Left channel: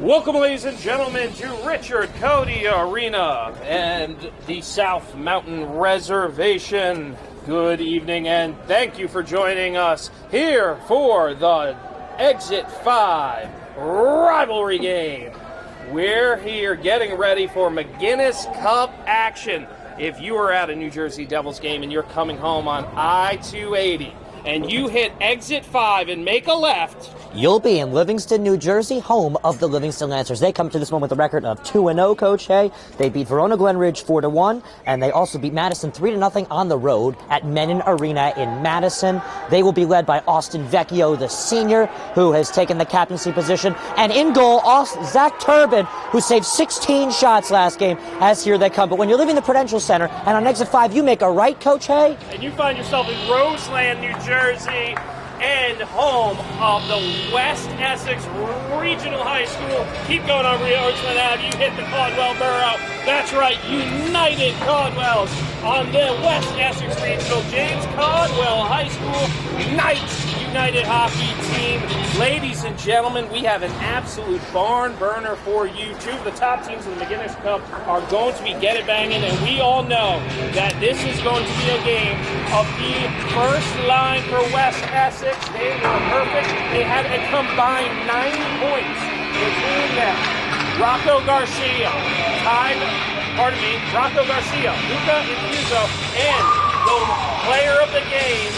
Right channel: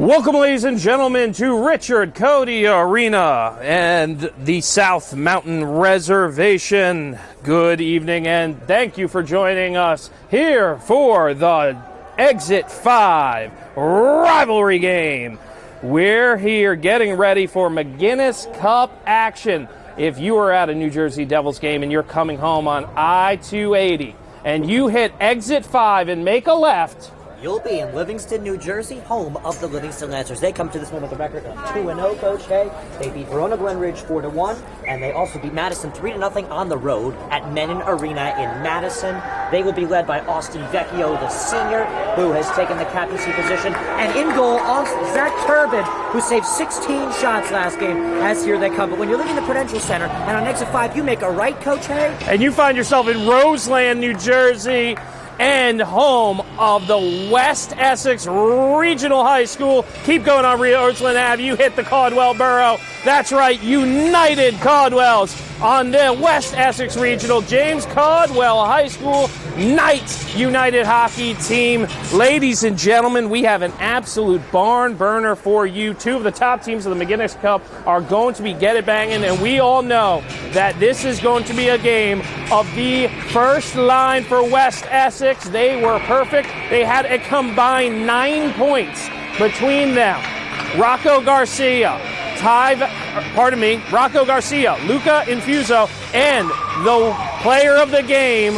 Welcome, ladies and gentlemen, to Richard Codey Arena and the South Mountain Reservation. Good evening, and thank you for joining us here for the Exit 5 rivalry game. We're here getting ready for McGuinness Cup action. If you are at a New Jersey Devils game and you're coming home on I-280 and you hit Exit 5 and make a left, you'll be in Livingston, New Jersey, home of the Livingston Lancers. They come to this one with a record of 2-0, Coach Hay. They beat Verona Glen Ridge 4-1, and they also beat Madison 3-0 on the road at Menin Arena in Madison. They will be led by Austin Vecchio, the senior, who has taken the captaincy position. And in goal, Zach Turbin, who saved 16 shots last game, as here they come. But when you're leaving the Prudential Center, and on Exit 5, you make a right, Coach Hay, and you find yourself in Roseland, New Jersey, and home of the West Essex Regional High School. Keep going on Roseland Ave. You hit the Caldwell Borough. That's right, United Caldwells on the West Essex Regional James Caldwell High School Knights United hockey team. Ladies and gentlemen, we have an absolute barn burner for you. Two of the top teams of the McGuinness Cup are going to be get it banging, and we all know that this is going to be a game of the first line for West Essex. They were perfect. They had a combined 9 points between them. Rocco Garcia, Luca Infuso, and the player of the game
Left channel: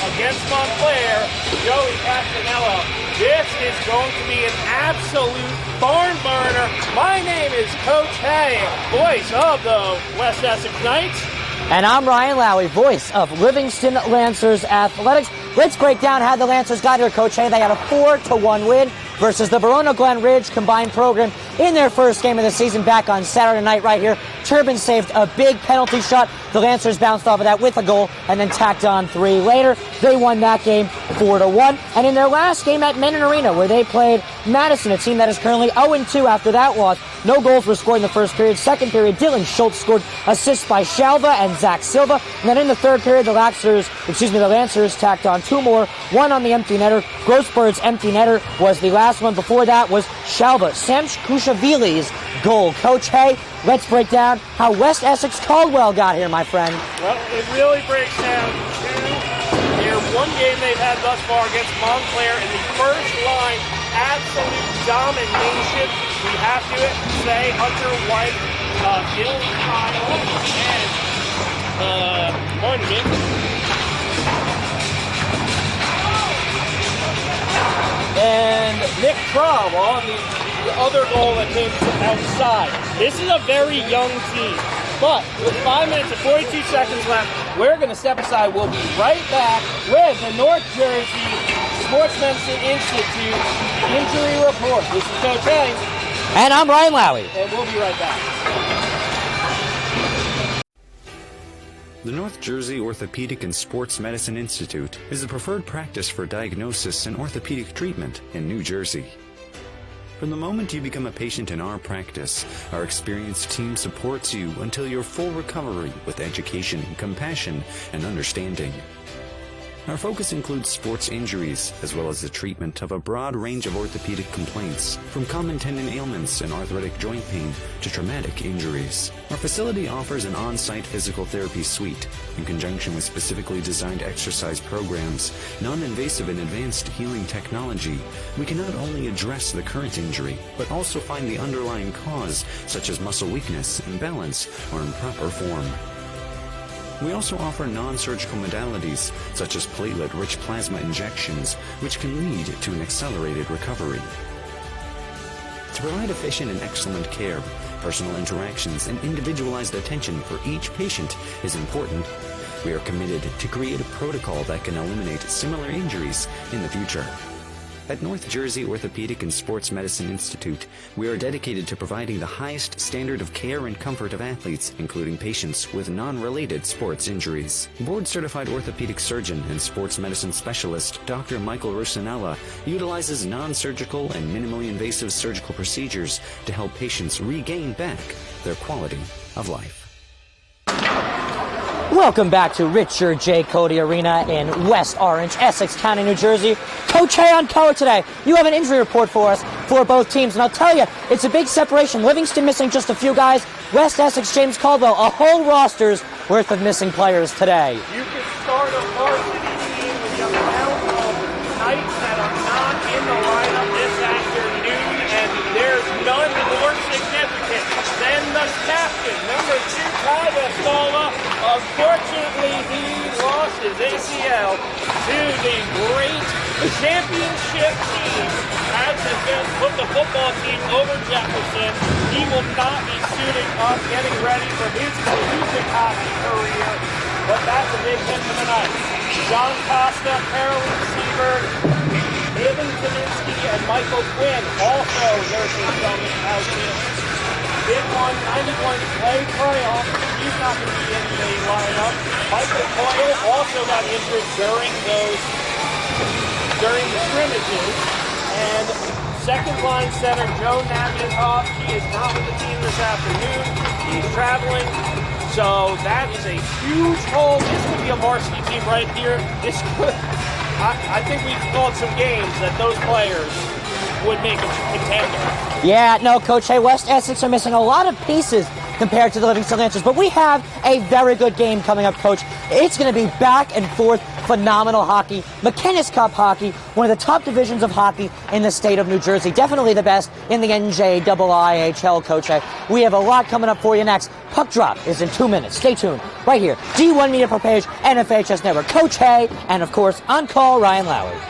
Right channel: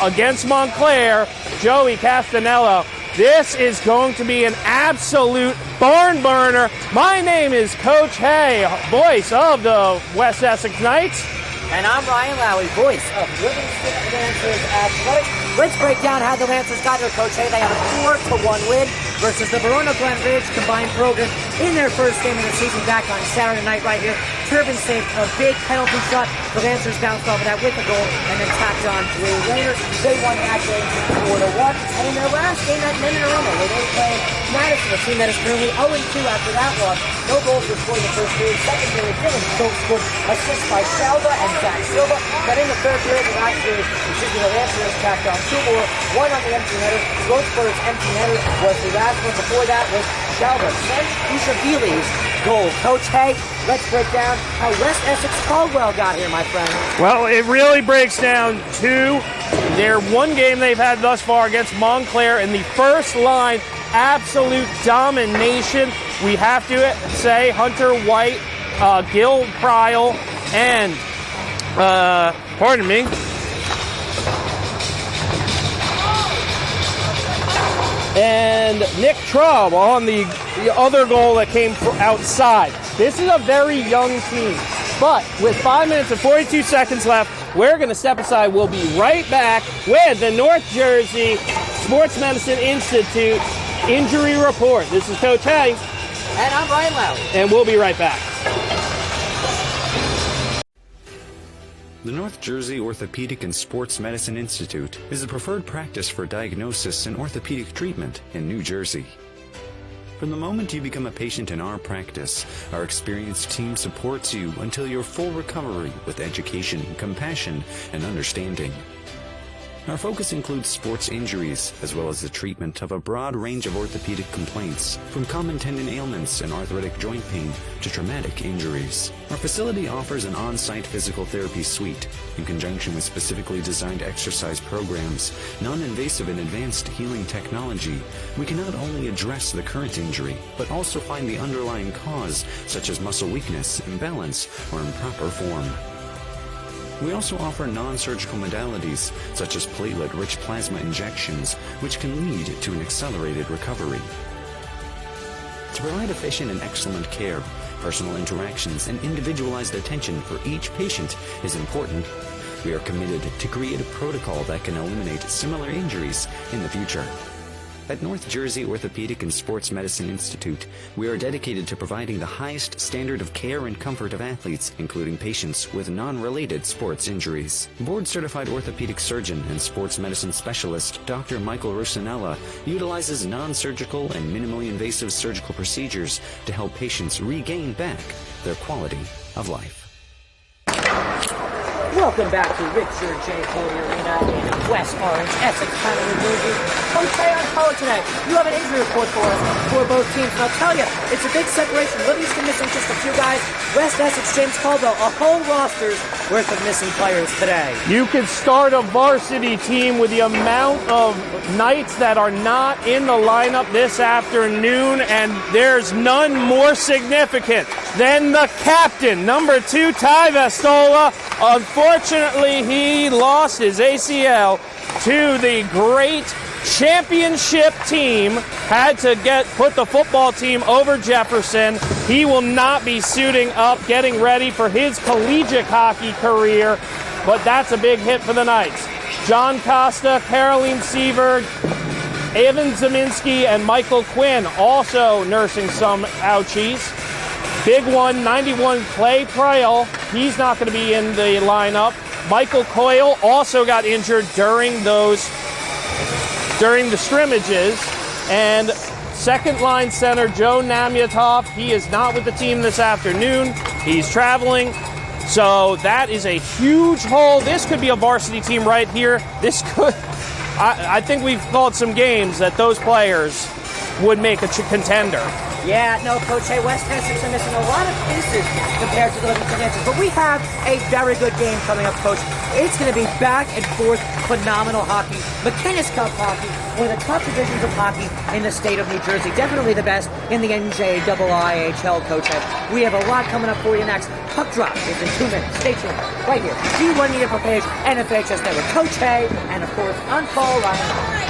against Montclair, Joey Castanello. This is going to be an absolute barn burner. My name is Coach Hay, voice of the West Essex Knights. And I'm Ryan Lowy, voice of Livingston Lancers Athletics. Let's break down how the Lancers got here, Coach Hay. They got a 4-1 win versus the Verona Glen Ridge combined program in their first game of the season back on Saturday night right here. Turbin saved a big penalty shot. The Lancers bounced off of that with a goal and then tacked on 3 later. They won that game 4-1. And in their last game at Menin Arena, where they played Madison, a team that is currently 0-2 after that loss, no goals were scored in the first period. Second period, Dylan Schultz scored assists by Shalva and Zach Silva. And then in the third period, the Lancers tacked on 2 more, 1 on the empty netter. Grossberg's empty netter was the last one. Before that was Shalva, Sam Kushavili's goal. Coach Hay, let's break down how West Essex-Caldwell got here, my friend. Well, it really breaks down to their one game they've had thus far against Montclair in the first line. Absolute domination. We have to say Hunter White, Gil Kryle, and and Nick Traub on the other goal that came outside. This is a very young team, but with 5 minutes and 42 seconds left, we're going to step aside. We'll be right back with the North Jersey Sports Medicine Institute injury report. This is Coach Hay. And I'm Ryan Lowy. And we'll be right back. The North Jersey Orthopedic and Sports Medicine Institute is the preferred practice for diagnosis and orthopedic treatment in New Jersey. From the moment you become a patient in our practice, our experienced team supports you until your full recovery with education, compassion, and understanding. Our focus includes sports injuries, as well as the treatment of a broad range of orthopedic complaints, from common tendon ailments and arthritic joint pain to traumatic injuries. Our facility offers an on-site physical therapy suite, in conjunction with specifically designed exercise programs, non-invasive and advanced healing technology. We can not only address the current injury, but also find the underlying cause, such as muscle weakness, imbalance, or improper form. We also offer non-surgical modalities, such as platelet-rich plasma injections, which can lead to an accelerated recovery. To provide efficient and excellent care, personal interactions and individualized attention for each patient is important. We are committed to create a protocol that can eliminate similar injuries in the future. At North Jersey Orthopedic and Sports Medicine Institute, we are dedicated to providing the highest standard of care and comfort of athletes, including patients with non-related sports injuries. Board-certified orthopedic surgeon and sports medicine specialist Dr. Michael Rosanella utilizes non-surgical and minimally invasive surgical procedures to help patients regain back their quality of life. Welcome back to Richard J. Codey Arena in West Orange, Essex County, New Jersey. Coach on code today. You have an injury report for us for both teams, and I'll tell you, it's a big separation. Livingston missing just a few guys. West Essex, James Caldwell, a whole roster's worth of missing players today. You could start a varsity team with the amount of Knights that are not in the lineup this afternoon, and there's none more significant than the captain, number 2, Ty Vestola. Unfortunately, he lost his ACL to the great championship team. Had to put the football team over Jefferson. He will not be suiting up, getting ready for his collegiate hockey career, but that's a big hit for the Knights. John Costa, Caroline Seaverd, Evan Zeminski, and Michael Quinn also nursing some ouchies. Big one, 91, Clay Crail. He's not going to be in the lineup. Michael Coyle also got injured during the scrimmages. And second line center, Joe Namyatov, he is not with the team this afternoon. He's traveling. So that is a huge hole. This could be a varsity team right here. This could, I think we've called some games that those players would make a contender. Yeah, no, Coach, hey, West Essex are missing a lot of pieces compared to the Livingston Lancers, but we have a very good game coming up, Coach. It's going to be back and forth, phenomenal hockey, McInnes Cup hockey, one of the top divisions of hockey in the state of New Jersey. Definitely the best in the NJIIHL, Coach. We have a lot coming up for you next. Puck drop is in 2 minutes. Stay tuned right here. D1 Media per page, NFHS Network. Coach Hay, and of course, on call, Ryan Lowy.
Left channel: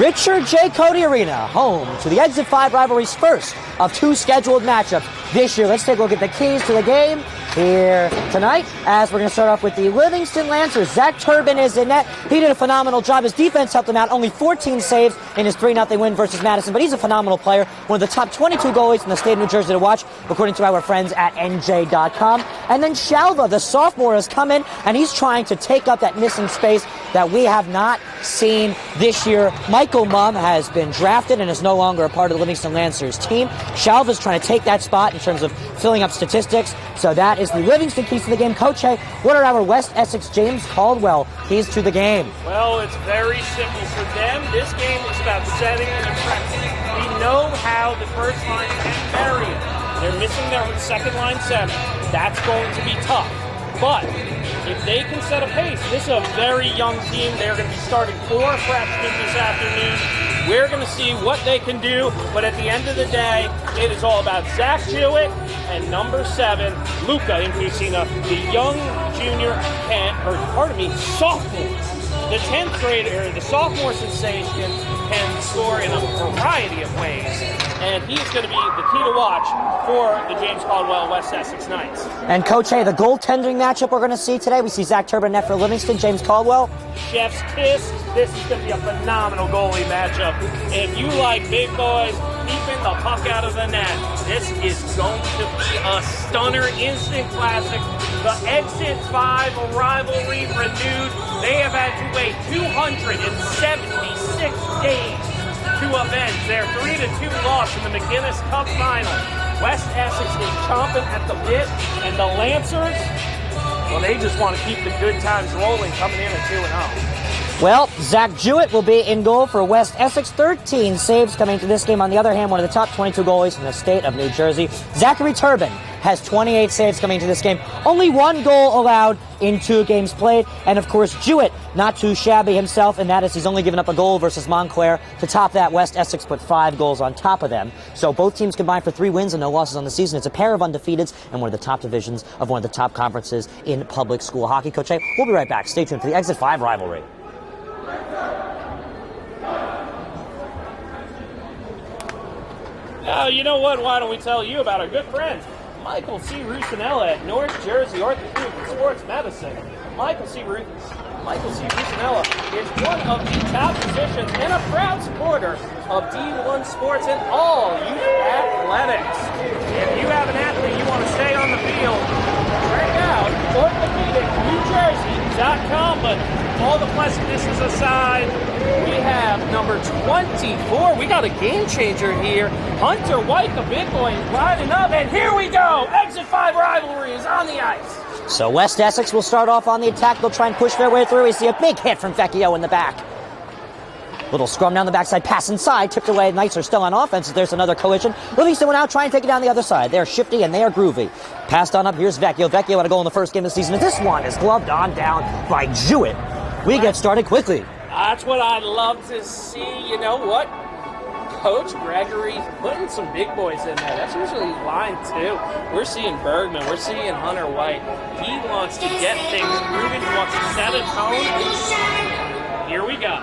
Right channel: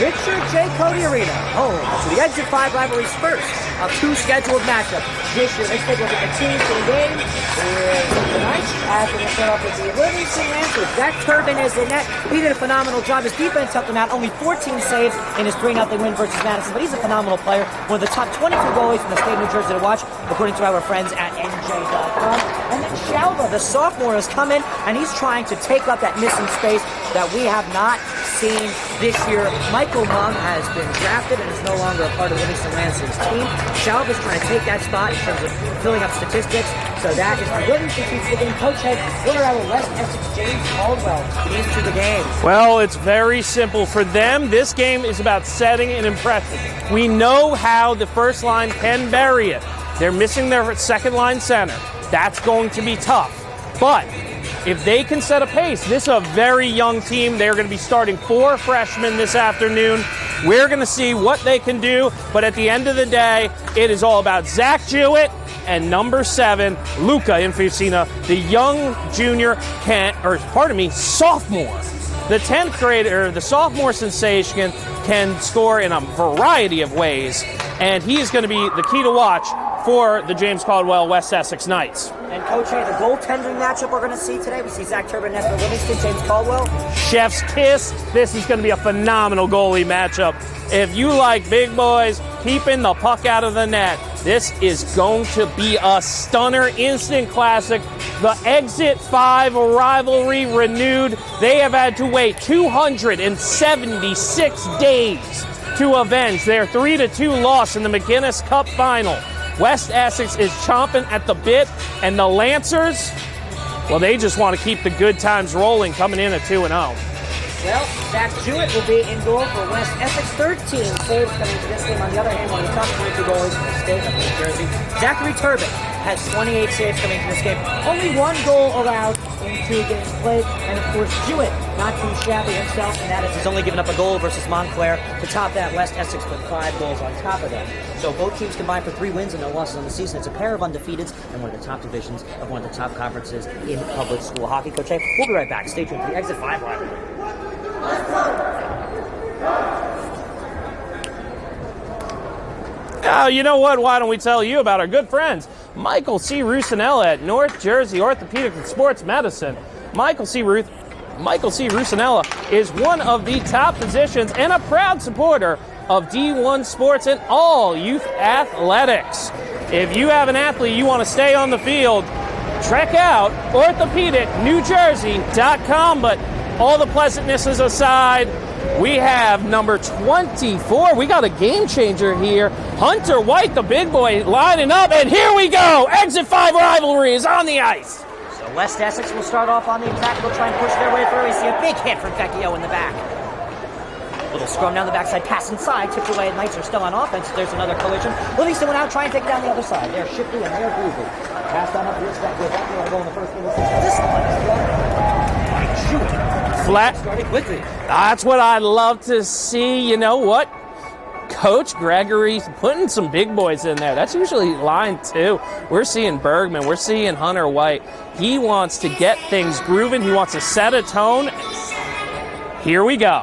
Richard J. Codey Arena, home to the Exit 5 rivalry's first of 2 scheduled matchups this year. Let's take a look at the teams to the game here tonight, as we're going to start off with the Livingston Lancers. Zach Turbin is in net. He did a phenomenal job. His defense helped him out. Only 14 saves in his 3-0 win versus Madison, but he's a phenomenal player. One of the top 22 goalies in the state of New Jersey to watch, according to our friends at NJ.com. And then Shalva, the sophomore, has come in, and he's trying to take up that missing space that we have not seen this year. Michael Mumm has been drafted and is no longer a part of the Livingston Lancers team. Shalva's trying to take that spot in terms of filling up statistics. So that is the Livingston keys to the game. Coach, hey, what are our West Essex James Caldwell keys to the game? Well, it's very simple. For them, this game is about setting an impression. We know how the first line can bury it. They're missing their second line center. That's going to be tough. But if they can set a pace, this is a very young team. They're going to be starting 4 freshmen this afternoon. We're going to see what they can do, but at the end of the day, it is all about Zach Jewett and number 7, Luca Infusina, the young junior, sophomore. The 10th grader, the sophomore sensation, can score in a variety of ways, and he is going to be the key to watch for the James Caldwell West Essex Knights. And Coach, hey, the goaltending matchup we're going to see today, we see Zach Turbin net for Livingston, James Caldwell. Chef's kiss. This is going to be a phenomenal goalie matchup. If you like big boys keeping the puck out of the net, this is going to be a stunner, instant classic. The Exit 5 rivalry renewed. They have had to wait 276 days to avenge their 3-2 loss in the McInnes Cup final. West Essex is chomping at the bit, and the Lancers, well, they just want to keep the good times rolling, coming in at 2-0. Well, Zach Jewett will be in goal for West Essex. 13 saves coming to this game. On the other hand, one of the top 22 goalies from the state of New Jersey. Zachary Turbin has 28 saves coming to this game. Only 1 goal allowed in 2 games played. And, of course, Jewett, not too shabby himself, and that is he's only given up a goal versus Montclair. To top that, West Essex put 5 goals on top of them. So both teams combined for 3 wins and no losses on the season. It's a pair of undefeateds and one of the top divisions of one of the top conferences in public school hockey. Coach A, we'll be right back. Stay tuned for the Exit 5 rivalry. Oh, you know what? Why don't we tell you about our good friends, Michael C. Rusinella at North Jersey Orthopedic and Sports Medicine. Michael C. Rusinella is one of the top physicians and a proud supporter of D1 sports and all youth athletics. If you have an athlete you want to stay on the field, check out orthopedicnewjersey.com. But all the pleasantnesses aside, we have number 24. We got a game changer here. Hunter White, the big boy, lining up, and here we go. Exit 5 rivalry is on the ice. So West Essex will start off on the attack. They'll try and push their way through. We see a big hit from Vecchio in the back. Little scrum down the backside, pass inside, tipped away. Knights are still on offense. There's another collision. Livingston went out, try and take it down the other side. They're shifty and they are groovy. Passed on up, here's Vecchio. Vecchio had a goal in the first game of the season. This one is gloved on down by Jewett. We get started quickly. That's what I'd love to see. You know what? Coach Gregory's putting some big boys in there. That's usually line 2. We're seeing Bergman. We're seeing Hunter White. He wants to get things grooving. He wants to set a tone. Here we go.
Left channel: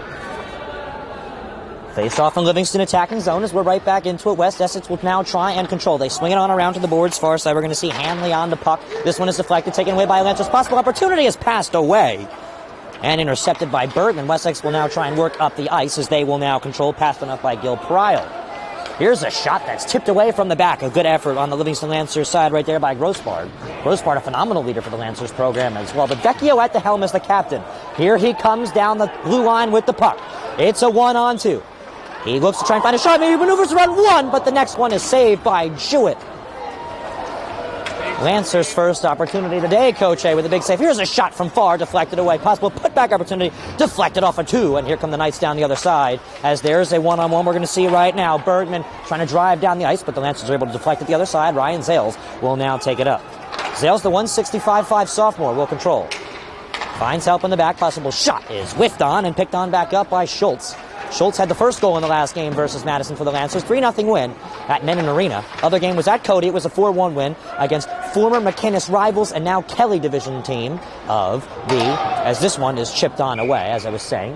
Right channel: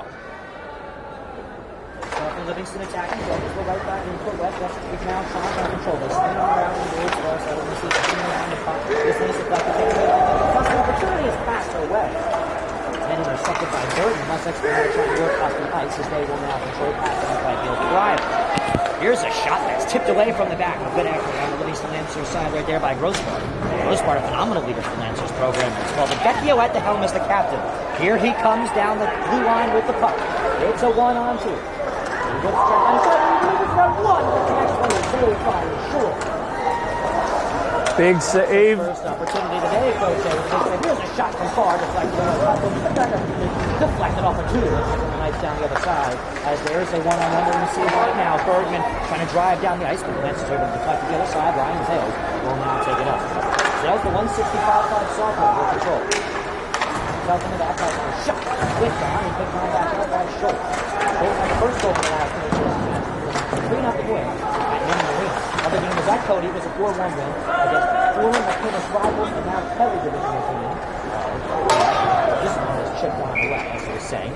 Face off in Livingston attacking zone as we're right back into it. West Essex will now try and control. They swing it on around to the boards. Far side, we're going to see Hanley on the puck. This one is deflected, taken away by Lancers. Possible opportunity is passed away and intercepted by Bergman. West Essex will now try and work up the ice as they will now control, passing up by Gil Pryor. Here's a shot that's tipped away from the back. A good effort on the Livingston Lancers side right there by Grossbart. Grossbart, a phenomenal leader for the Lancers program as well. But Vecchio at the helm is the captain. Here he comes down the blue line with the puck. It's a 1-on-2. He looks to try and find a shot. He maneuvers around 1, but the next one is saved by Jewett. Big Lancers' save. first opportunity today, Coach A, with a big save. Here's a shot from far, deflected away. Possible putback opportunity, deflected off a 2, and here come the Knights down the other side. As there's a 1-on-1 we're going to see right now. Bergman trying to drive down the ice, but the Lancers are able to deflect at the other side. Ryan Zales will now take it up. Zales, the 165.5 sophomore, will control. Finds help in the back. Possible shot is whiffed on and picked on back up by Schultz. Schultz had the first goal in the last game versus Madison for the Lancers. 3-0 win at Nennan Arena. Other game was at Codey. It was a 4-1 win against former McInnes rivals and now Kelly division team of as this one is chipped on away, as I was saying,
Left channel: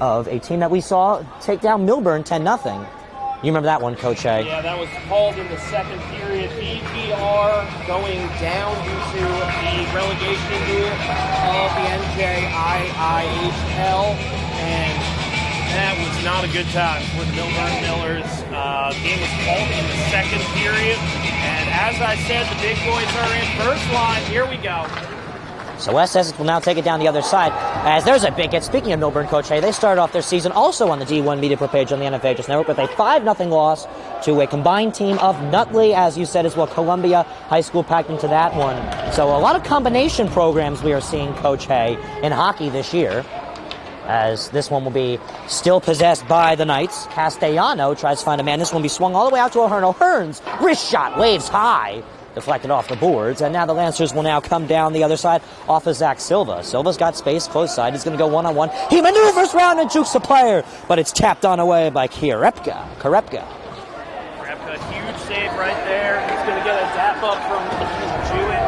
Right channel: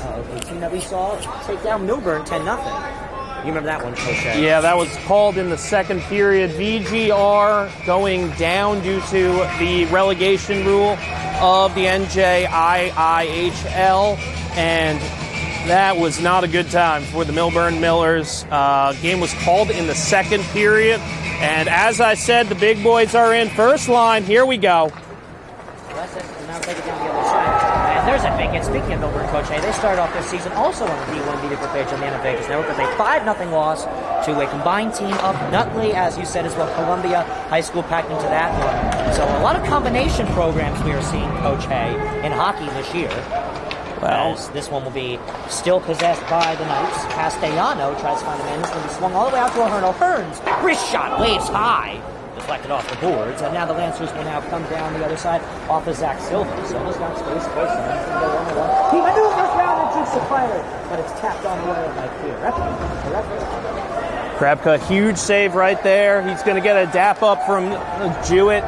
of a team that we saw take down Milburn 10-0. You remember that one, Coach A? Yeah, that was called in the second period. VGR going down due to the relegation rule of the NJIIHL, and that was not a good time for the Milburn Millers. Game was called in the second period, and as I said, the big boys are in first line. Here we go. So West Essex will now take it down the other side. As there's a big hit. Speaking of Milburn, Coach A, they started off their season also on the D1 media page on the NFHS Network with a 5-0 loss to a combined team of Nutley, as you said as well. Columbia High School packed into that one. So a lot of combination programs we are seeing, Coach A, in hockey this year. As this one will be still possessed by the Knights. Castellano tries to find a man. This one will be swung all the way out to O'Hearn. O'Hearn's wrist shot waves high. Deflected off the boards, and now the Lancers will now come down the other side off of Zach Silva. Silva's got space, close side. He's going to go 1-on-1. He maneuvers round and jukes the player, but it's tapped on away by Krepka, huge save right there. He's going to get a dap up from Jewett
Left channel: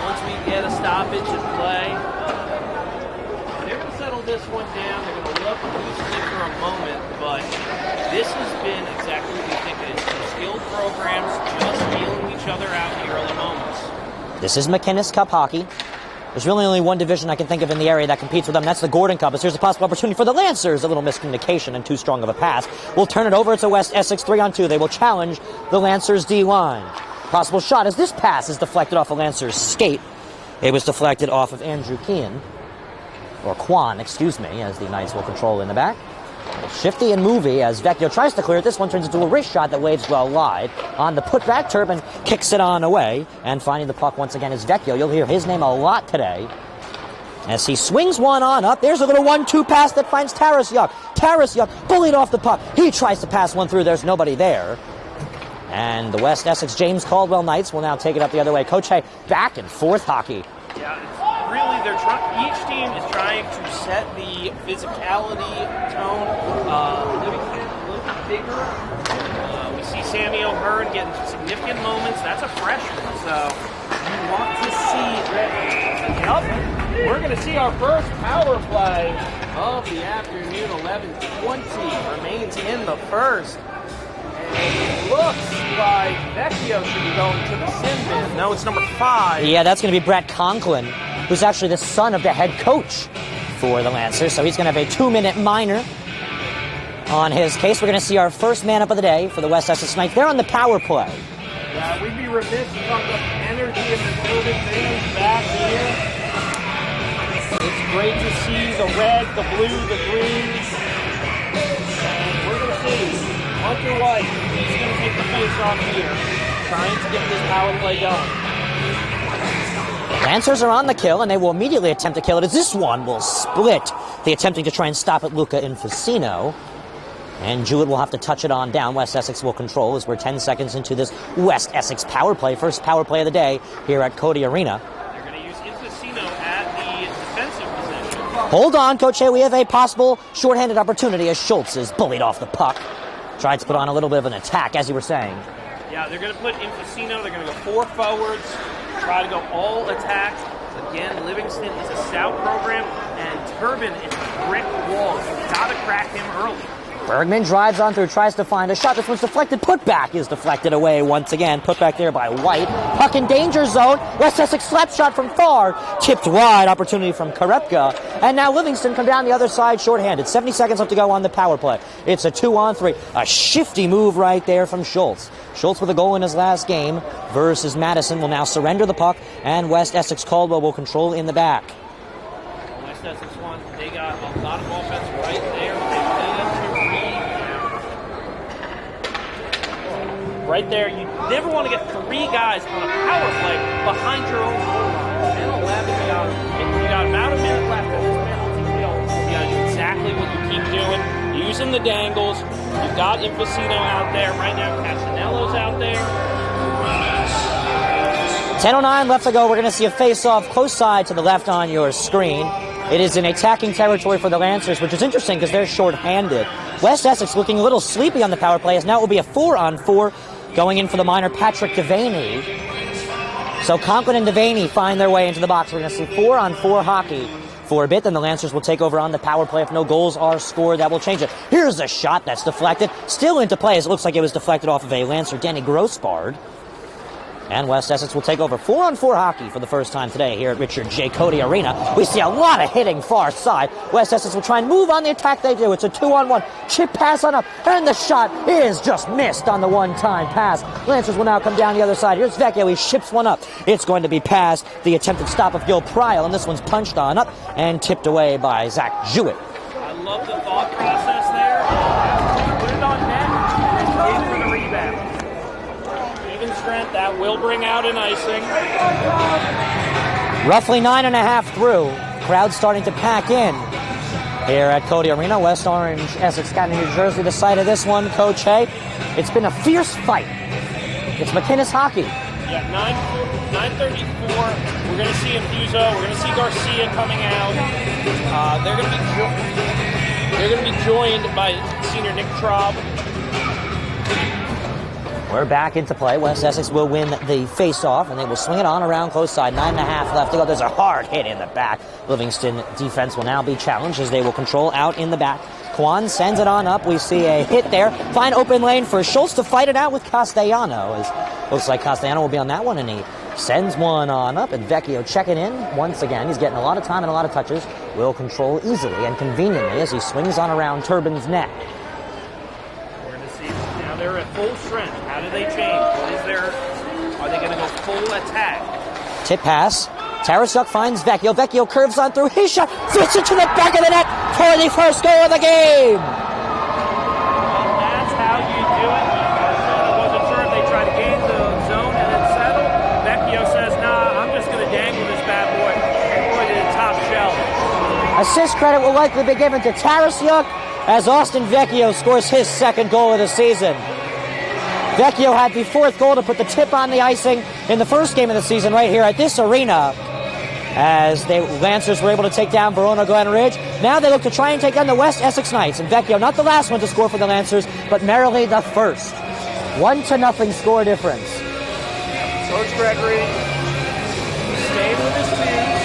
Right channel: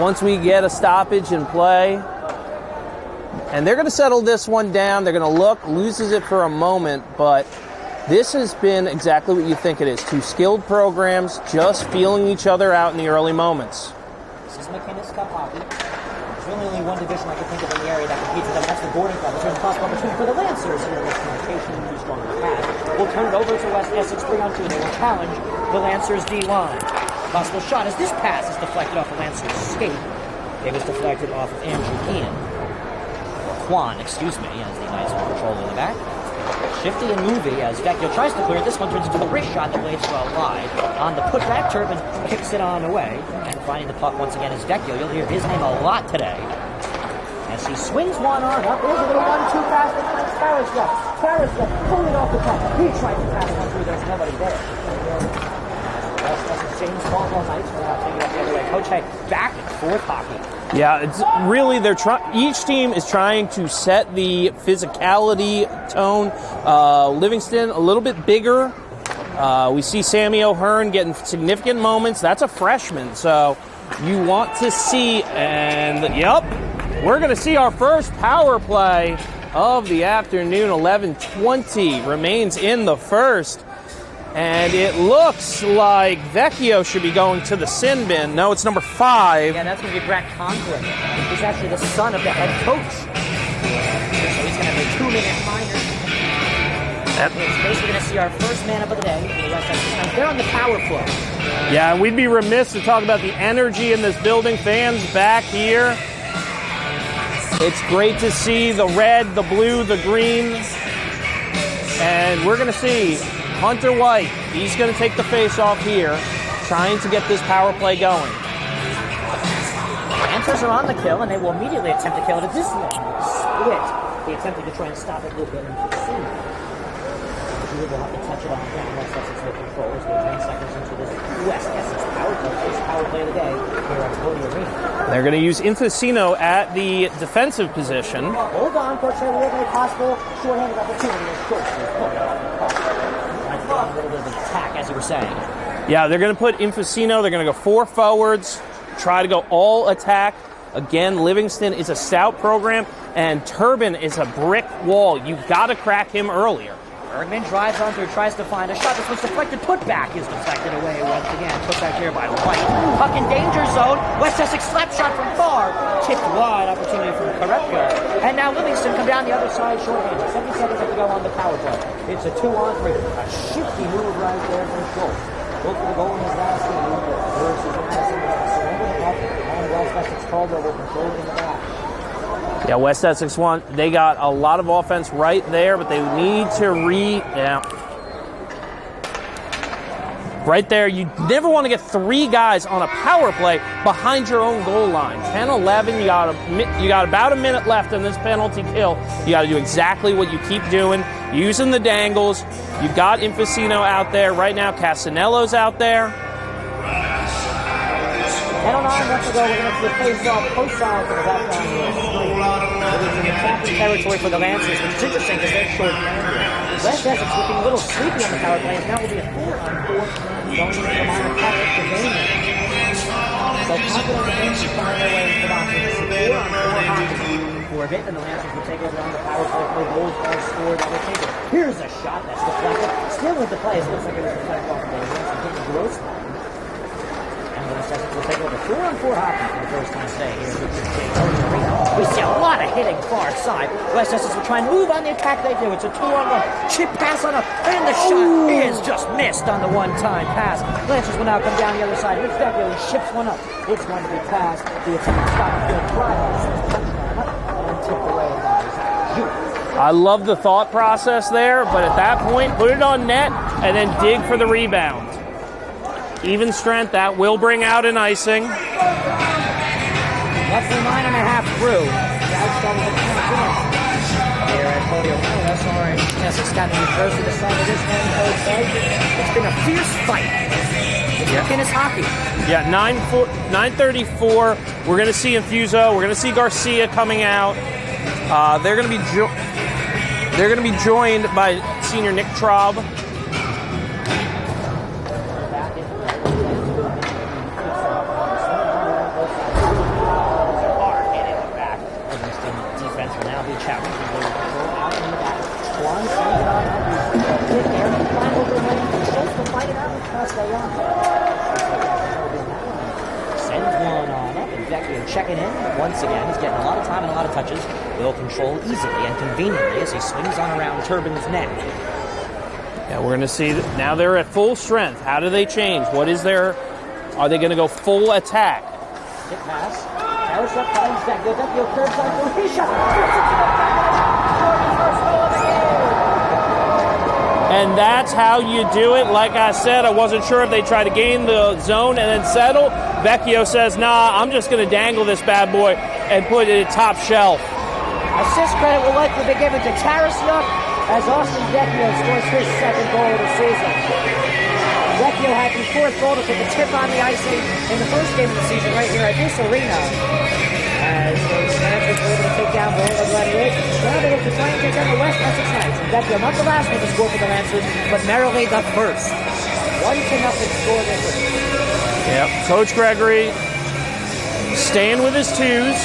once we get a stoppage in play. And they're going to settle this one down. They're going to look, loses it for a moment, but this has been exactly what you think it is. Two skilled programs just feeling each other out in the early moments. This is McInnes Cup hockey. There's really only one division I can think of in the area that competes with them. That's the Gordon Cup. Here's a possible opportunity for the Lancers. A little miscommunication and too strong of a pass. We'll turn it over to West Essex 3-on-2. They will challenge the Lancers D-line. Possible shot as this pass is deflected off the Lancers skate. It was deflected off of Andrew Kean. Or Kwan, excuse me, as the Knights will control in the back. Shifty and movie as Vecchio tries to clear it. This one turns into a wrist shot that waves well wide. On the putback, Turbin kicks it on away. And finding the puck once again is Vecchio. You'll hear his name a lot today As he swings one on up, there's a little 1-2 pass that finds Tarasyuk. Tarasyuk bullied off the puck. He tries to pass one through. There's nobody there. And the West Essex James Caldwell Knights will now take it up the other way. Coach Hank, back and forth hockey. Yeah, it's really each team is trying to set the physicality tone. Livingston a little bit bigger. We see Sammy O'Hearn getting significant moments. That's a freshman, so you want to see, and yep, we're going to see our first power play of the afternoon. 11:20 remains in the first. And it looks like Vecchio should be going to the sin bin. No, it's number 5. Yeah, that's going to be Brett Conklin, who's actually the son of the head coach for the Lancers. So he's going to have a 2-minute minor on his case. We're going to see our first man up of the day for the West Essex Knights. They're on the power play. Yeah, we'd be remiss to talk about the energy in this building. Fans back here. It's great to see the red, the blue, the green. And we're going to see Hunter White, he's going to take the face-off here, trying to get this power play going. Lancers are on the kill, and they will immediately attempt to kill it as this one will split. They attempting to try and stop it, Luca Infacino. And Jewett will have to touch it on down. West Essex will control as we're 10 seconds into this West Essex power play. First power play of the day here at Codey Arena. They're going to use Infacino at the defensive position. Hold on, Coach Hay. We have a possible shorthanded opportunity as Schultz is bullied off the puck. Tried to put on a little bit of an attack, as you were saying. Yeah, they're going to put Infacino. They're going to go 4 forwards, try to go all attack. Again, Livingston is a stout program, and Turbin is a brick wall. You've got to crack him earlier. Bergman drives on through, tries to find a shot. This one's deflected. Putback is deflected away once again. Putback here by White. Puck in danger zone. West Essex slap shot from far. Tipped wide. Opportunity from Karepka. And now Livingston come down the other side shorthanded. 70 seconds left to go on the power play. It's a 2-on-3. A shifty move right there from Schultz. Schultz with a goal in his last game versus Madison will now surrender the puck, and West Essex-Caldwell will control in the back. Yeah, West Essex they got a lot of offense right there, but they need to right there, you never want to get 3 guys on a power play behind your own goal line. 10-11, you got about a minute left in this penalty kill. You got to do exactly what you keep doing, using the dangles. You've got Infacino out there. Right now, Casanello's out there. 10:09 left to go. We're going to see a face-off close side to the left on your screen. It is in attacking territory for the Lancers, which is interesting because they're short-handed. West Essex looking a little sleepy on the power play, as now it will be a 4-on-4 going in for the minor Patrick Devaney. So Conklin and Devaney find their way into the box. We're going to see 4-on-4 hockey for a bit. Then the Lancers will take over on the power play. If no goals are scored, that will change it. Here's a shot that's deflected. Still into play, as it looks like it was deflected off of a Lancer, Danny Grossbard. And West Essex will take over 4-on-4 hockey for the first time today here at Richard J. Codey Arena. We see a lot of hitting far side. West Essex will try and move on the attack. They do. It's a 2-on-1. Chip pass on up. And the shot is just missed on the one-time pass. Lancers will now come down the other side. Here's Vecchio. He ships one up. It's going to be past the attempted stop of Gil Pryal. And this one's punched on up and tipped away by Zach Jewett. I love the thought process there, but at that point, put it on net and then dig for the rebound. Even strength, that will bring out an icing. Roughly 9.5 through. Crowd starting to pack in here at Codey Arena. West Orange, Essex County, New Jersey, the site of this one, Coach Hay. It's been a fierce fight. It's McInnes hockey. Yeah, 9:34. We're going to see Infuso. We're going to see Garcia coming out. They're going to be joined by senior Nick Traub. We're back into play. West Essex will win the face-off, and they will swing it on around close side. 9.5 left to go. There's a hard hit in the back. Livingston defense will now be challenged as they will control out in the back. Juan sends it on up. We see a hit there. Fine open lane for Schultz to fight it out with Castellanos. Looks like Castellano will be on that one, and he sends one on up. And Vecchio checking in once again. He's getting a lot of time and a lot of touches. Will control easily and conveniently as he swings on around Turbin's neck. Yeah, we're going to see that now they're at full strength. How do they change? What is their... Are they going to go full attack? Tip pass. Tarasyuk finds Vecchio. Vecchio curves on through his shot. Fits it to the back of the net for the first goal of the game. And that's how you do it. Like I said, I wasn't sure if they try to gain the zone and then settle. Vecchio says, nah, I'm just going to dangle this bad boy. and put it top shelf. Assist credit will likely be given to Tarasyuk as Austin Vecchio scores his second goal of the season. Vecchio had the fourth goal to put the tip on the icing in the first game of the season right here at this arena, as the Lancers were able to take down Verona Glen Ridge. Now they look to try and take on the West Essex Knights, and Vecchio, not the last one to score for the Lancers, but merrily the first. 1-0 score difference. Yep, Coach Gregory staying with his twos.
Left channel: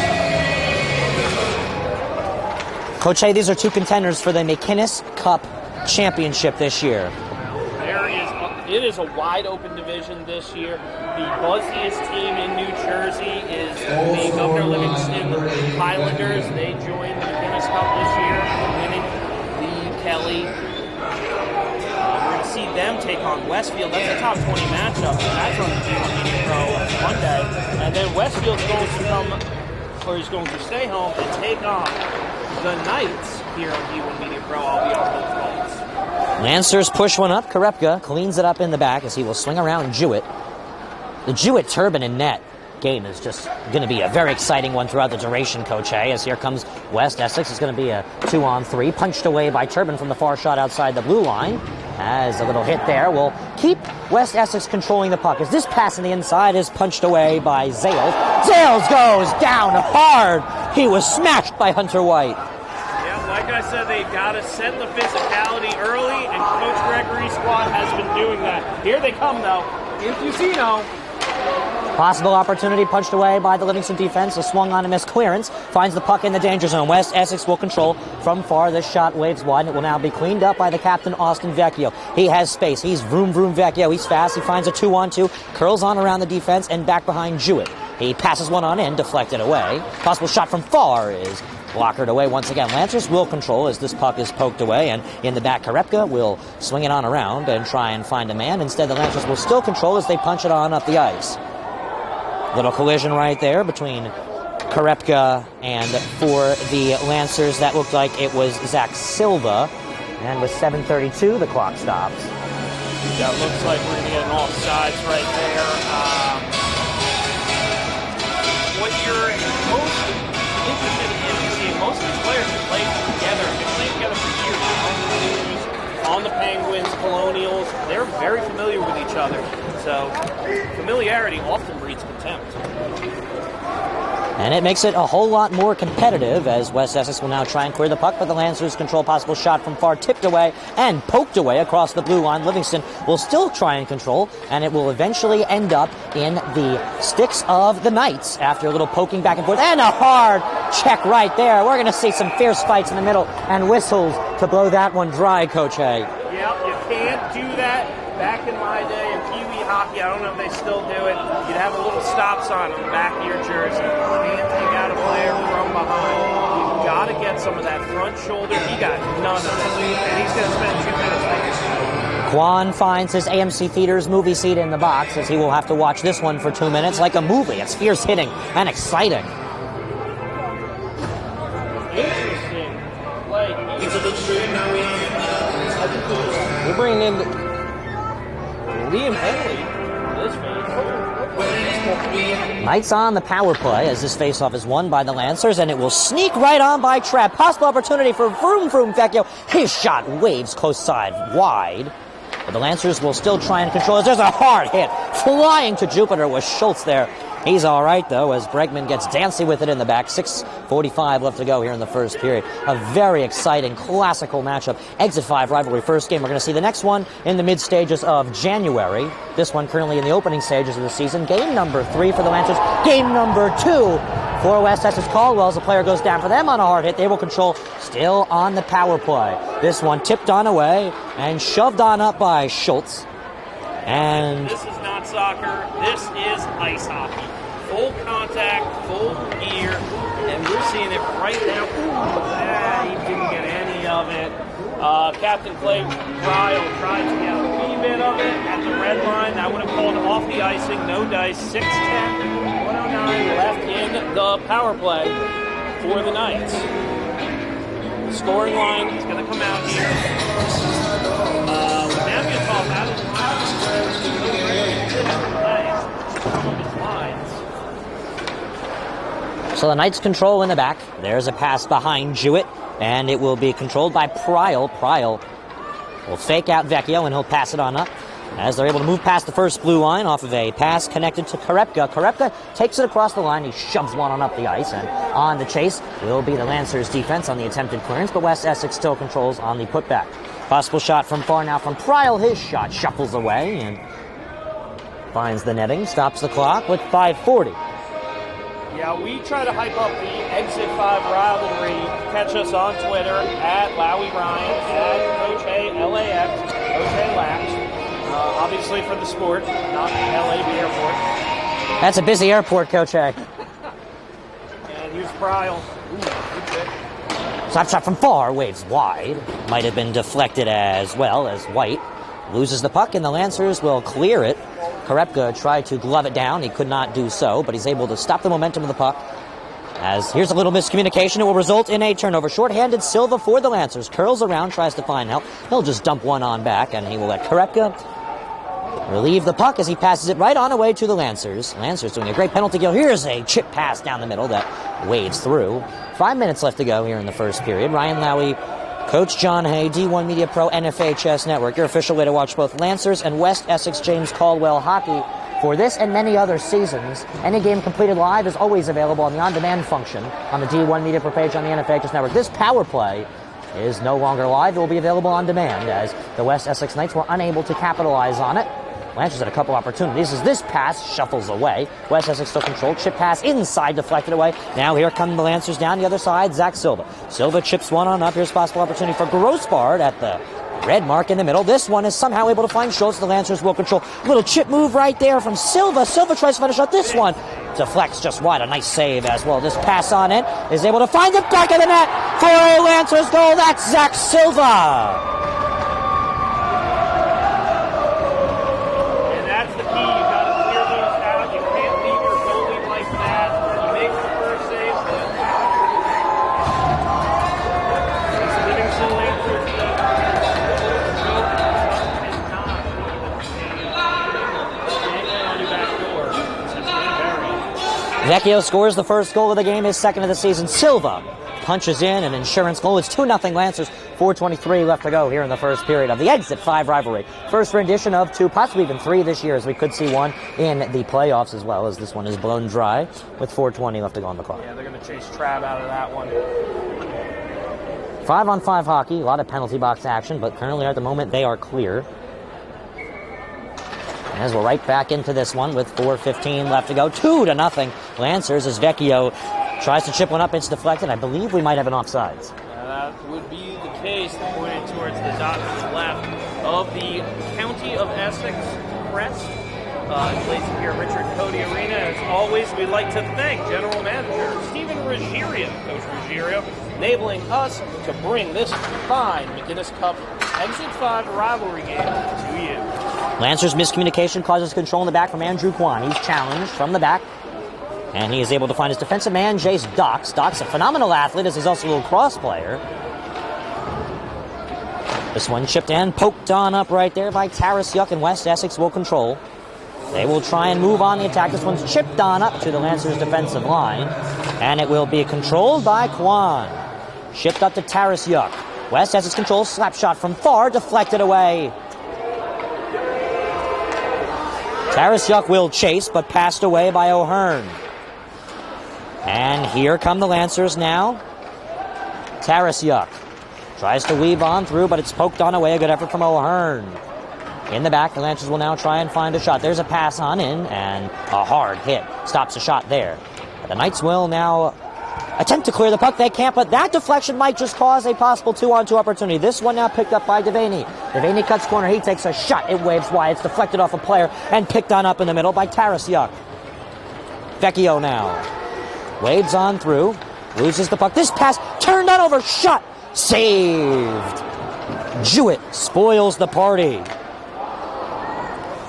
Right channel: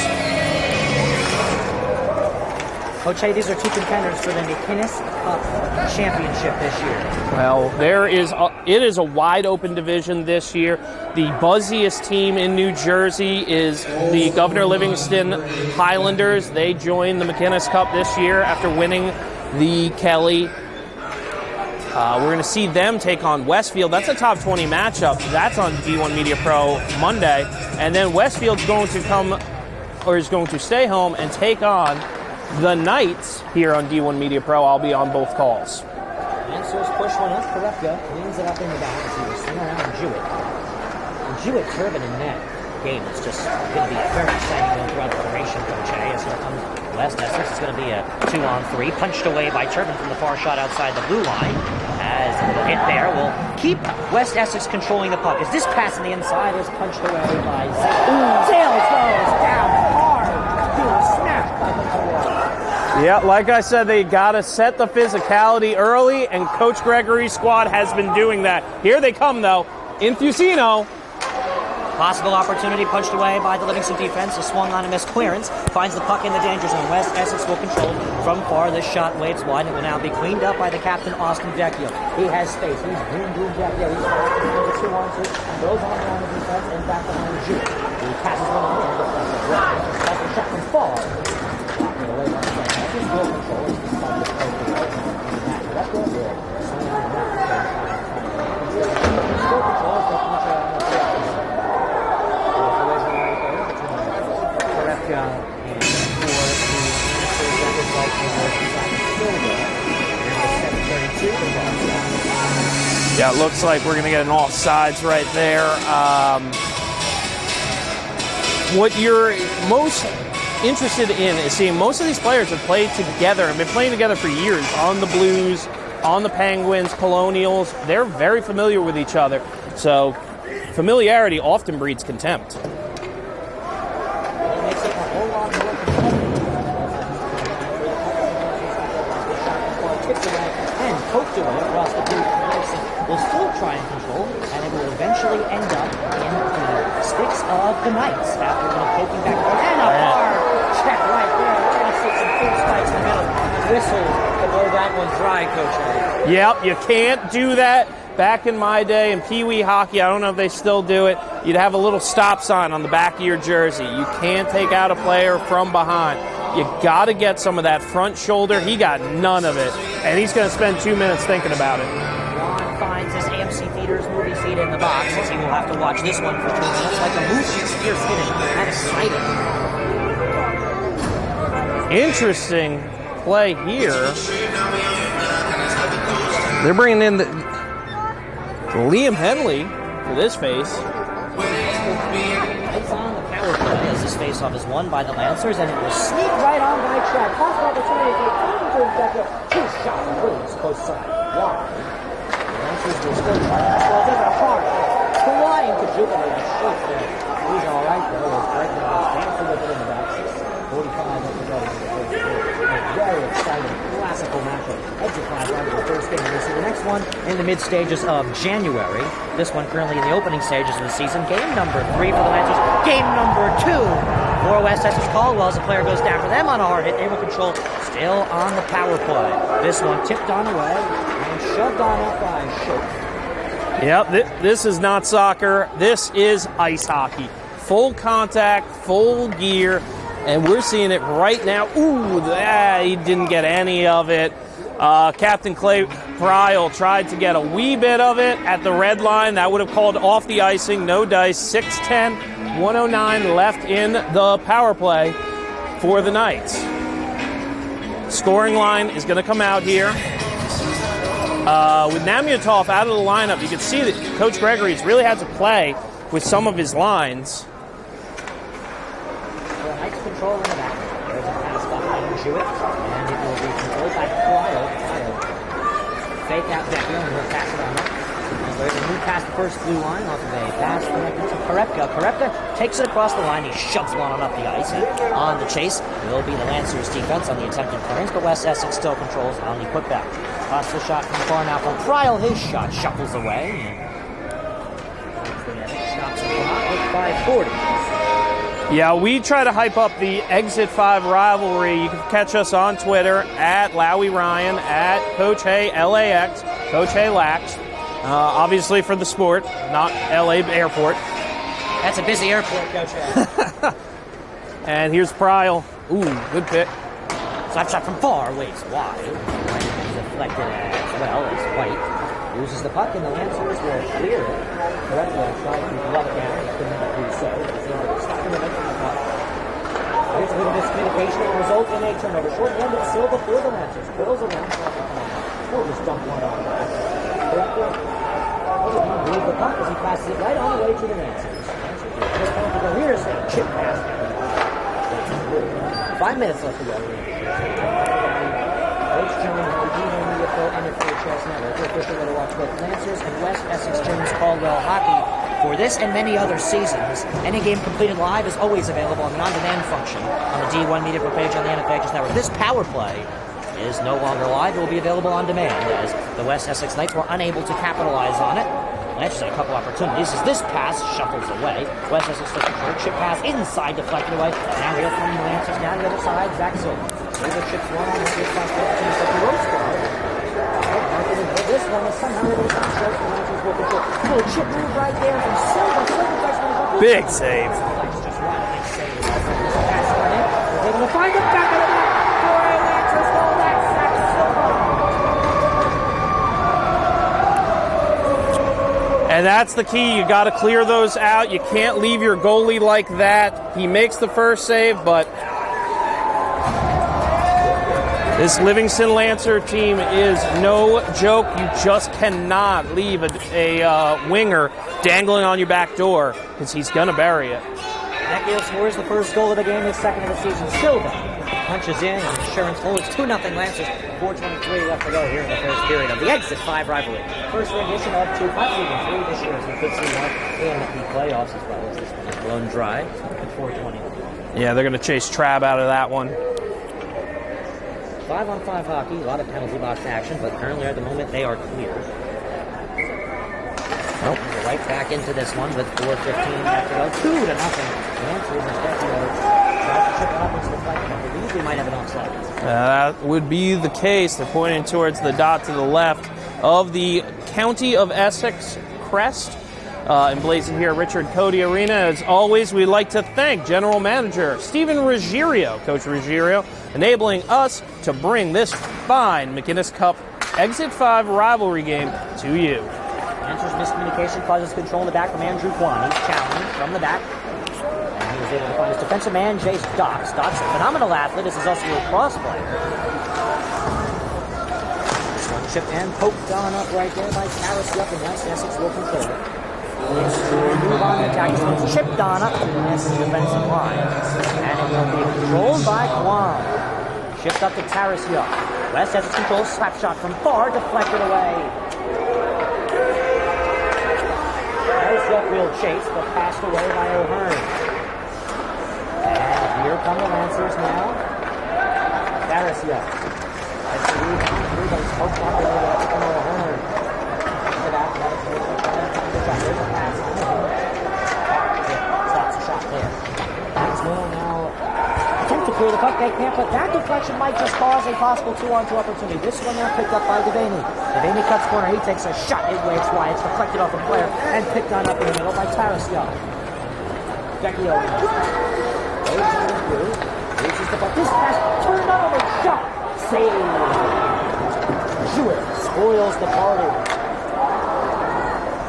Coach Hay, these are two contenders for the McInnes Cup Championship this year. Well, it is a wide open division this year. The buzziest team in New Jersey is the Governor Livingston Highlanders. They joined the McInnes Cup this year after winning the Kelly. We're going to see them take on Westfield. That's a top 20 matchup. That's on D1 Media Pro Monday. And then Westfield's going to stay home and take on the Knights here on D1 Media Pro. I'll be on both calls. Lancers push one up. Karepka cleans it up in the back as he will swing around Jewett. The Jewett Turbin and net game is just going to be a very exciting one throughout the duration, Coach A, as here comes West Essex. It's going to be a 2-on-3, punched away by Turbin from the far shot outside the blue line. As a little hit there will keep West Essex controlling the puck. As this pass on the inside is punched away by Zales. Zales goes down hard. He was smashed by Hunter White. Yeah, like I said, they got to set the physicality early, and Coach Gregory's squad has been doing that. Here they come, though. Infusino. Possible opportunity punched away by the Livingston defense. A swung on a missed clearance. Finds the puck in the danger zone. West Essex will control from far. This shot waves wide. It will now be cleaned up by the captain, Austin Vecchio. He has space. He's vroom Vecchio. He's fast. He finds a 2-on-2. Curls on around the defense and back behind Jewett. He passes one on in, deflected away. Possible shot from far is blockered away once again. Lancers will control as this puck is poked away, and in the back, Karepka will swing it on around and try and find a man. Instead, the Lancers will still control as they punch it on up the ice. Little collision right there between Karepka and for the Lancers, that looked like it was Zach Silva. And with 7:32, the clock stops. Yeah, it looks like we're going to get an offsides right there. What you're most interested in is seeing most of these players have played together, have been playing together for years on the Blues, on the Penguins, Colonials. They're very familiar with each other. So familiarity often breeds contempt. And it makes it a whole lot more competitive as West Essex will now try and clear the puck, but the Lancers control. Possible shot from far, tipped away and poked away across the blue line. Livingston will still try and control, and it will eventually end up in the sticks of the Knights after a little poking back and forth. And a hard check right there. We're going to see some fierce fights in the middle and whistles to blow that one dry, Coach Hay. Yep, you can't do that. Back in my day in Pee Wee hockey, I don't know if they still do it, you'd have a little stop sign on the back of your jersey. You can't take out a player from behind. You got to get some of that front shoulder. He got none of it, and he's going to spend 2 minutes thinking about it. Kwan finds his AMC Theaters movie seat in the box as he will have to watch this one for 2 minutes like a movie. It's fierce hitting and exciting. Interesting play here. They're bringing in Liam Henley for this face. Knights on the power play as this faceoff is won by the Lancers, and it will sneak right on by Trapp. Possible opportunity for vroom Vecchio. His shot waves close side wide. The Lancers will still try and control as there's a hard hit flying to Jupiter with Schultz there. He's all right, though, as Bregman gets dancing with it in the back. 6:45 left to go here in the first period. A very exciting, classical matchup. Exit 5 rivalry first game. We're going to see the next one in the mid-stages of January. This one currently in the opening stages of the season. Game number 3 for the Lancers. Game number 2 for West Essex-Caldwell. As the player goes down for them on a hard hit, they will control still on the power play. This one tipped on away and shoved on up by Schultz. Yeah, this is not soccer. This is ice hockey. Full contact, full gear, and we're seeing it right now. Ooh, he didn't get any of it. Captain Clay Pryle tried to get a wee bit of it at the red line. That would have called off the icing. No dice. 6:10, 109 left in the power play for the Knights. Scoring line is going to come out here. With Namyatov out of the lineup, you can see that Coach Gregory's really had to play with some of his lines. So the Knights control in the back. There's a pass behind Jewett, and it will be controlled by Pryal. Pryal will fake out Vecchio, and he'll pass it on up as they're able to move past the first blue line off of a pass connected to Korepka. Korepka takes it across the line. He shoves one on up the ice, and on the chase will be the Lancers defense on the attempted clearance, but West Essex still controls on the putback. Possible shot from far now from Pryal. His shot shuffles away and finds the netting, stops the clock with 5:40. Yeah, we try to hype up the Exit 5 rivalry. You can catch us on Twitter at Lowy Ryan, at Coach Hay LAX, Coach Hay Lax. Obviously for the sport, not LA Airport. That's a busy airport, Coach Hay. And here's Pryal. Ooh, good pick. Slap shot from far, waves wide. Might have been deflected as well as White loses the puck, and the Lancers will clear it. Korepka tried to glove it down. He could not do so, but he's able to stop the momentum of the puck. As here's a little miscommunication, it will result in a turnover. Short-handed Silva for the Lancers. Curls around, tries to find help. He'll just dump one on back, and he will let Korepka relieve the puck as he passes it right on away to the Lancers. Lancers doing a great penalty kill. Here's a chip pass down the middle that waves through. 5 minutes left to go here in the first period. Ryan Lowy, Coach John Hay, D1 Media Pro, NFHS Network, your official way to watch both Lancers and West Essex-Caldwell hockey for this and many other seasons. Any game completed live is always available on the on-demand function on the D1 Media Pro page on the NFHS Network. This power play is no longer live. It will be available on demand as the West Essex Knights were unable to capitalize on it. Lancers had a couple opportunities as this pass shuffles away. West Essex still controlled. Chip pass inside, deflected away. Now here come the Lancers down the other side. Zach Silva. Silva chips one on up. Here's possible opportunity for Grossbard at the red mark in the middle. This one is somehow able to find Schultz. The Lancers will control. A little chip move right there from Silva. Silva tries to finish up this Big one. Save. Deflects just wide. A nice save as well. This pass on in is able to find the back of the net for a Lancers goal. That's Zach Silva. And that's the key. You got to clear those out. You can't leave your goalie like that. He makes the first save, but this Livingston Lancer team is no joke. You just cannot leave a winger dangling on your back door because he's going to bury it. Vecchio scores the first goal of the game, his second of the season. Silva punches in an insurance goal. It's 2-0 Lancers. 4:23 left to go here in the first period of the Exit 5 rivalry. First rendition of two, possibly even three this year, as we could see one in the playoffs as well, as this one is blown dry with 4:20 left to go on the clock. Yeah, they're going to chase Trav out of that one. 5-on-5 hockey, a lot of penalty box action, but currently at the moment they are clear. Well, as we're right back into this one with 4:15 left to go. 2-0 Lancers as Vecchio tries to chip one up. It's deflected. I believe we might have an offsides. That would be the case. They're pointing towards the dot to the left of the County of Essex crest. Emblazoned here at Richard Codey Arena. As always, we'd like to thank General Manager Stephen Ruggiero, Coach Ruggiero, enabling us to bring this fine McInnes Cup Exit 5 rivalry game to you. Lancers miscommunication causes control in the back from Andrew Kwan. He's challenged from the back, and he is able to find his defensive man, Jace Dock. Stops a phenomenal athlete, as he's also a little cross player. This one chipped and poked on up right there by Tarasyuk, and West Essex will control. They will try and move on the attack. This one's chipped on up to the Lancers defensive line, and it will be controlled by Kwan. Chipped up to Tarasyuk. West Essex controls, slap shot from far, deflected away. Tarasyuk will chase, but passed away by O'Hearn. And here come the Lancers now. Tarasyuk tries to weave on through, but it's poked on away. Good effort from O'Hearn. In the back, the Lancers will now try and find a shot. There's a pass on in, and a hard hit stops a shot there. The Knights will now attempt to clear the puck. They can't, but that deflection might just cause a possible 2-on-2 opportunity. This one now picked up by Devaney. Devaney cuts corner. He takes a shot. It waves wide. It's deflected off a player and picked on up in the middle by Tarasyuk. Vecchio now waves on through. Loses the puck. This pass turned out over. Shot. Saved. Jewett spoils the party.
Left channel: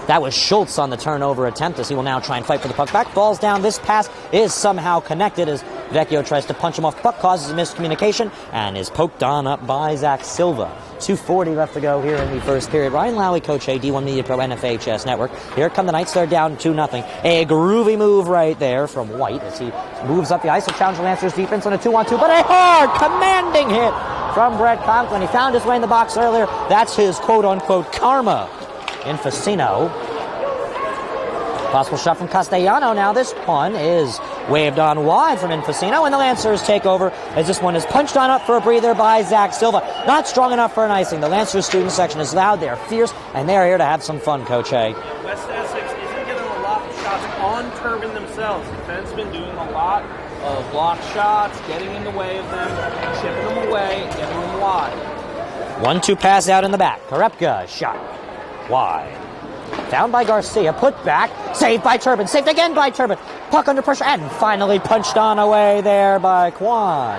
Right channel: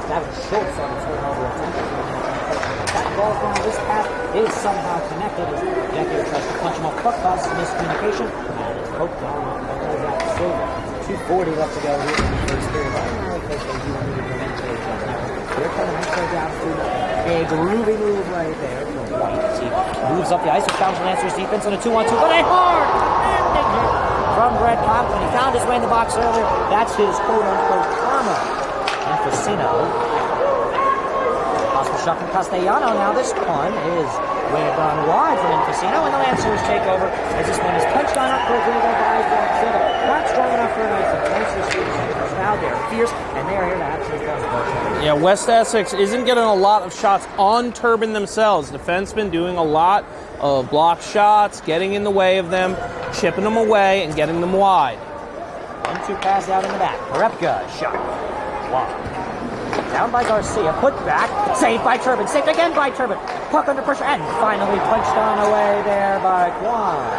That was Schultz on the turnover attempt, as he will now try and fight for the puck. Back falls down. This pass is somehow connected as Vecchio tries to punch him off. Puck causes a miscommunication and is poked on up by Zach Silva. 2:40 left to go here in the first period. Ryan Lowy, Coach A, D1 Media Pro, NFHS Network. Here come the Knights. They're down 2-0. A groovy move right there from White as he moves up the ice to challenge the Lancers defense on a 2-on-2, but a hard, commanding hit from Brett Conklin. He found his way in the box earlier. That's his quote-unquote karma. And Facino. Possible shot from Castellano. Now this one is waved on wide from Infacino, and the Lancers take over as this one is punched on up for a breather by Zach Silva. Not strong enough for an icing. The Lancers student section is loud, they're fierce, and they're here to have some fun, Coach A. Yeah, West Essex isn't getting a lot of shots on Turbin themselves. Defensemen doing a lot of block shots, getting in the way of them, chipping them away, and getting them wide. 1-2 pass out in the back. Korepka shot wide. Down by Garcia, put back, saved by Turbin, saved again by Turbin. Puck under pressure, and finally punched on away there by Kwan.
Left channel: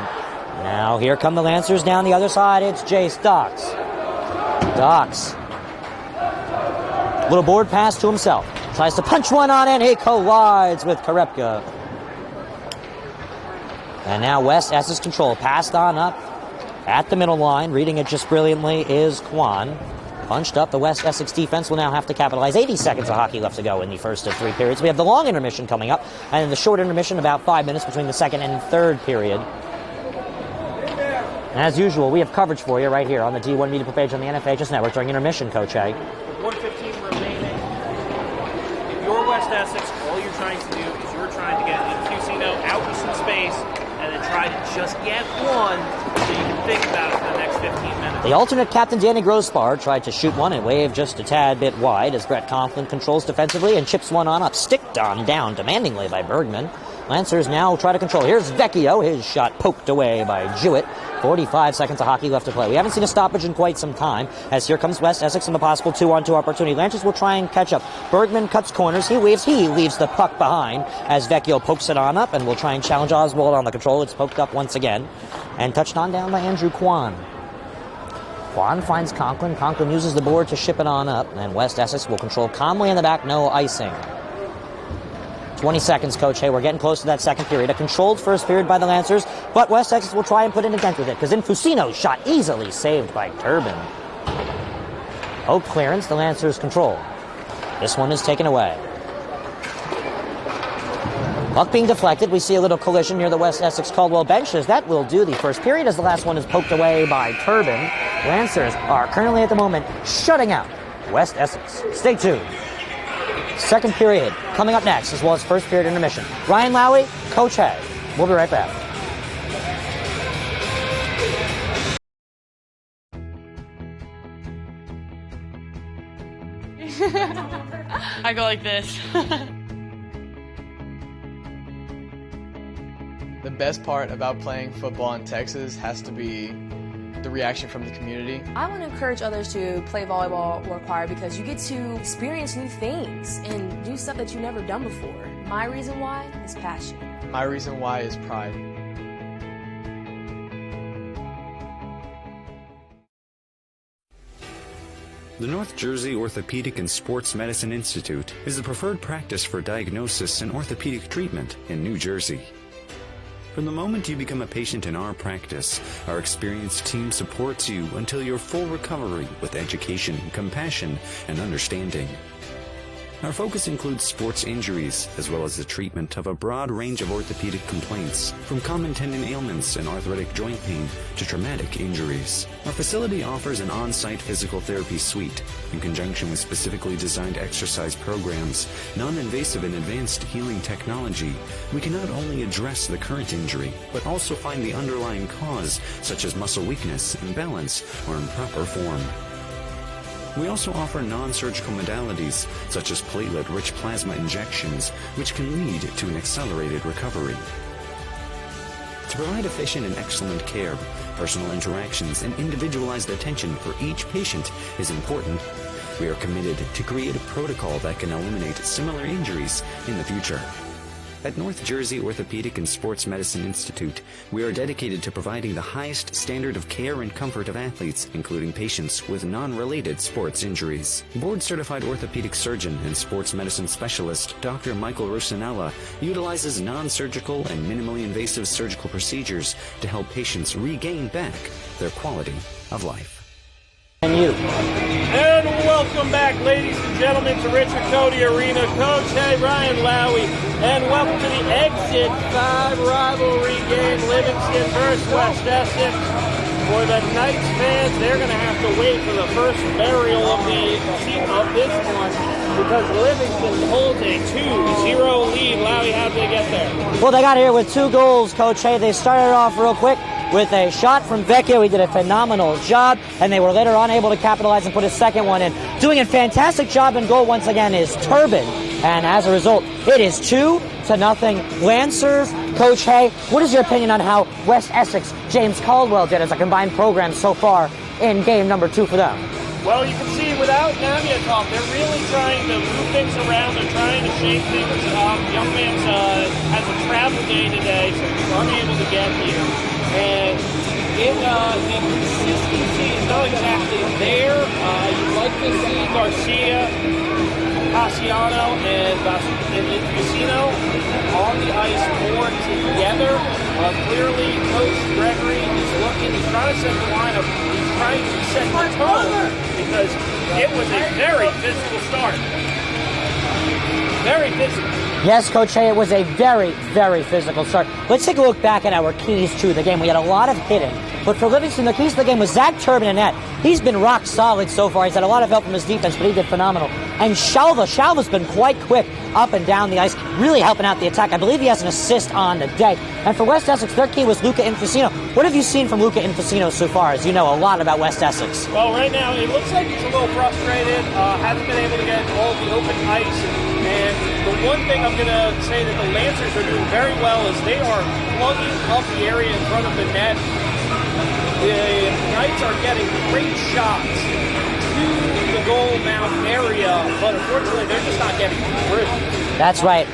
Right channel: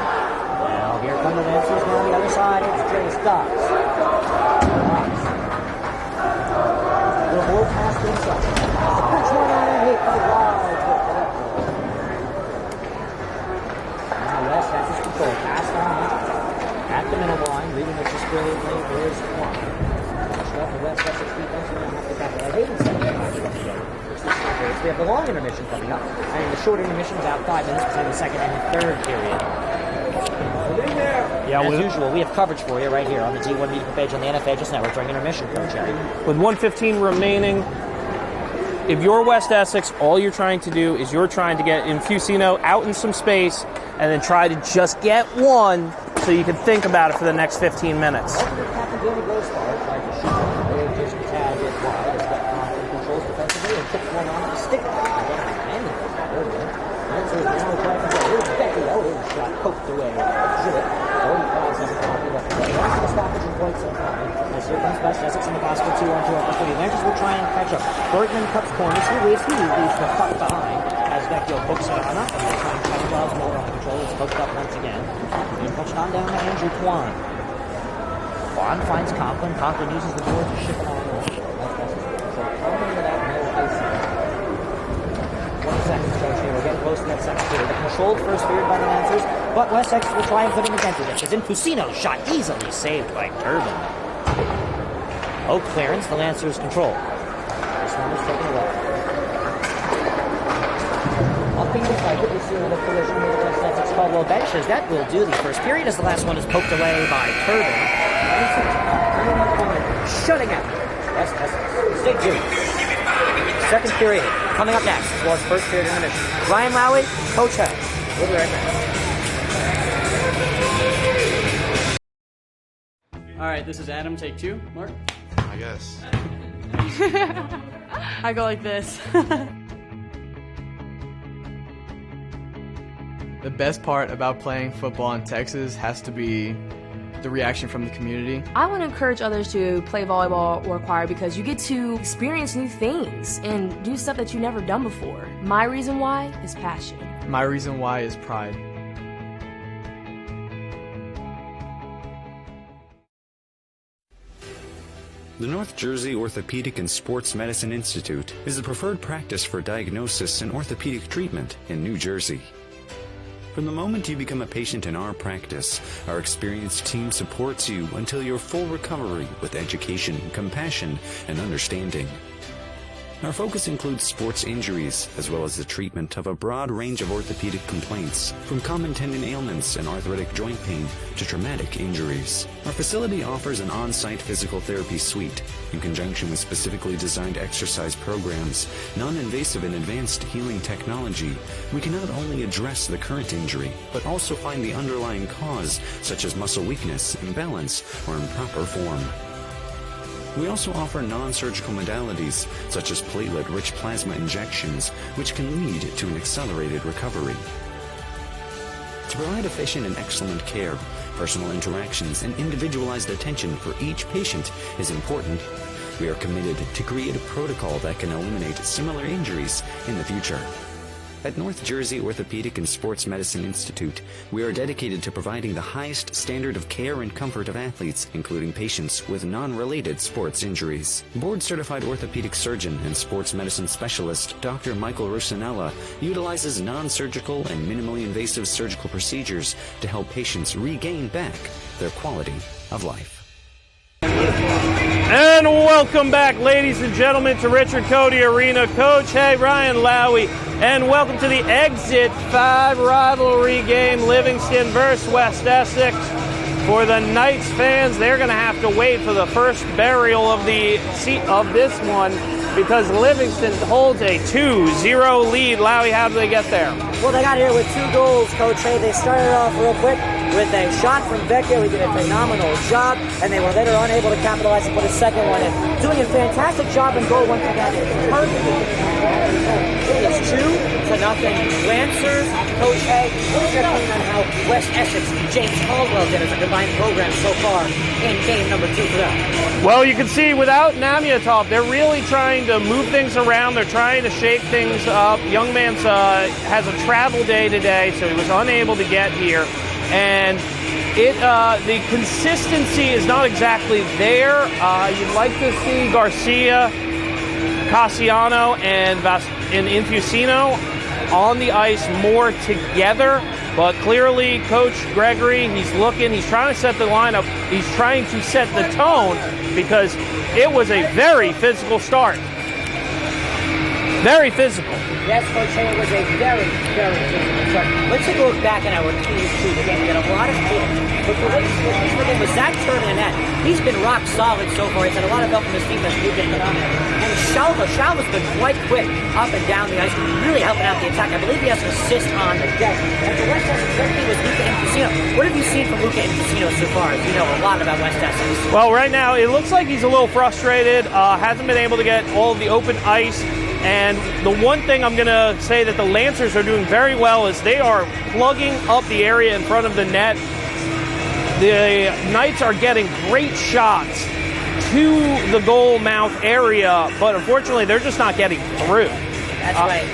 Now here come the Lancers down the other side. It's Jace Docks. Docks. Little board pass to himself. Tries to punch one on, and he collides with Korepka. And now West Essex control, passed on up at the middle line. Reading it just brilliantly is Kwan. Punched up, the West Essex defense will now have to capitalize. 80 seconds of hockey left to go in the first of 3 periods. We have the long intermission coming up, and the short intermission about 5 minutes between the second and third period. Yeah, as usual, we have coverage for you right here on the D1 Media page on the NFHS Network during intermission, Coach A. With 1:15 remaining, if you're West Essex, all you're trying to do is you're trying to get Infusino out in some space and then try to just get one so you can think about it for the next 15 minutes. The alternate captain, Danny Grosspar, tried to shoot one and wave just a tad bit wide as Brett Conklin controls defensively and chips one on up, sticked on and down demandingly by Bergman. Lancers now try to control. Here's Vecchio, his shot poked away by Jewett. 45 seconds of hockey left to play. We haven't seen a stoppage in quite some time, as here comes West Essex and a possible 2-on-2 opportunity. Lancers will try and catch up. Bergman cuts corners. He leaves the puck behind as Vecchio pokes it on up and will try and challenge Oswald on the control. It's poked up once again and touched on down by Andrew Kwan. Kwan finds Conklin. Conklin uses the board to ship it on up, and West Essex will control calmly in the back, no icing. 20 seconds, Coach. Hey, we're getting close to that second period. A controlled first period by the Lancers, but West Essex will try and put in a center ditch as Infusino's shot easily saved by Turbin. Poke clearance, the Lancers control. This one is taken away. Puck being deflected, we see a little collision near the West Essex-Caldwell benches. That will do the first period as the last one is poked away by Turbin. Lancers are currently at the moment shutting out West Essex. Stay tuned. Second period coming up next, as well as first period intermission. Ryan Lowy, Coach A. We'll be right back. All right, this is Adam. Take 2. Mark? I guess. I go like this. The best part about playing football in Texas has to be the reaction from the community. I want to encourage others to play volleyball or choir because you get to experience new things and do stuff that you've never done before. My reason why is passion. My reason why is pride. The North Jersey Orthopedic and Sports Medicine Institute is the preferred practice for diagnosis and orthopedic treatment in New Jersey. From the moment you become a patient in our practice, our experienced team supports you until your full recovery with education, compassion, and understanding. Our focus includes sports injuries, as well as the treatment of a broad range of orthopedic complaints, from common tendon ailments and arthritic joint pain to traumatic injuries. Our facility offers an on-site physical therapy suite, in conjunction with specifically designed exercise programs, non-invasive and advanced healing technology. We can not only address the current injury, but also find the underlying cause, such as muscle weakness, imbalance, or improper form. We also offer non-surgical modalities, such as platelet-rich plasma injections, which can lead to an accelerated recovery. To provide efficient and excellent care, personal interactions and individualized attention for each patient is important. We are committed to create a protocol that can eliminate similar injuries in the future. At North Jersey Orthopedic and Sports Medicine Institute, we are dedicated to providing the highest standard of care and comfort of athletes, including patients with non-related sports injuries. Board-certified orthopedic surgeon and sports medicine specialist Dr. Michael Rusinella utilizes non-surgical and minimally invasive surgical procedures to help patients regain back their quality of life. And welcome back, ladies and gentlemen, to Richard Codey Arena. Coach, hey, Ryan Lowy, and welcome to the Exit 5 rivalry game, Livingston versus West Essex. For the Knights fans, they're going to have to wait for the first burial of the seat of this one because Livingston holds a 2-0 lead. Lowy, how did they get there? Well, they got here with 2 goals, Coach. Hey, they started off real quick with a shot from Vecchio. He did a phenomenal job, and they were later unable to capitalize and put a second one in. Doing a fantastic job in goal once again is Turbin, and as a result, it is 2-0 Lancers. Coach Hay, what is your opinion on how West Essex, James Caldwell did as a combined program so far in game number 2 for them? Well, you can see without Namiatov, they're really trying to move things around. They're trying to shake things up. Young man's has a travel day today, so he was unable to get here. And the consistency is not exactly there. You'd like to see Garcia, Cassiano, and Infusino on the ice more together. But clearly, Coach Gregory, he's looking, he's trying to set the lineup, he's trying to set the tone because it was a very physical start. Very physical. Yes, Coach Hay, it was a very, very physical start. Let's take a look back at our keys to the game. We had a lot of hitting. But for Livingston, the keys to the game was Zach Turbin in net. He's been rock solid so far. He's had a lot of help from his defense, but he did phenomenal. And Shalva's been quite quick up and down the ice, really helping out the attack. I believe he has an assist on the day. And for West Essex, their key was Luca Infusino. What have you seen from Luca Infusino so far, as you know a lot about West Essex? Well, right now, it looks like he's a little frustrated. Hasn't been able to get all of the open ice. And the one thing I'm going to say that the Lancers are doing very well is they are plugging up the area in front of the net. The Knights are getting great shots to the goal mouth area, but unfortunately they're just not getting through. That's right.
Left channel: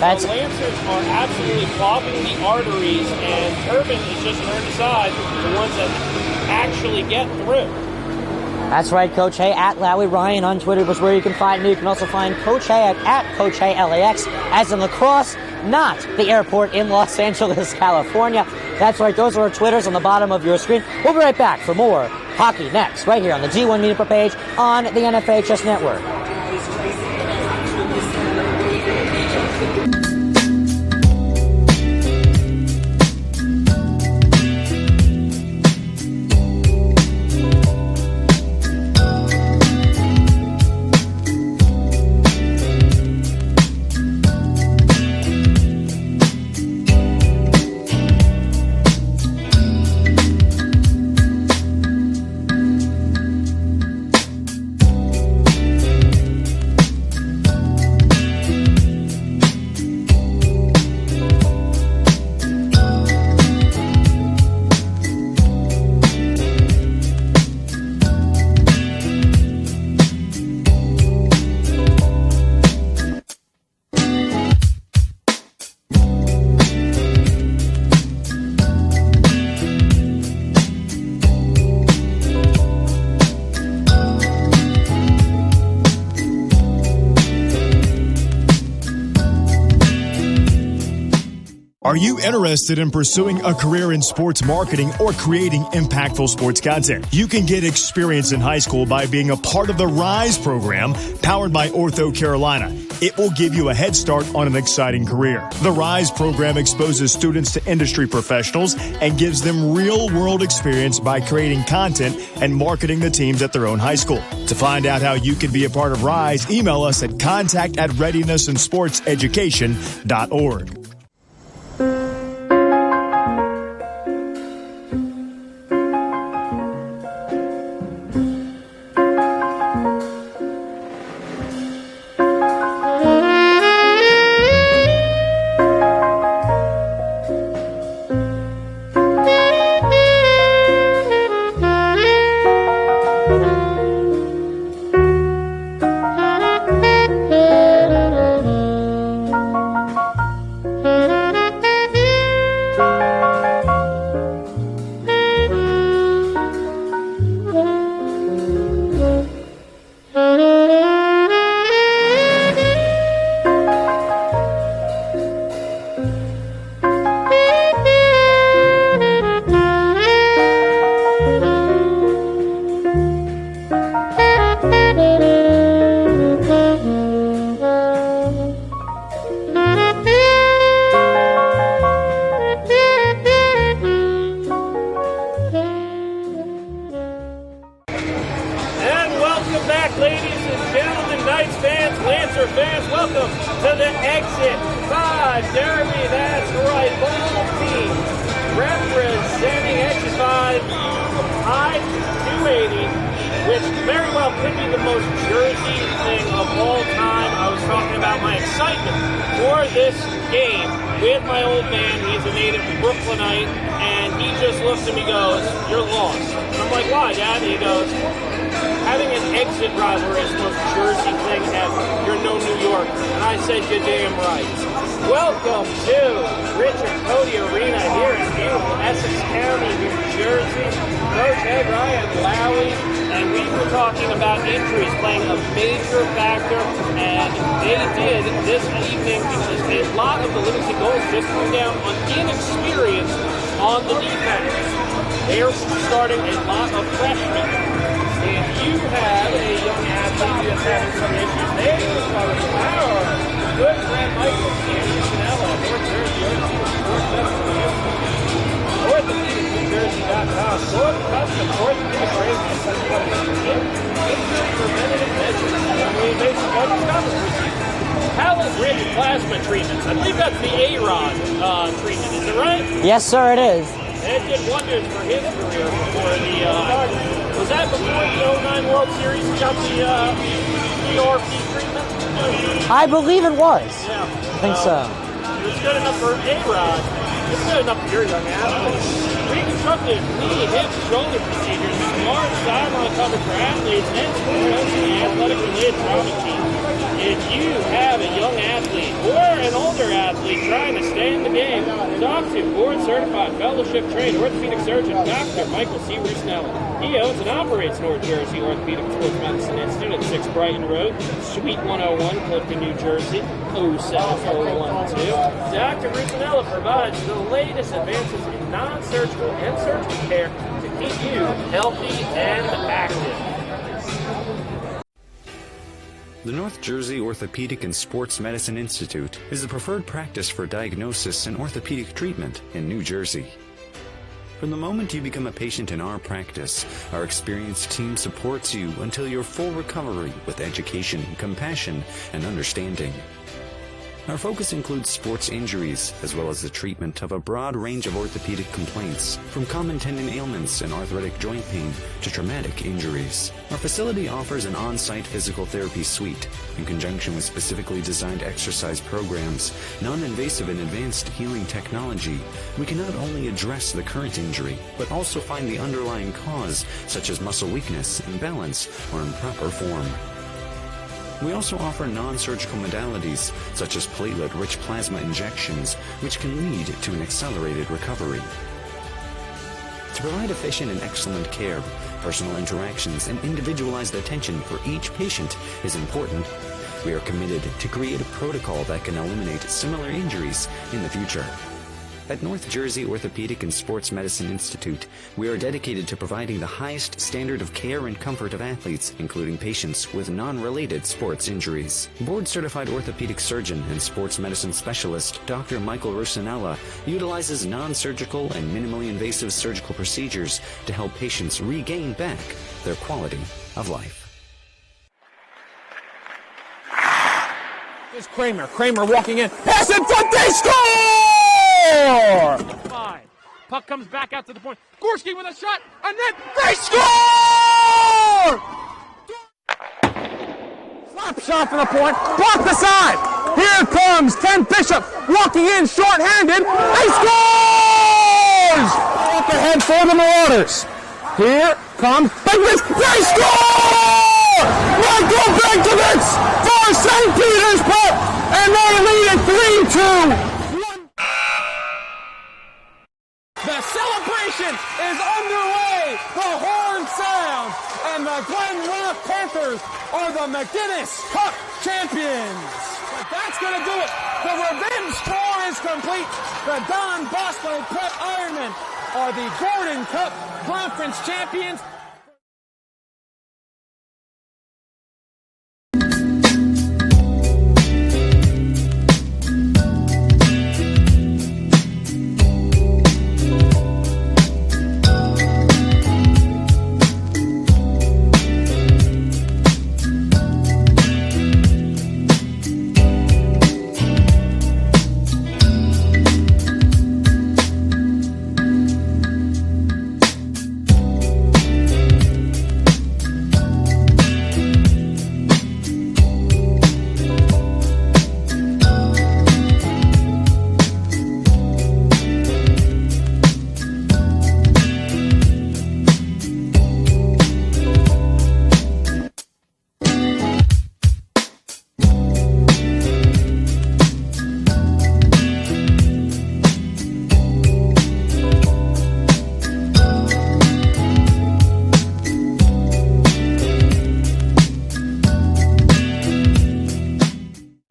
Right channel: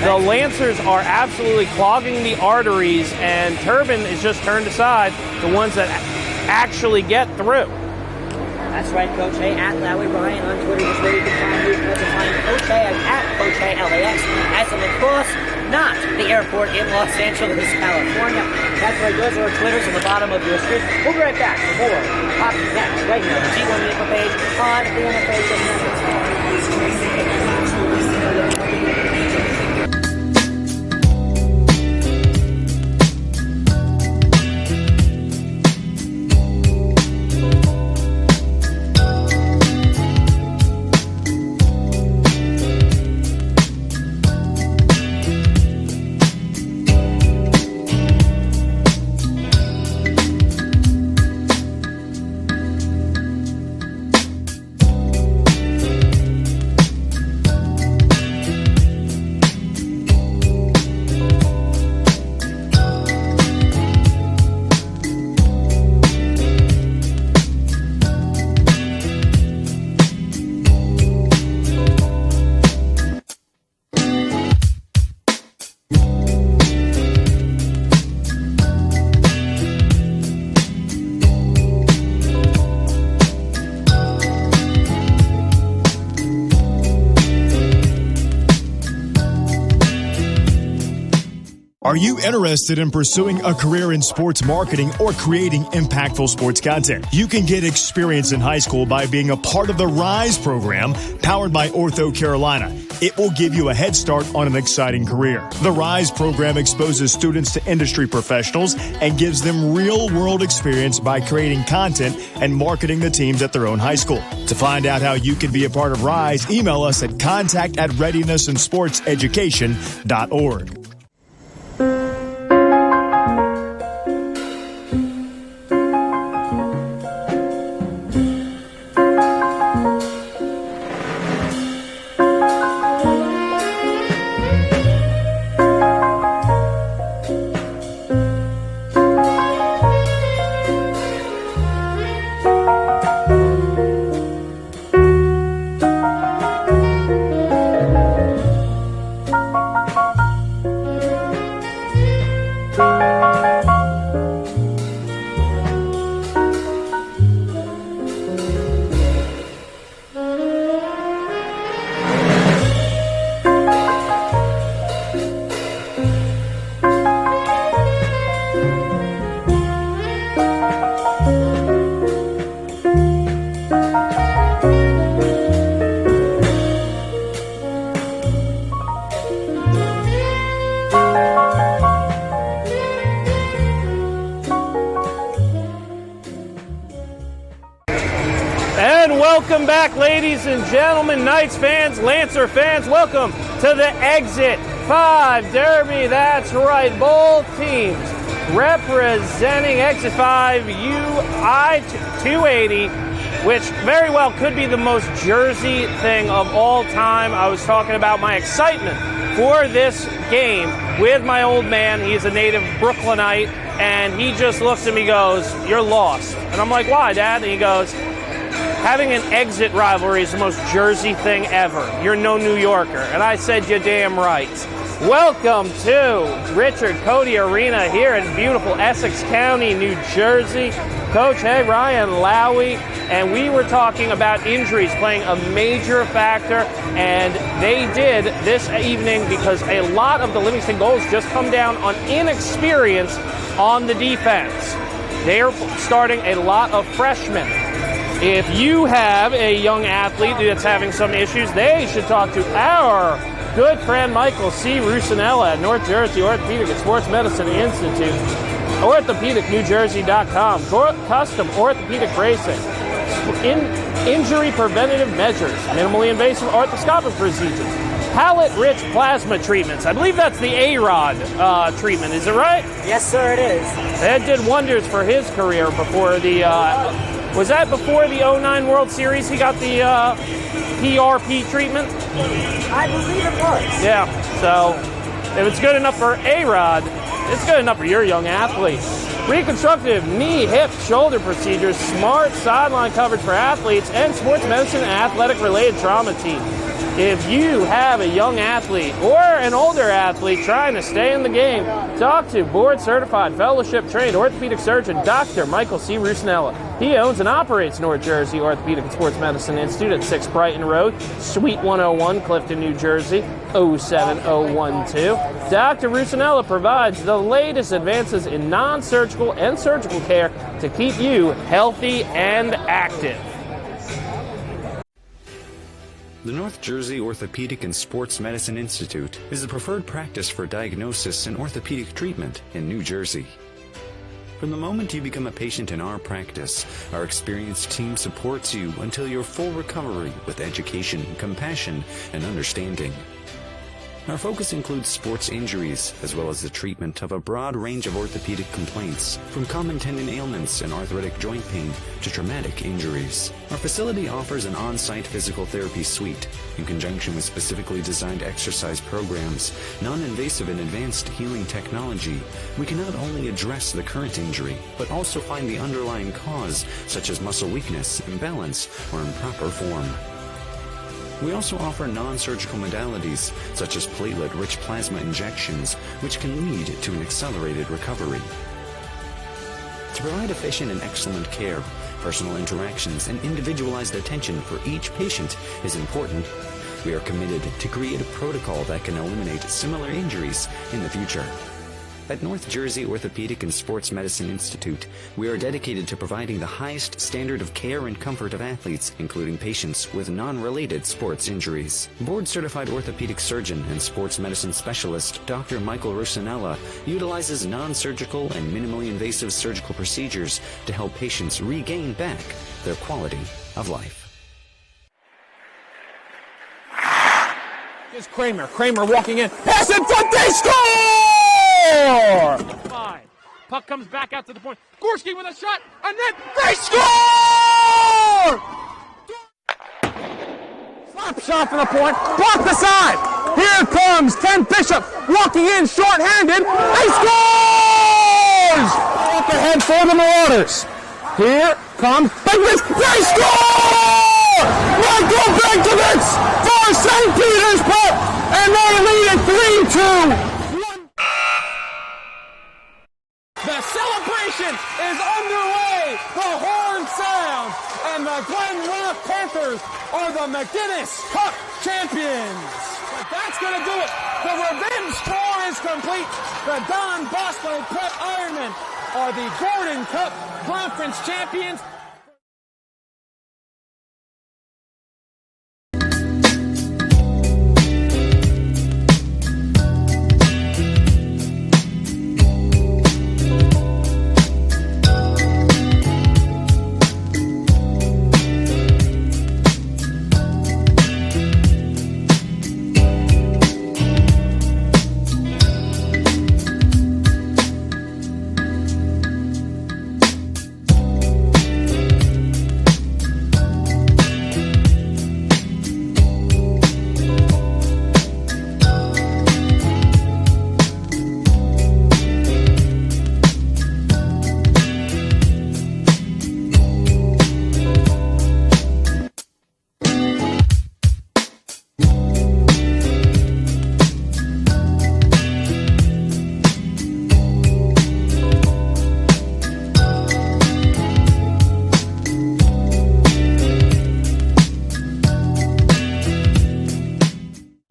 The Lancers are absolutely clogging the arteries, and Turbin is just turned aside, the ones that actually get through. That's right, Coach Hay, at Lowy Ryan on Twitter. That's where you can find me. You can also find Coach Hay at Coach Hay LAX, as in lacrosse, not the airport in Los Angeles, California. That's right, those are our Twitters on the bottom of your screen. We'll be right back for more hockey next, right here on the G1 Media page on the NFHS Network. Are you interested in pursuing a career in sports marketing or creating impactful sports content? You can get experience in high school by being a part of the RISE program powered by Ortho Carolina. It will give you a head start on an exciting career. The RISE program exposes students to industry professionals and gives them real-world experience by creating content and marketing the teams at their own high school. To find out how you can be a part of RISE, email us at contact@readinessandsportseducation.org. 5 Derby. That's right, both teams representing XS5 UI 280, which very well could be the most Jersey thing of all time. I was talking about my excitement for this game with my old man. He's a native Brooklynite, and he just looks at me and goes, "You're lost." And I'm like, "Why, Dad?" And he goes, "Having an exit rivalry is the most Jersey thing ever. You're no New Yorker." And I said, "You're damn right." Welcome to Richard Codey Arena here in beautiful Essex County, New Jersey. Coach head Ryan Lowy, and we were talking about injuries playing a major factor, and they did this evening because a lot of the Livingston goals just come down on inexperience on the defense. They're starting a lot of freshmen. If you have a young athlete that's having some issues, they should talk to our good friend Michael C. Rusinella at North Jersey Orthopedic and Sports Medicine Institute. OrthopedicNewJersey.com. Custom orthopedic bracing. Injury preventative measures. Minimally invasive arthroscopic procedures. Palate-rich plasma treatments. I believe that's the A-Rod treatment. Is it right? Yes, sir, it is. That did wonders for his career before the... was that before the 09 World Series he got the PRP treatment? I believe it was. Yeah. So if it's good enough for A-Rod, it's good enough for your young athlete. Reconstructive knee, hip, shoulder procedures, smart sideline coverage for athletes, and sports medicine and athletic-related trauma team. If you have a young athlete or an older athlete trying to stay in the game, talk to board-certified, fellowship-trained orthopedic surgeon Dr. Michael C. Rusinella. He owns and operates North Jersey Orthopedic and Sports Medicine Institute at 6 Brighton Road, Suite 101, Clifton, New Jersey, 07012. Dr. Rusinella provides the latest advances in non-surgical and surgical care to keep you healthy and active. The North Jersey Orthopedic and Sports Medicine Institute is the preferred practice for diagnosis and orthopedic treatment in New Jersey. From the moment you become a patient in our practice, our experienced team supports you until your full recovery with education, compassion, and understanding. Our focus includes sports injuries, as well as the treatment of a broad range of orthopedic complaints, from common tendon ailments and arthritic joint pain to traumatic injuries. Our facility offers an on-site physical therapy suite. In conjunction with specifically designed exercise programs, non-invasive and advanced healing technology, we can not only address the current injury, but also find the underlying cause, such as muscle weakness, imbalance, or improper form. We also offer non-surgical modalities, such as platelet-rich plasma injections, which can lead to an accelerated recovery. To provide efficient and excellent care, personal interactions and individualized attention for each patient is important. We are committed to create a protocol that can eliminate similar injuries in the future. At North Jersey Orthopedic and Sports Medicine Institute, we are dedicated to providing the highest standard of care and comfort of athletes, including patients with non-related sports injuries. Board-certified orthopedic surgeon and sports medicine specialist Dr. Michael Rusinella utilizes non-surgical and minimally invasive surgical procedures to help patients regain back their quality of life. Here's Kramer. Kramer walking in. Pass in front. They score! 5. Puck comes back out to the point. Gorski with a shot, and then they score! Slap shot from the point. Block the side. Here comes Ken Bishop walking in short-handed. He scores! Up ahead for the Marauders. Here comes Bigwitz. They score! Michael Bigwitz for St. Petersburg, and they lead it 3-2. The celebration is underway. The horn sounds, and the Glen Rock Panthers are the McGinnis Cup champions. But that's going to do it. The revenge tour is complete. The Don Bosco Prep Ironmen are the Gordon Cup Conference champions.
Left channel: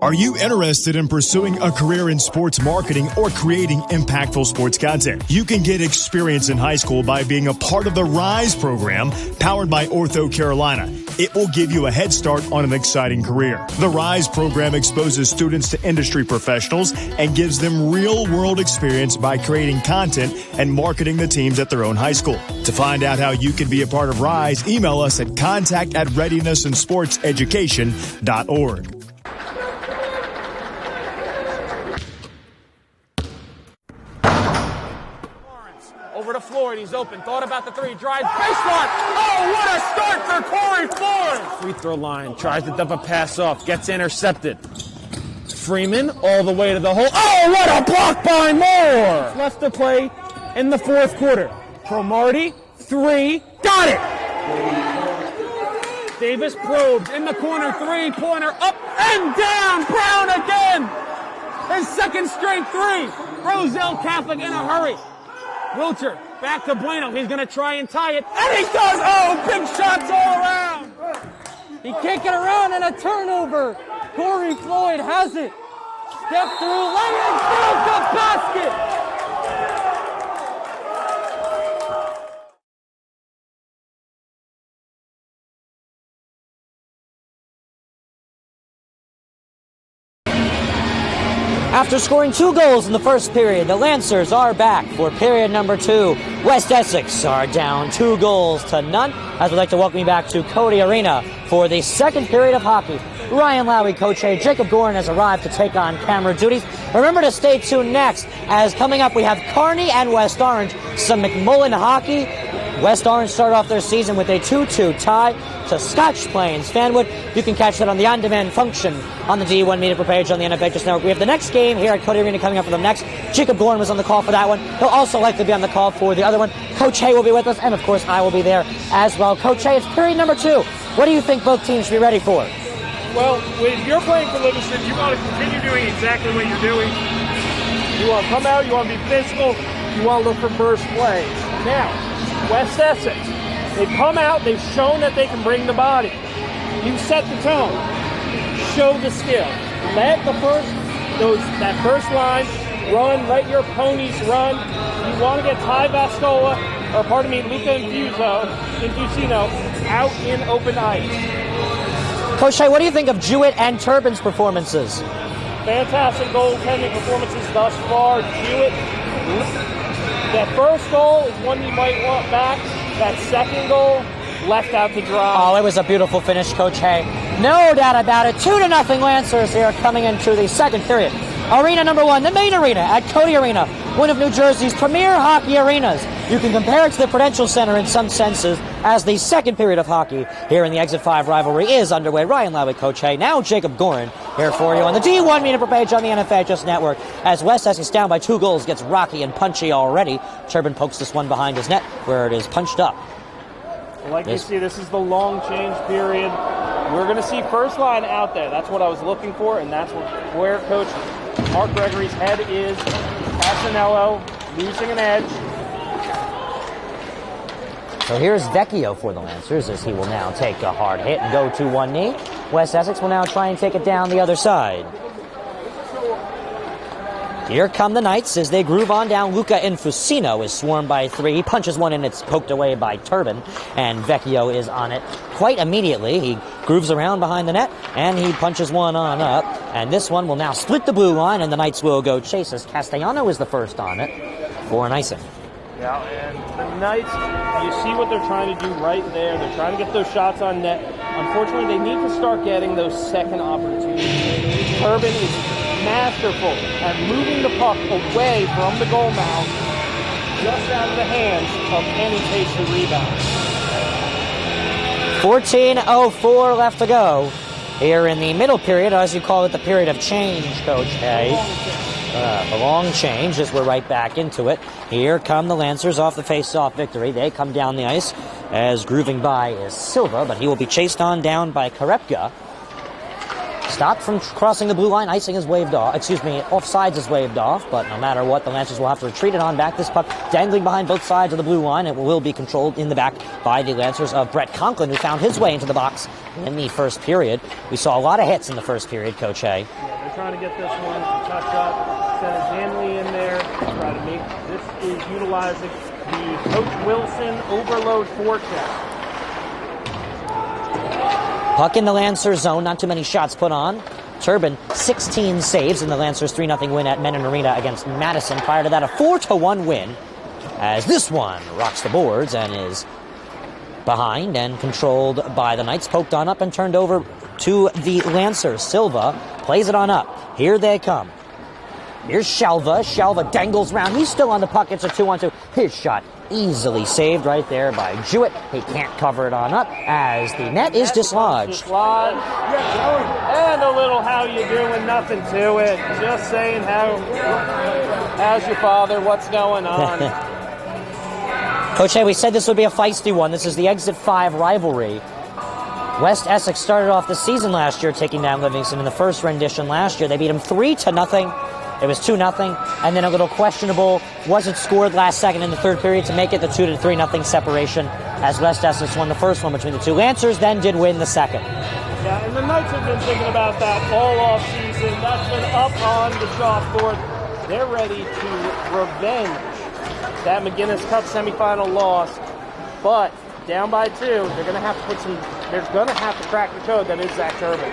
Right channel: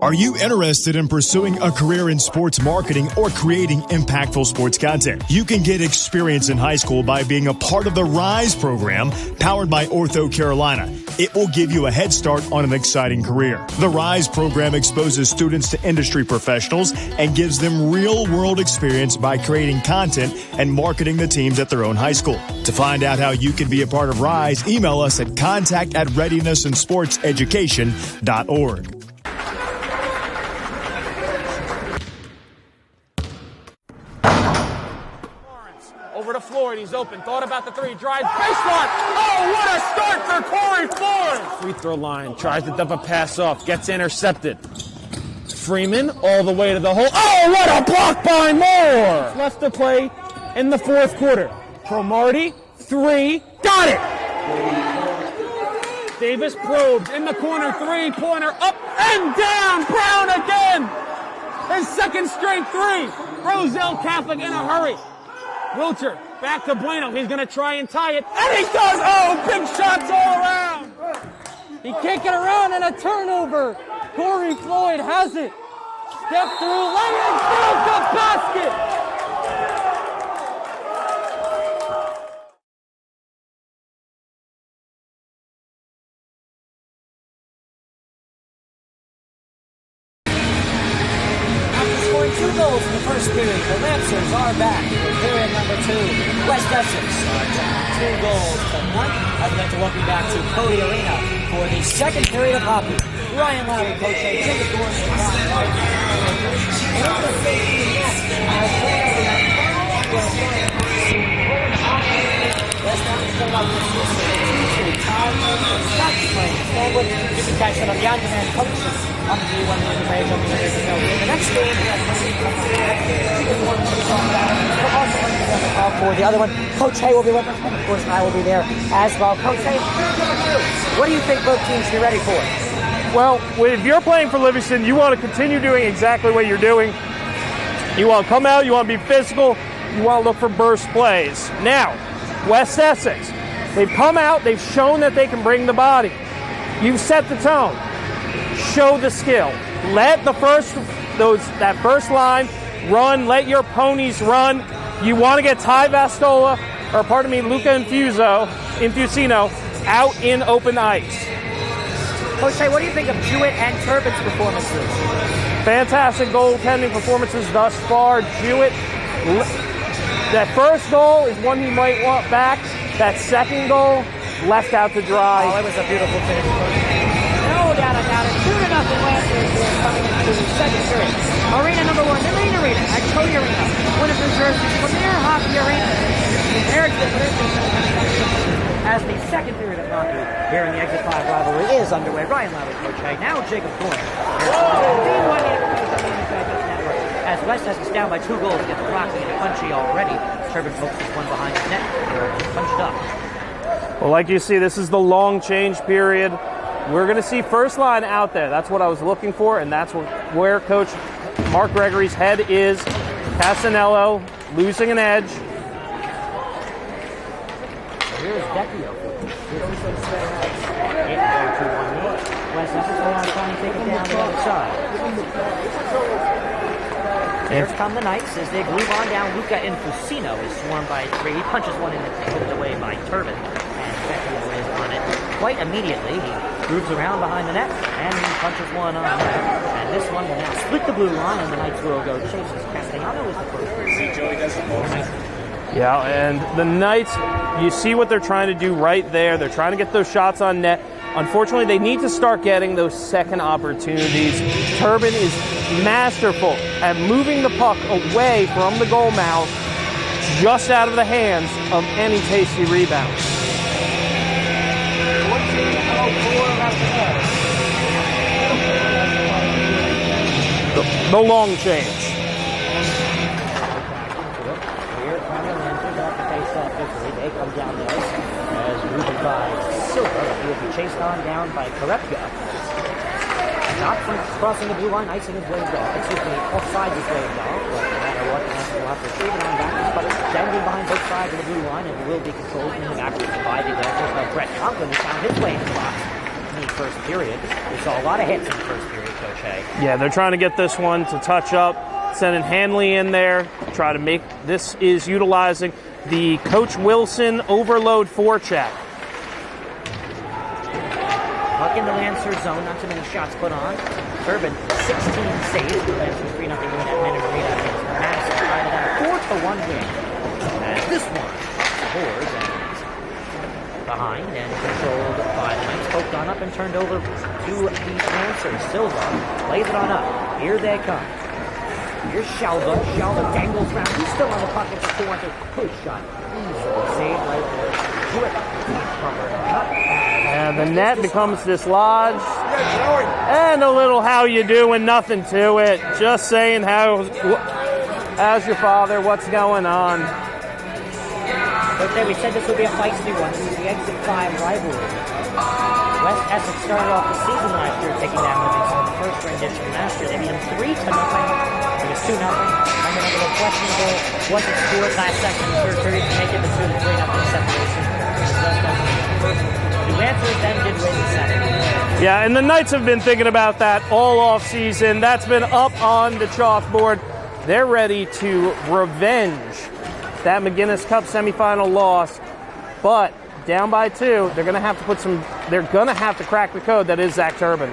Are you interested in pursuing a career in sports marketing or creating impactful sports content? You can get experience in high school by being a part of the RISE program powered by Ortho Carolina. It will give you a head start on an exciting career. The RISE program exposes students to industry professionals and gives them real-world experience by creating content and marketing the teams at their own high school. To find out how you can be a part of RISE, email us at contact@readinessandsportseducation.org. Over to Floyd, he's open, thought about the three, drives, baseline. Oh, what a start for Corey Floyd! Free throw line, tries to dump a pass off, gets intercepted. Freeman all the way to the hole. Oh, what a block by Moore! Left to play in the fourth quarter. Cromartie, three, got it! Davis probes in the corner, three-pointer, up and down, Brown again! His second straight three. Roselle Catholic in a hurry. Wilcher, back to Bueno. He's going to try and tie it. And he does! Oh, big shots all around! He can't get around, and a turnover. Corey Floyd has it. Step through, lay in, build the basket! After scoring 2 goals in the first period, the Lancers are back for period number 2. West Essex are down 2 goals to none. I'd like to welcome you back to Codey Arena for the second period of hockey. Ryan Lowy, Coach A, Jacob Gorin has arrived to take on camera duties. Remember to stay tuned next, as coming up we have Kearney and West Orange, some McMullen hockey. West Orange started off their season with a 2-2 tie to Scotch Plains Fanwood. You can catch it on the on-demand function on the D1 media page on the NFL Just Now. We have the next game here at Codey Arena coming up for the next. Jacob Gorin was on the call for that one. He'll also likely be on the call for the other one. Coach A will be with us, and of course I will be there as well. Coach A, it's period number 2. What do you think both teams should be ready for? Well, if you're playing for Livingston, you want to continue doing exactly what you're doing. You want to come out, you want to be physical, you want to look for burst plays. Now, West Essex, they've come out, they've shown that they can bring the body. You've set the tone. Show the skill. Let that first line run, let your ponies run. You want to get Ty Luca Infusino out in open ice. Coach Shea, what do you think of Jewett and Turbin's performances? Fantastic goaltending performances thus far. Jewett, that first goal is one you might want back. That second goal, left out to dry. Oh, it was a beautiful finish, Coach Hay. No doubt about it. 2-0 Lancers here coming into the second period. Arena number 1, the main arena at Codey Arena, one of New Jersey's premier hockey arenas. You can compare it to the Prudential Center in some senses, as the second period of hockey here in the Exit 5 rivalry is underway. Ryan Lowy, Coach Hay. Now Jacob Gorin here for you on the D1 media page on the NFL Just Network. As West Essex down by 2 goals, gets rocky and punchy already. Turbin pokes this one behind his net, where it is punched up. Well, like you see, this is the long change period. We're going to see first line out there. That's what I was looking for, and that's where Coach Mark Gregory's head is. Casanello losing an edge. So here's Vecchio for the Lancers, as he will now take the hard hit and go to one knee. West Essex will now try and take it down the other side. Here come the Knights as they groove on down. Luca Infusino is swarmed by 3. He punches one and it's poked away by Turbin, and Vecchio is on it quite immediately. He grooves around behind the net and he punches one on up. And this one will now split the blue line, and the Knights will go chase as Castellano is the first on it for an icing. Yeah, and the Knights, you see what they're trying to do right there. They're trying to get those shots on net. Unfortunately, they need to start getting those second opportunities. Turbin is masterful at moving the puck away from the goal mouth, just out of the hands of any tasty rebounds. 14:04 left to go here in the middle period, or as you call it, the period of change, Coach. The long change. The long change as we're right back into it. Here come the Lancers off the face-off victory. They come down the ice as grooving by Silva, but he will be chased on down by Karepka. Stopped from crossing the blue line, icing is waved off. Offsides is waved off, but no matter what, the Lancers will have to retreat it on back. This puck dangling behind both sides of the blue line. It will be controlled in the back by the Lancers of Brett Conklin, who found his way into the box in the first period. We saw a lot of hits in the first period, Coach Hay. Yeah, they're trying to get this one to touch up, sending Hanley in there, try to make, this is utilizing the Coach Wilson overload forecheck. Puck in the Lancers zone, not too many shots put on. Turbin, 16 saves in the Lancers 3-0 win at Menon Arena against Madison. Prior to that, a 4-1 win, as this one rocks the boards and is behind and controlled by the Knights. Poked on up and turned over to the Lancers. Silva plays it on up. Here they come. Here's Shalva. Shalva dangles around. He's still on the puck. It's a 2-on-2. His shot easily saved right there by Jewett. He can't cover it on up as the net is dislodged. And a little how you doing, nothing to it. Just saying how's your father, what's going on? Coach Hay, we said this would be a feisty one. This is the Exit 5 rivalry. West Essex started off the season last year taking down Livingston in the first rendition last year. They beat them 3-0. It was 2-0, and then a little questionable, wasn't scored last second in the third period to make it the 2-3-0 separation as West Essex won the first one between the two. Lancers then did win the second. Yeah, and the Knights have been thinking about that all off season. That's been up on the chalkboard. They're ready to revenge that McGuinness Cup semifinal loss, but down by 2, they're going to have to they're going to have to crack the code that is Zach Turbin.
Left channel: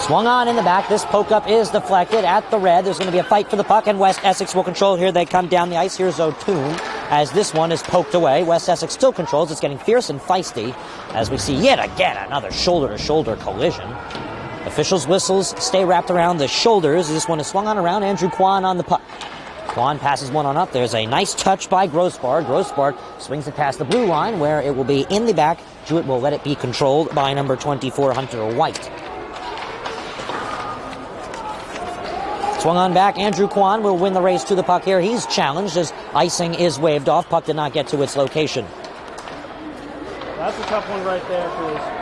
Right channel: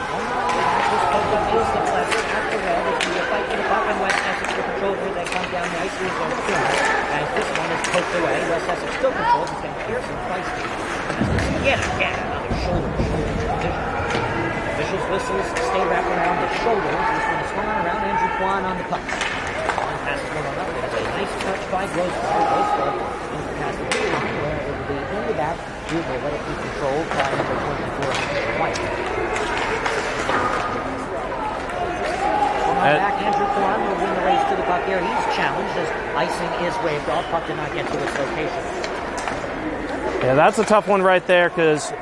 Swung on in the back. This poke up is deflected at the red. There's going to be a fight for the puck, and West Essex will control. Here they come down the ice. Here's O'Toole as this one is poked away. West Essex still controls. It's getting fierce and feisty as we see yet again another shoulder-to-shoulder collision. Officials' whistles stay wrapped around the shoulders. This one is swung on around. Andrew Kwan on the puck. Kwan passes one on up. There's a nice touch by Grossbard. Grossbard swings it past the blue line where it will be in the back. Jewett will let it be controlled by number 24, Hunter White. Swung on back, Andrew Kwan will win the race to the puck here. He's challenged as icing is waved off. Puck did not get to its location. Yeah, that's a tough one right there because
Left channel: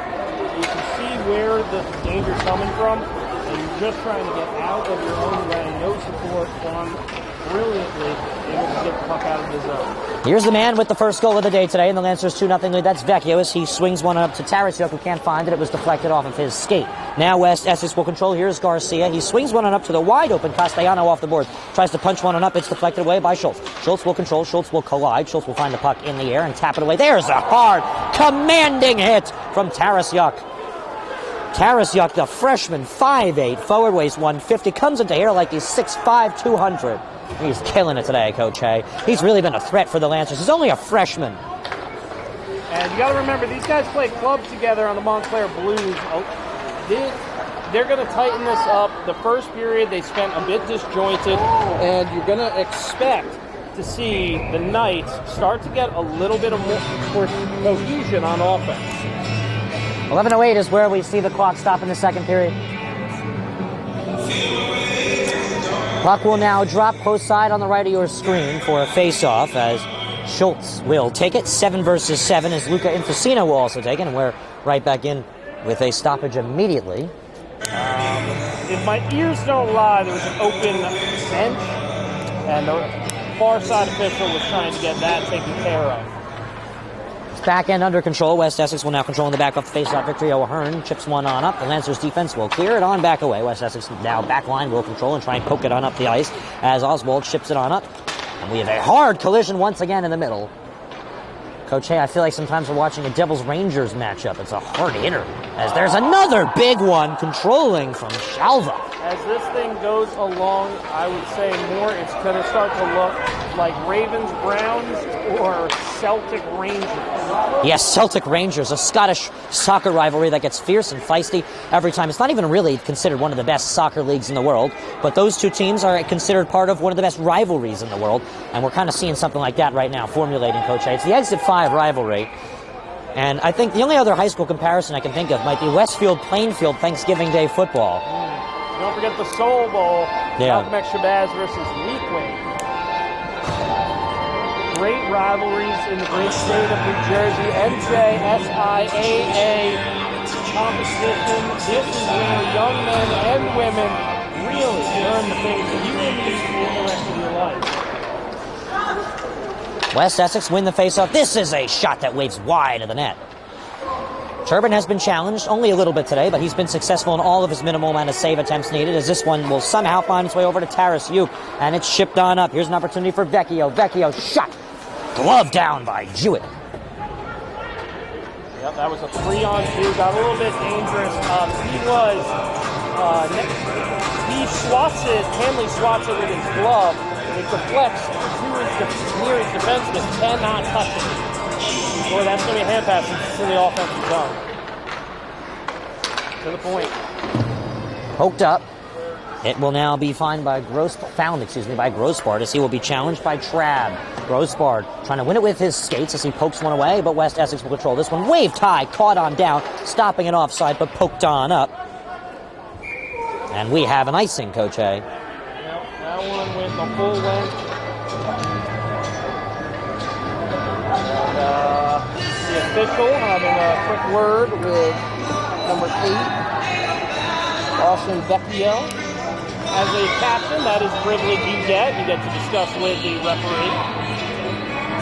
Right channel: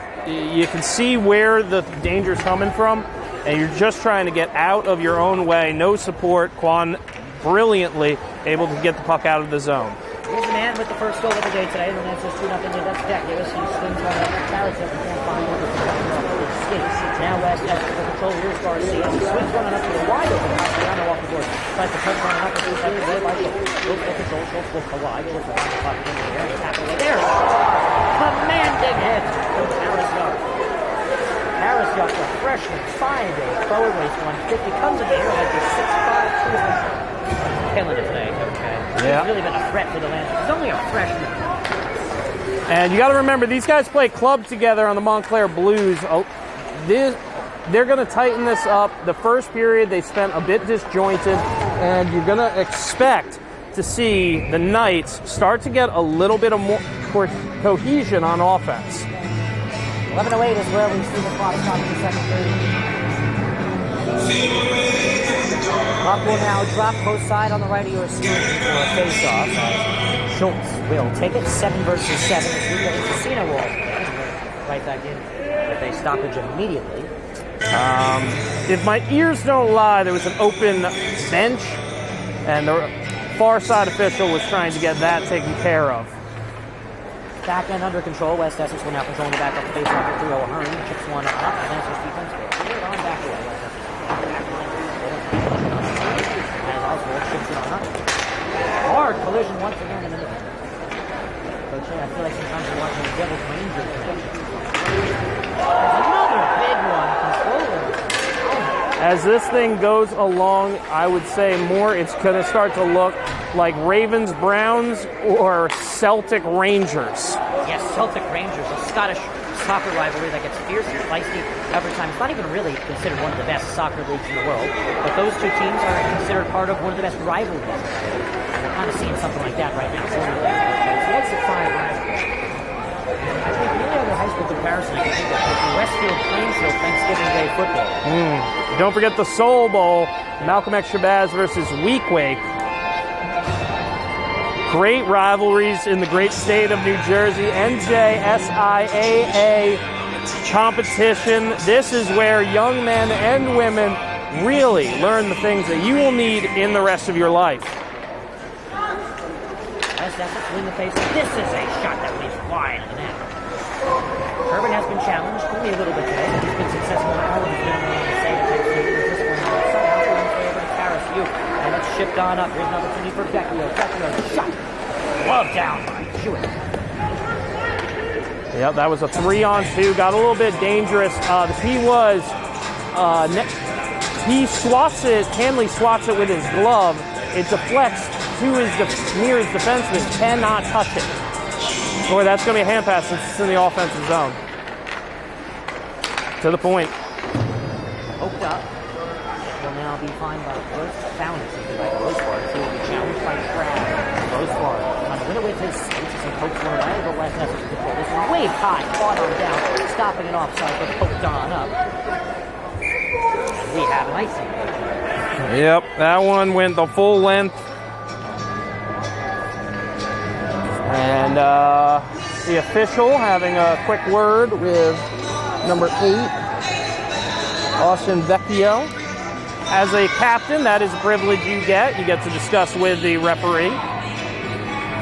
you can see where the danger's coming from, and you're just trying to get out of your own way. No support. Kwan brilliantly able to get the puck out of the zone. Here's the man with the first goal of the day today in the Lancers 2-0 lead. That's Vecchios. He swings one up to Tarasiuk. He can't find it. It was deflected off of his skate. Now West Essex will control. Here's Garcia. He swings one up to the wide open Castellano off the board. Tries to punch one up. It's deflected away by Schultz. Schultz will control. Schultz will collide. Schultz will find the puck in the air and tap it away. There's a hard, commanding hit from Tarasiuk. Tarasiuk, the freshman, 5'8", forward, weighs 150, comes into here like he's 6'5", 200. He's killing it today, Coach Hay. Yeah. He's really been a threat for the Lancers. He's only a freshman. And you got to remember, these guys play club together on the Montclair Blues. They're going to tighten this up. The first period, they spent a bit disjointed, and you're going to expect to see the Knights start to get a little bit of more cohesion on offense. 11:08 is where we see the clock stop in the second period. Clock will now drop post side on the right of your screen for a face-off as Schultz will take it. 7 versus 7 as Luca Infacino will also take it, and we're right back in with a stoppage immediately. If my ears don't lie, there was an open bench, and the far side official was trying to get that taken care of. Back end under control. West Essex will now control in the back off the face-off victory. O'Hearn chips one on up. The Lancers defense will clear it on back away. West Essex now back line will control and try and poke it on up the ice as Oswald chips it on up. And we have a hard collision once again in the middle. Coach Hay, I feel like sometimes we're watching the Devils-Rangers matchup. It's a hard hitter as there's another big one controlling from Shalva. As this thing goes along, I would say more it's going to start to look like Ravens-Browns or Celtic-Rangers. Yes, Celtic-Rangers, a Scottish soccer rivalry that gets fierce and feisty every time. It's not even really considered one of the best soccer leagues in the world, but those two teams are considered part of one of the best rivalries in the world, and we're kind of seeing something like that right now, formulating, Coach Hay. It's the Exit 5 rivalry, and I think the only other high school comparison I can think of might be Westfield Plainfield Thanksgiving Day football. Don't forget the Soul Bowl, Malcolm X Shabazz versus Weequahic. Great rivalries in the great state of New Jersey. NJSIAA competition. This is where young men and women really learn the things that you will need in the rest of your life. West Essex win the faceoff. This is a shot that waves wide of the net. Turbin has been challenged only a little bit today, but he's been successful in all of his minimal amount of save attempts needed, as this one will somehow find its way over to Tarasiuk, and it's shipped on up. Here's an opportunity for Vecchio. Vecchio shot. Glove down by Jewett. Yep, that was a 3-on-2. Got a little bit dangerous. He swats it. Hanley swats it with his glove. It deflects to his nearest defenseman. Cannot touch it. So that's going to be a hand pass since it's in the offensive zone. To the point. Poked up. It will now be found by Grossbard, as he will be challenged by Trav. Grossbard trying to win it with his skates as he pokes one away, but West Essex will control this one. Waved high, caught on down, stopping it offside, but poked on up. And we have an icing, Coach A. Yep, that one went the full length. And the official having a quick word with number 8, Austin Vecchio. As a captain, that is a privilege you get. You get to discuss with the referee.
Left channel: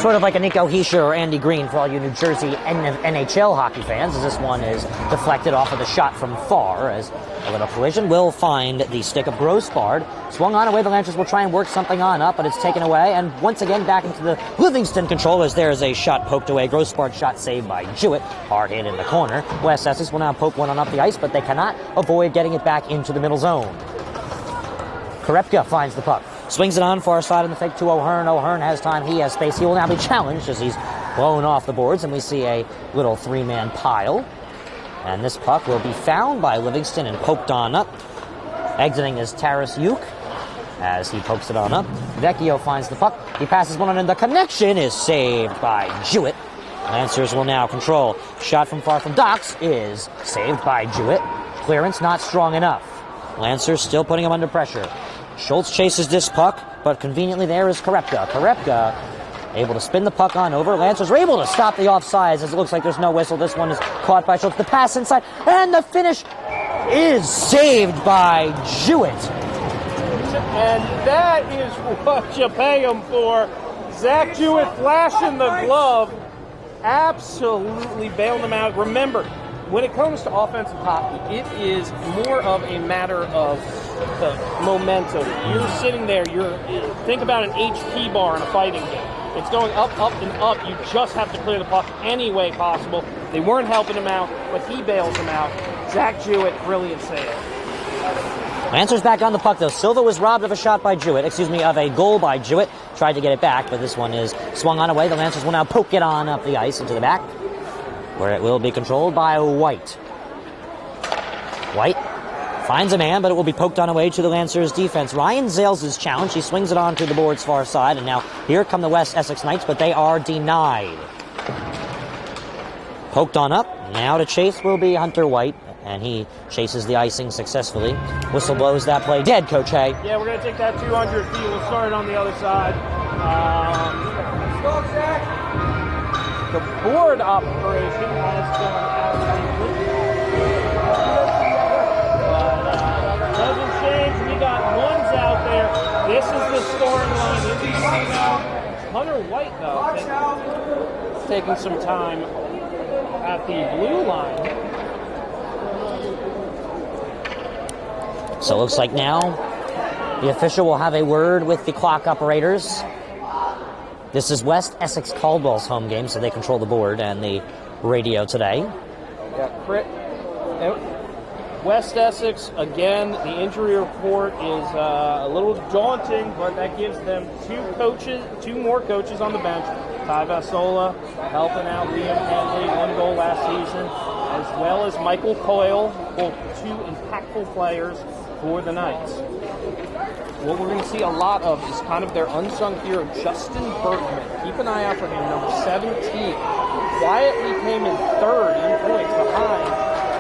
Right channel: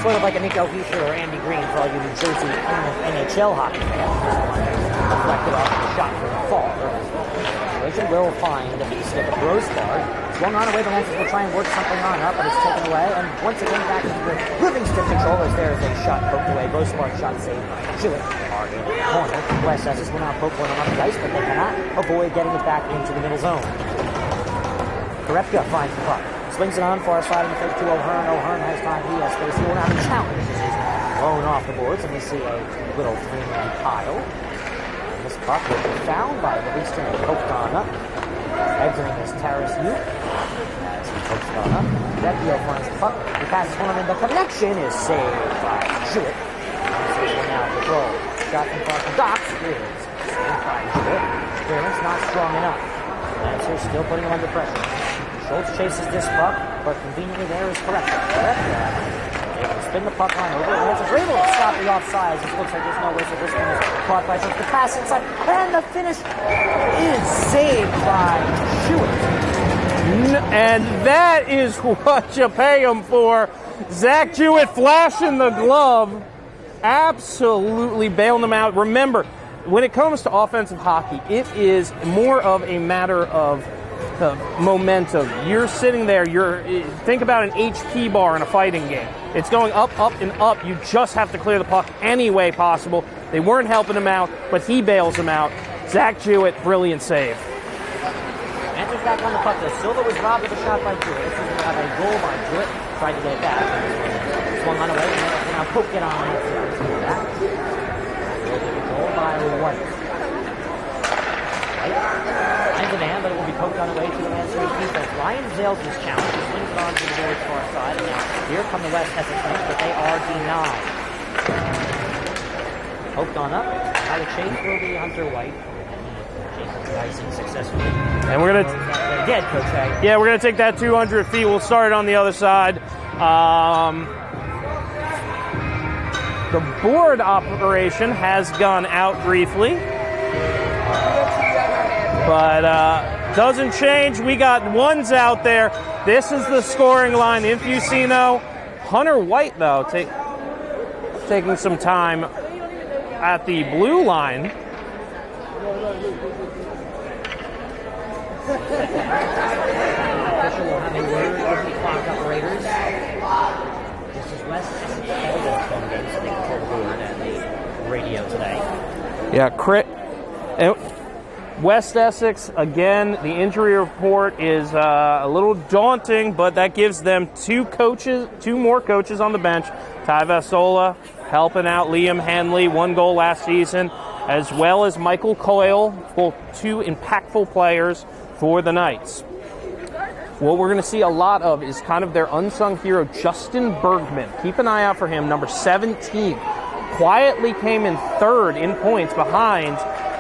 Sort of like a Nico Hischier or Andy Green for all you New Jersey NHL hockey fans, as this one is deflected off of a shot from far, as the collision will find the stick of Grossbard. Swung on away, the Lancers will try and work something on up, but it's taken away, and once again back into the Livingston control as there is a shot poked away. Grossbard shot saved by Jewett, hard in the corner. West Essex will now poke one on up the ice, but they cannot avoid getting it back into the middle zone. Korepka finds the puck. Swings it on far side in the fake to O'Hearn. O'Hearn has time. He has space. He will now be challenged as he's blown off the boards, and we see a little 3-man pile. And this puck will be found by Livingston and poked on up. Exiting is Tarasiuk as he pokes it on up. Vecchio finds the puck. He passes one on, and the connection is saved by Jewett. Lancers will now control. Shot from far from Docks is saved by Jewett. Clearance not strong enough. Lancers still putting him under pressure. Schultz chases this puck, but conveniently there is Korepka. Korepka able to spin the puck on over. Lancers are able to stop the offsides as it looks like there's no whistle. This one is caught by Schultz. The pass inside, and the finish is saved by Jewett. And that is what you pay him for. Zach Jewett flashing the glove. Absolutely bailing them out. Remember, when it comes to offensive hockey, it is more of a matter of momentum. You're sitting there, think about an HP bar in a fighting game. It's going up, up, and up. You just have to clear the puck any way possible. They weren't helping him out, but he bails him out. Zach Jewett, brilliant save. Lancers back on the puck, though. Silva was robbed of a shot by Jewett, of a goal by Jewett. Tried to get it back, but this one is swung on away. The Lancers will now poke it on up the ice into the back, where it will be controlled by White. White finds a man, but it will be poked on away to the Lancers defense. Ryan Zales is challenged. He swings it on to the board's far side, and now here come the West Essex Knights, but they are denied. Poked on up. Now to chase will be Hunter White, and he chases the icing successfully. And we're going to blows that play dead, Coach A. Yeah, we're going to take that 200 feet. We'll start it on the other side. The board operation has gone out briefly, but doesn't change. We got ones out there. This is the scoring line. Infusino. Hunter White, though, taking some time at the blue line. So it looks like now the official will have a word with the clock operators. This is West Essex-Caldwell's home game, so they control the board and the radio today. Yeah, West Essex, again, the injury report is a little daunting, but that gives them two more coaches on the bench. Ty Vasola helping out Liam Hanley, 1 goal last season, as well as Michael Coyle, both 2 impactful players for the Knights. What we're going to see a lot of is kind of their unsung hero, Justin Bergman. Keep an eye out for him, number 17. Quietly came in 3rd in points behind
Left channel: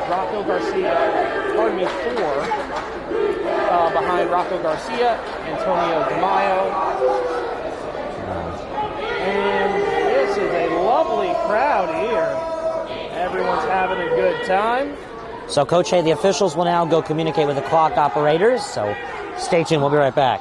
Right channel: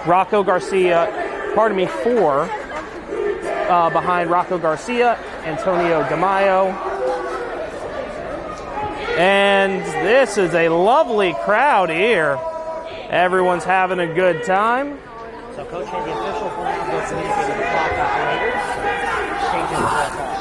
Rocco Garcia, 4 behind Rocco Garcia, Antonio DeMaio. And this is a lovely crowd here. Everyone's having a good time. So, Coach A, the officials will now go communicate with the clock operators, so stay tuned, we'll be right back.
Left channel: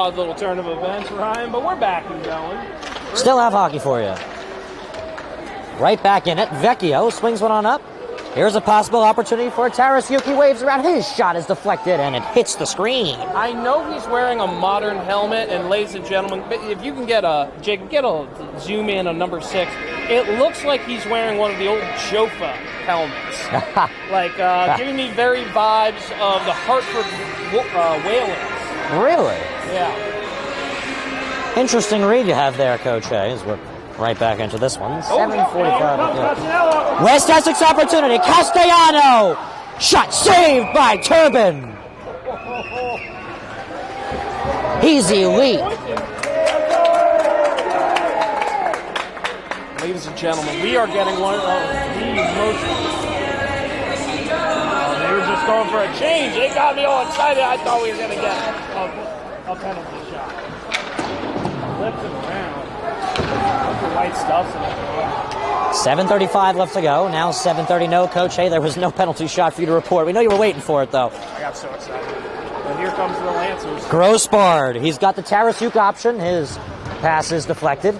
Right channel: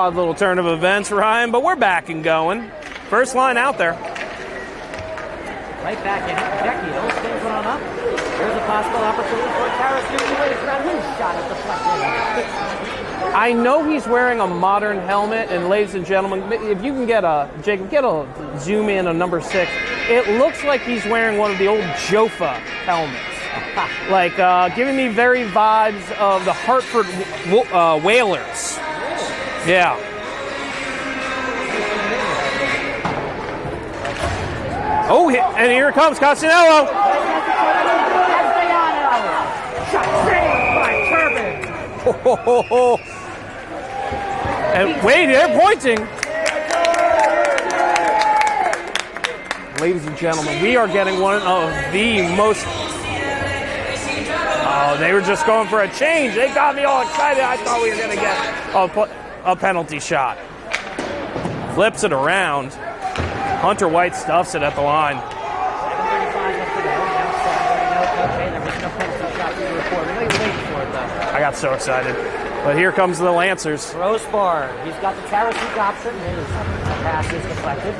odd little turn of events, Ryan, but we're back and going. First Still line have out hockey there. for you. Right back in it. Vecchio swings one on up. Here's a possible opportunity for a Tarasuke. Waves around. His shot is deflected, and it hits the screen. I know he's wearing a modern helmet, and ladies and gentlemen, if you can get a zoom in on number 6, it looks like he's wearing one of the old Jofa helmets. Giving me very vibes of the Hartford Whalers. Really? Yeah. Interesting read you have there, Coach Hayes. We're right back into this one. And here comes Castanello. West Essex opportunity. Castellano. Shot saved by Turbin. Easy lead. Pointing. Ladies and gentlemen, we are getting one of the most... Oh, they were just going for a change. They got me all excited. I thought we were going to get a penalty shot. Flips it around. Hunter White stuffs it at the line. 7:35 left to go. Now 7:30. No, Coach. Hey, there was no penalty shot for you to report. We know you were waiting for it, though. I got so excited. But here comes the Lancers. Grossbard. He's got the Tarasuke option. His pass is deflected.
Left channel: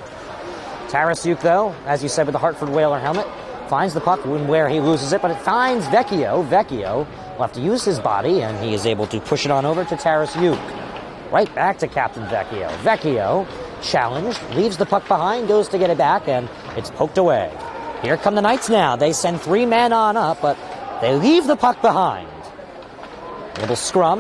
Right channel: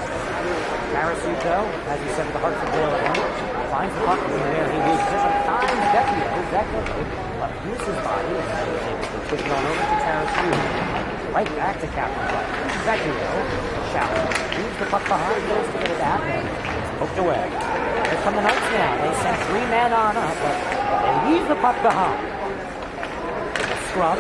Tarasuke, though, as you said, with the Hartford Whaler helmet, finds the puck where he loses it, but it finds Vecchio. Vecchio will have to use his body, and he is able to push it on over to Tarasuke. Right back to Captain Vecchio. Vecchio, challenged, leaves the puck behind, goes to get it back, and it's poked away. Here come the Knights now. They send 3 men on up, but they leave the puck behind. Little scrum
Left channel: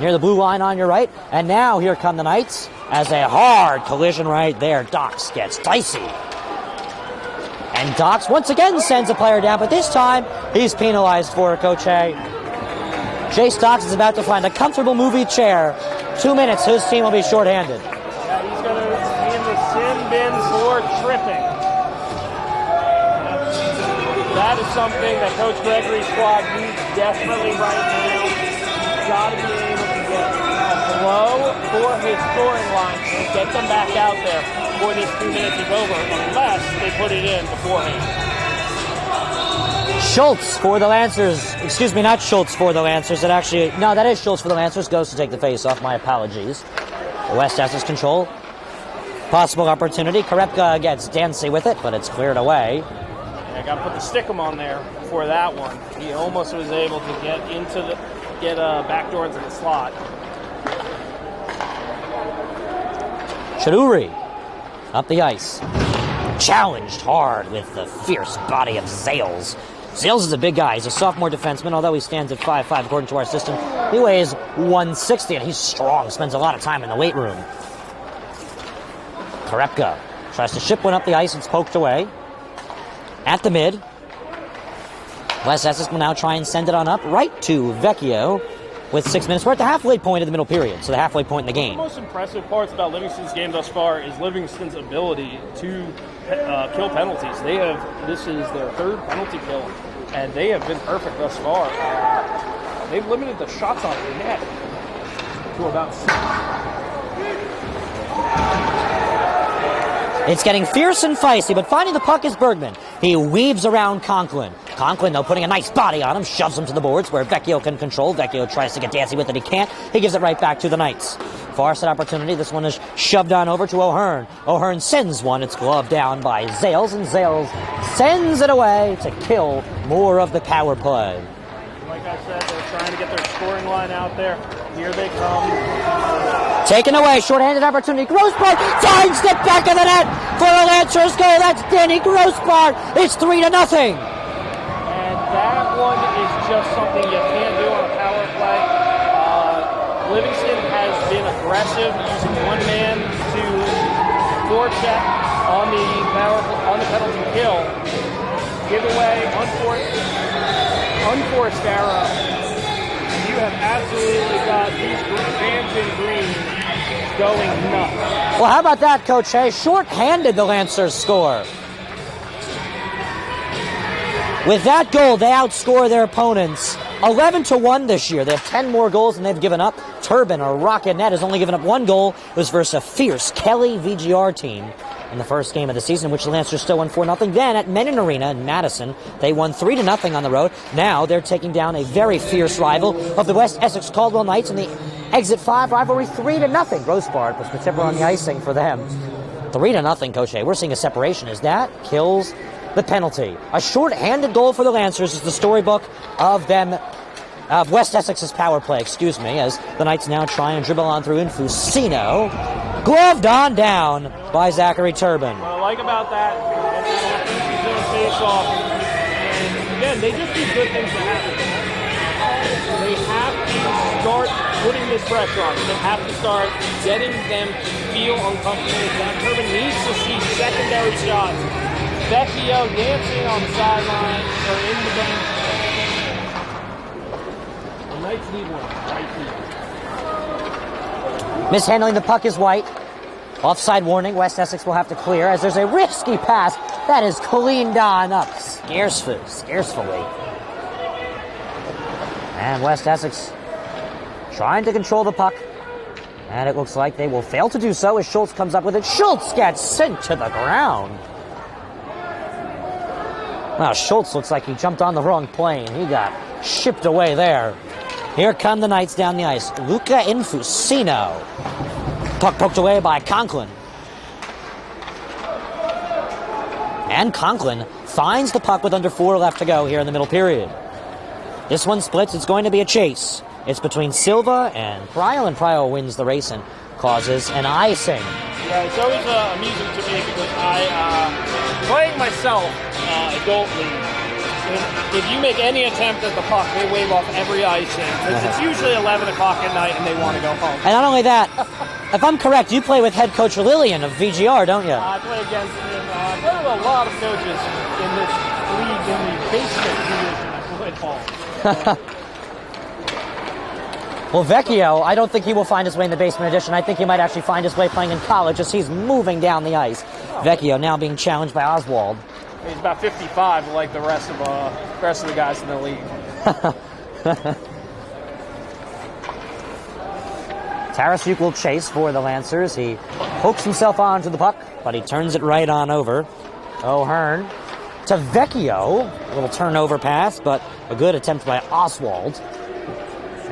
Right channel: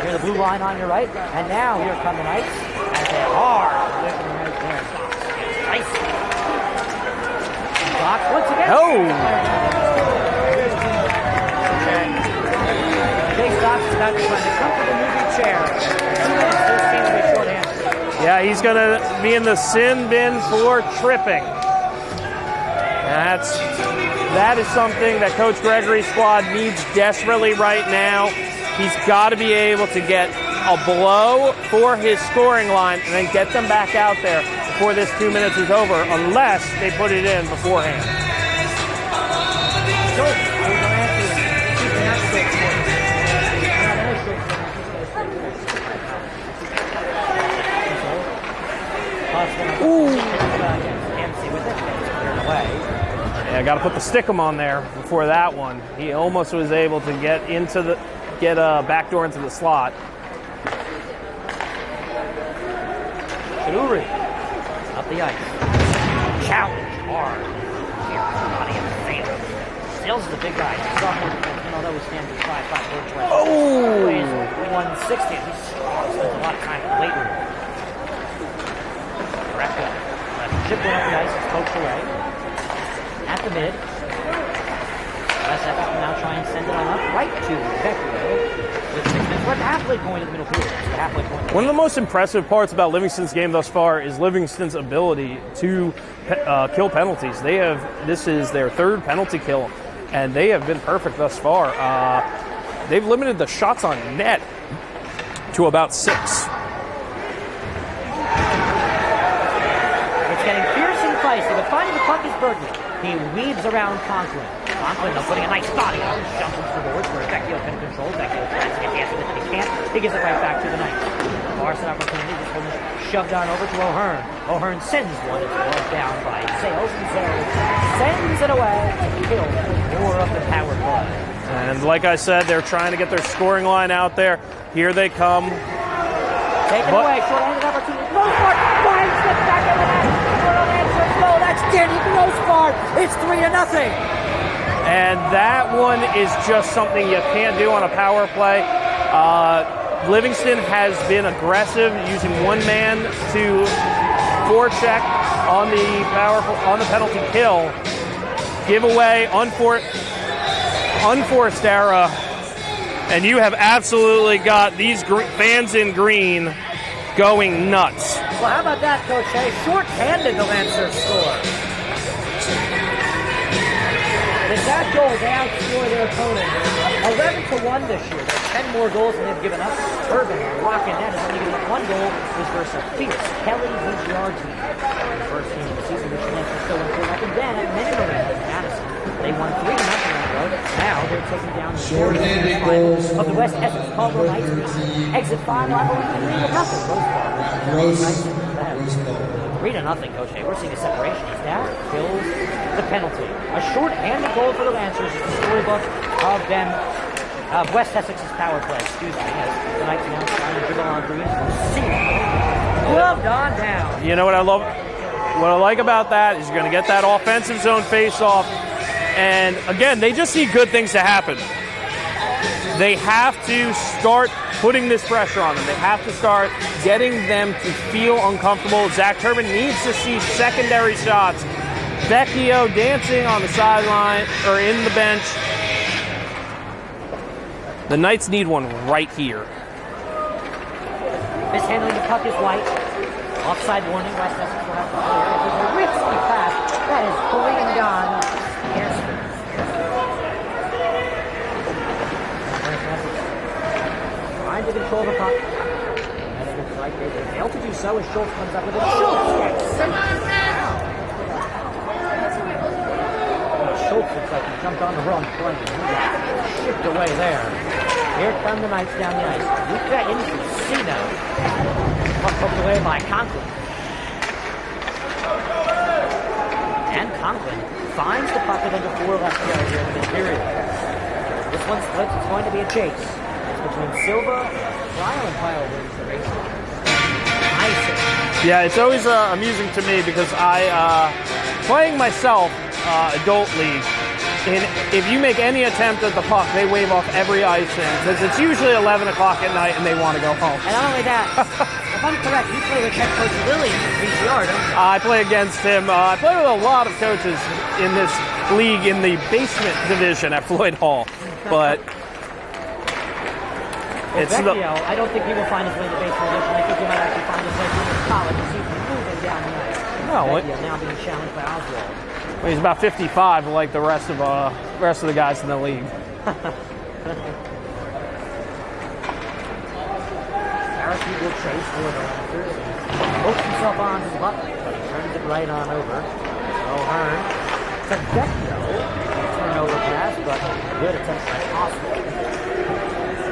near the blue line on your right, and now here come the Knights as a hard collision right there. Dox gets dicey. And Dox once again sends a player down, but this time he's penalized for it, Coach A. Jace Dox is about to find a comfortable movie chair. 2 minutes, his team will be shorthanded. Yeah, he's going to be in the sin bin for tripping. That is something that Coach Gregory's squad needs desperately right now. He's got to be able to get a blow for his scoring line and then get them back out there before this 2 minutes is over, unless they put it in beforehand. Schultz for the Lancers. Excuse me, not Schultz for the Lancers. That is Schultz for the Lancers. Goes to take the face off. My apologies. West Essex control. Possible opportunity. Korepka gets dancy with it, but it's cleared away. Yeah, I got to put the stickum on there before that one. He almost was able to get a backdoor into the slot. Chaduri up the ice. Challenged hard with the fierce body of Zales. Zales is a big guy. He's a sophomore defenseman, although he stands at 5'5" according to our system. He weighs 160, and he's strong. Spends a lot of time in the weight room. Korepka tries to ship one up the ice. It's poked away. At the mid. West Essex will now try and send it on up right to Vecchio with 6 minutes. We're at the halfway point of the middle period, so the halfway point in the game. One of the most impressive parts about Livingston's game thus far is Livingston's ability to kill penalties. This is their 3rd penalty kill, and they have been perfect thus far. They've limited the shots on net to about 6. It's getting fierce and feisty, but finding the puck is Bergman. He weaves around Conklin. Conklin, though, putting a nice body on him, shoves him to the boards where Vecchio can control. Vecchio tries to get dancy with it. He can't. He gives it right back to the Knights. Far side opportunity. This one is shoved on over to O'Hearn. O'Hearn sends one. It's gloved down by Zales, and Zales sends it away to kill more of the power play. And like I said, they're trying to get their scoring line out there. Here they come. Taken away, short-handed opportunity. Grossbard finds the back of the net for a Lancers goal. That's Danny Grossbard. It's 3-0. And that one is just something you can't do on a power play. Livingston has been aggressive, using one man to forecheck on the penalty kill. Giveaway, unforced error. And you have absolutely got these fans in green going nuts. Well, how about that, Coach Hay? Short-handed, the Lancers score. With that goal, they outscore their opponents 11-1 this year. They have 10 more goals than they've given up. Turbin, a rocket net, has only given up 1 goal. It was versus a fierce Kelly VGR team. in the first game of the season, which the Lancers still won 4-0. Then at Menin Arena in Madison, they won 3-0 on the road. Now they're taking down a very fierce rival of the West Essex-Caldwell Knights in the Exit 5 rivalry, 3-0. Rosebart was the tip on the icing for them. 3-0, Coach A. We're seeing a separation as that kills the penalty. A short-handed goal for the Lancers is the storybook of them, of West Essex's power play, as the Knights now try and dribble on through Infusino. Gloved on down by Zachary Turbin. What I like about that is you're going to get that offensive zone face-off. And, again, they just need good things to happen. They have to start putting this pressure on them. They have to start getting them to feel uncomfortable. Zach Turbin needs to see secondary shots. Vecchio dancing on the sideline or in the bench. The Knights need one right here. Mishandling the puck is White. Offside warning. West Essex will have to clear as there's a risky pass that is cleaned on up scarcefully. And West Essex trying to control the puck. And it looks like they will fail to do so as Schultz comes up with it. Schultz gets sent to the ground. Well, Schultz looks like he jumped on the wrong plane. He got shipped away there. Here come the Knights down the ice. Luca Infusino. Puck poked away by Conklin. And Conklin finds the puck with under 4 left to go here in the middle period. This one splits. It's going to be a chase. It's between Silva and Pryle, and Pryle wins the race and causes an icing. Yeah, it's always amusing to me because playing myself, adult league, if you make any attempt at the puck, they wave off every icing because it's usually 11 o'clock at night and they want to go home. And not only that, if I'm correct, you play with head coach Lillian of VGR, don't you? I play against him. I play with a lot of coaches in this league in the basement division at Floyd Hall. But well, Vecchio, I don't think he will find his way in the basement edition. I think he might actually find his way playing in college as he's moving down the ice. No, Vecchio now being challenged by Oswald. Well, he's about 55, like the rest of the guys in the league. Tarasuk will chase for the Lancers. He hooks himself onto the puck, but he turns it right on over. O'Hearn to Vecchio. Little turnover pass, but a good attempt by Oswald.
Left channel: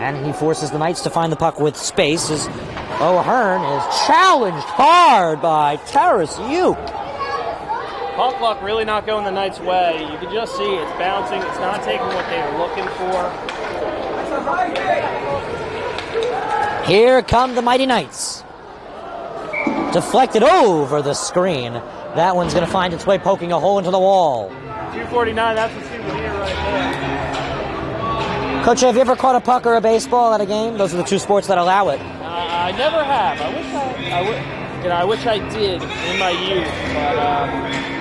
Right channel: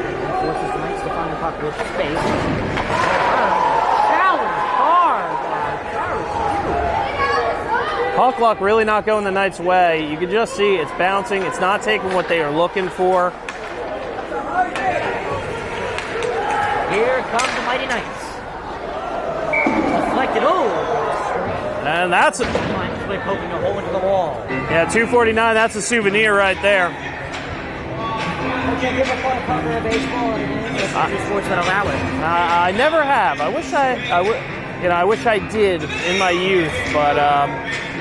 And he forces the Knights to find the puck with space as O'Hearn is challenged hard by Tarasuk. Puck luck really not going the Knights' way. You can just see it's bouncing. It's not taking what they are looking for. Here come the Mighty Knights. Deflected over the screen. And that one's going to find its way poking a hole into the wall. Yeah, 249, that's a souvenir right there. Coach, have you ever caught a puck or a baseball at a game? Those are the two sports that allow it. I never have. I wish I did in my youth, but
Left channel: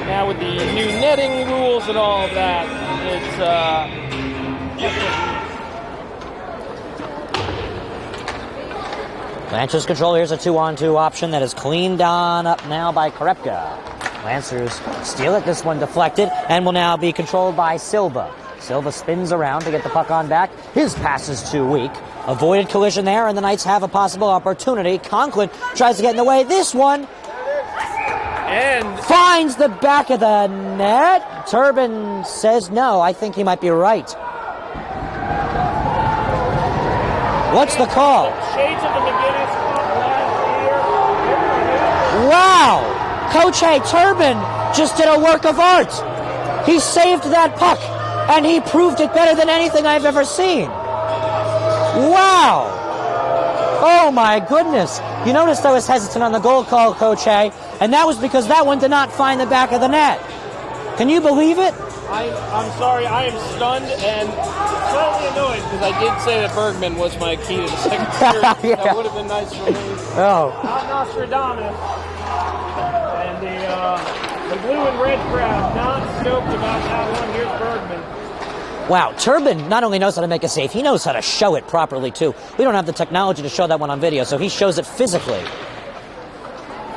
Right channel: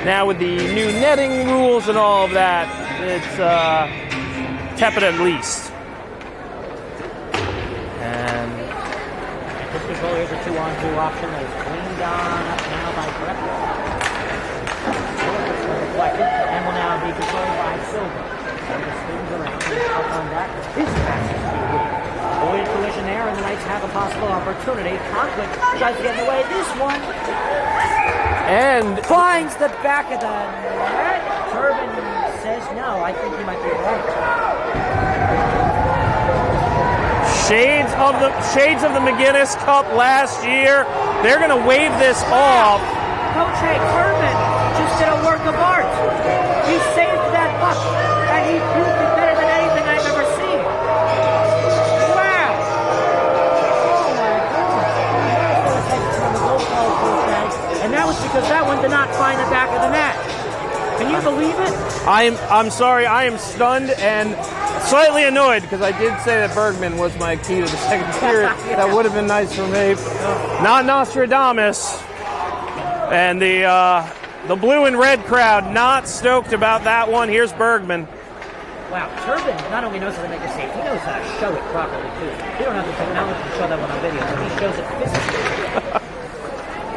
now with the new netting rules and all of that, it's tepid at least. And Lancers control. Here's a 2-on-2 option that is cleaned on up now by Korepka. Lancers steal it. This one deflected and will now be controlled by Silva. Silva spins around to get the puck on back. His pass is too weak. Avoided collision there, and the Knights have a possible opportunity. Conklin tries to get in the way. This one and finds the back of the net. Turbin says no. I think he might be right. What's the call? Shades of the McGinnis Cup last year. They're going to wave this Wow! off. Coach Turbin just did a work of art. He saved that puck, and he proved it better than anything I've ever seen. Wow! Oh my goodness. You noticed I was hesitant on the goal call, Coach A, and that was because that one did not find the back of the net. Can you believe it? I'm sorry, I am stunned and slightly annoyed because I did say that Bergman was my key to the second period. Yeah. That would have been nice for me. Oh. Not Nostradamus. And the blue and red crowd not stoked about that one. Here's Bergman. Wow, Turbin not only knows how to make a save, he knows how to show it properly, too. We don't have the technology to show that one on video, so he shows it physically.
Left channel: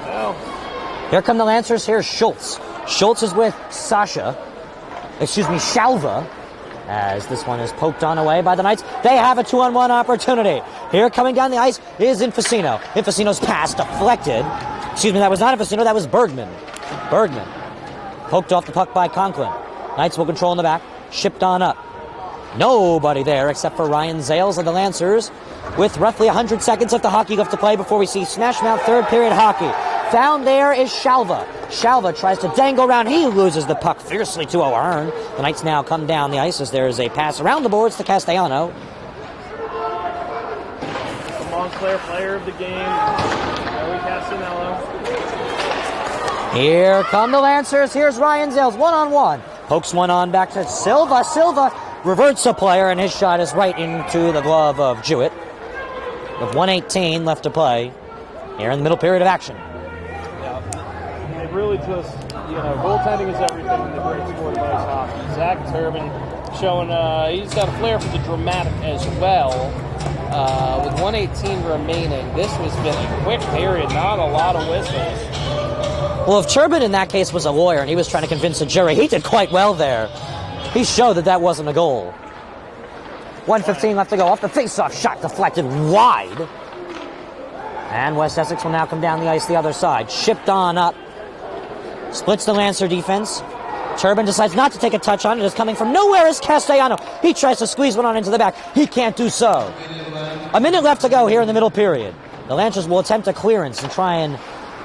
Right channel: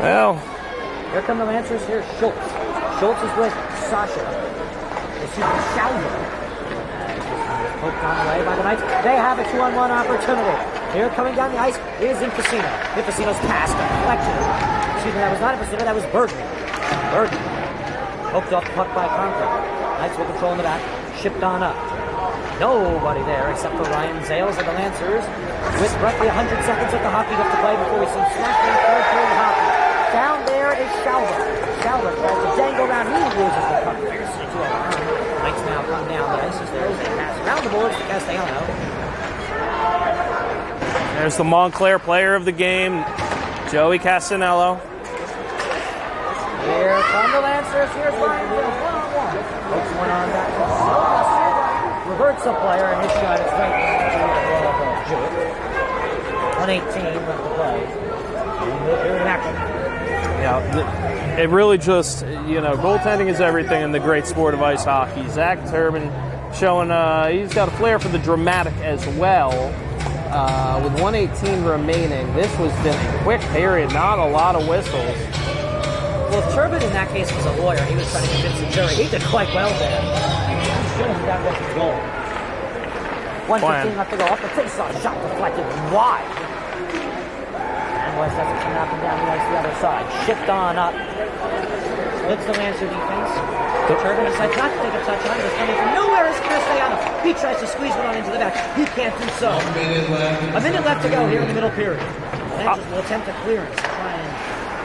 Well, here come the Lancers. Here's Schultz. Schultz is with Shalva, as this one is poked on away by the Knights. They have a 2-on-1 opportunity. Here coming down the ice is Infusino. Infusino's pass deflected. Excuse me, that was not Infusino, that was Bergman. Bergman. Poked off the puck by Conklin. Knights will control in the back. Shipped on up. Nobody there except for Ryan Zales of the Lancers. With roughly 100 seconds of the hockey left to play before we see smash mouth third period hockey. Found there is Shalva. Shalva tries to dangle around. He loses the puck fiercely to O'Hearn. The Knights now come down the ice as there is a pass around the boards to Castellano. There's the Montclair player of the game, Joey Castanello. Here come the Lancers. Here's Ryan Zales, one-on-one. Pokes one on back to Silva. Silva reverts a player, and his shot is right into the glove of Jewett. With 1:18 left to play here in the middle period of action. Yeah, it really just, goaltending is everything in the great sport of ice hockey. Zach Turbin showing, he's got a flair for the dramatic as well. With 1:18 remaining, this was just a quick period, not a lot of whistles. Well, if Turbin in that case was a lawyer and he was trying to convince the jury, he did quite well there. He showed that that wasn't a goal. 1:15 left to go. Off the face-off shot deflected wide. And West Essex will now come down the ice the other side. Shipped on up. Splits the Lancer defense. Turbin decides not to take a touch on it. It's coming from nowhere is Castellano. He tries to squeeze one on into the back. He can't do so. A minute left to go here in the middle period. The Lancers will attempt a clearance and try and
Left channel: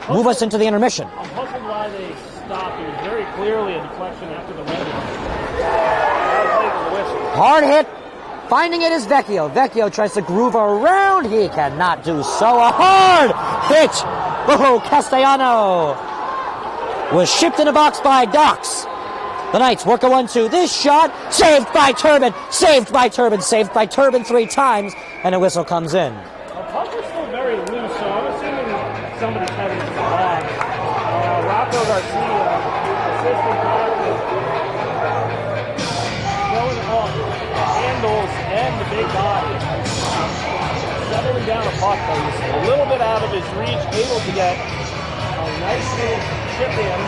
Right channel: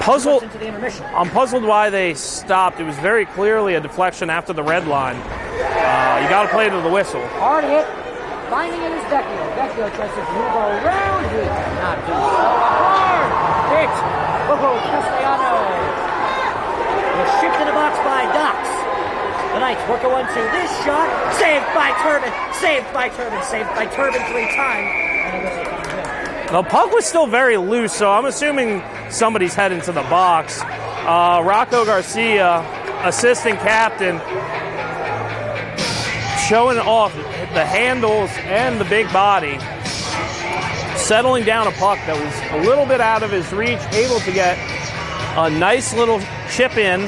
move us into the intermission. I'm puzzled why they stopped. It was very clearly a deflection after the red line. You got to play to the whistle. Hard hit. Finding it is Vecchio. Vecchio tries to groove around. He cannot do so. A hard hit. Oh, Castellano was shipped in a box by Dox. The Knights work a 1-2. This shot saved by Turbin. Saved by Turbin. Saved by Turbin 3 times. And a whistle comes in. The puck was still very loose, so I'm assuming somebody's heading to the box. Rocco Garcia, assistant captain, showing off the handles and the big body. Settling down a puck that was a little bit out of his reach, able to get a nice little chip in,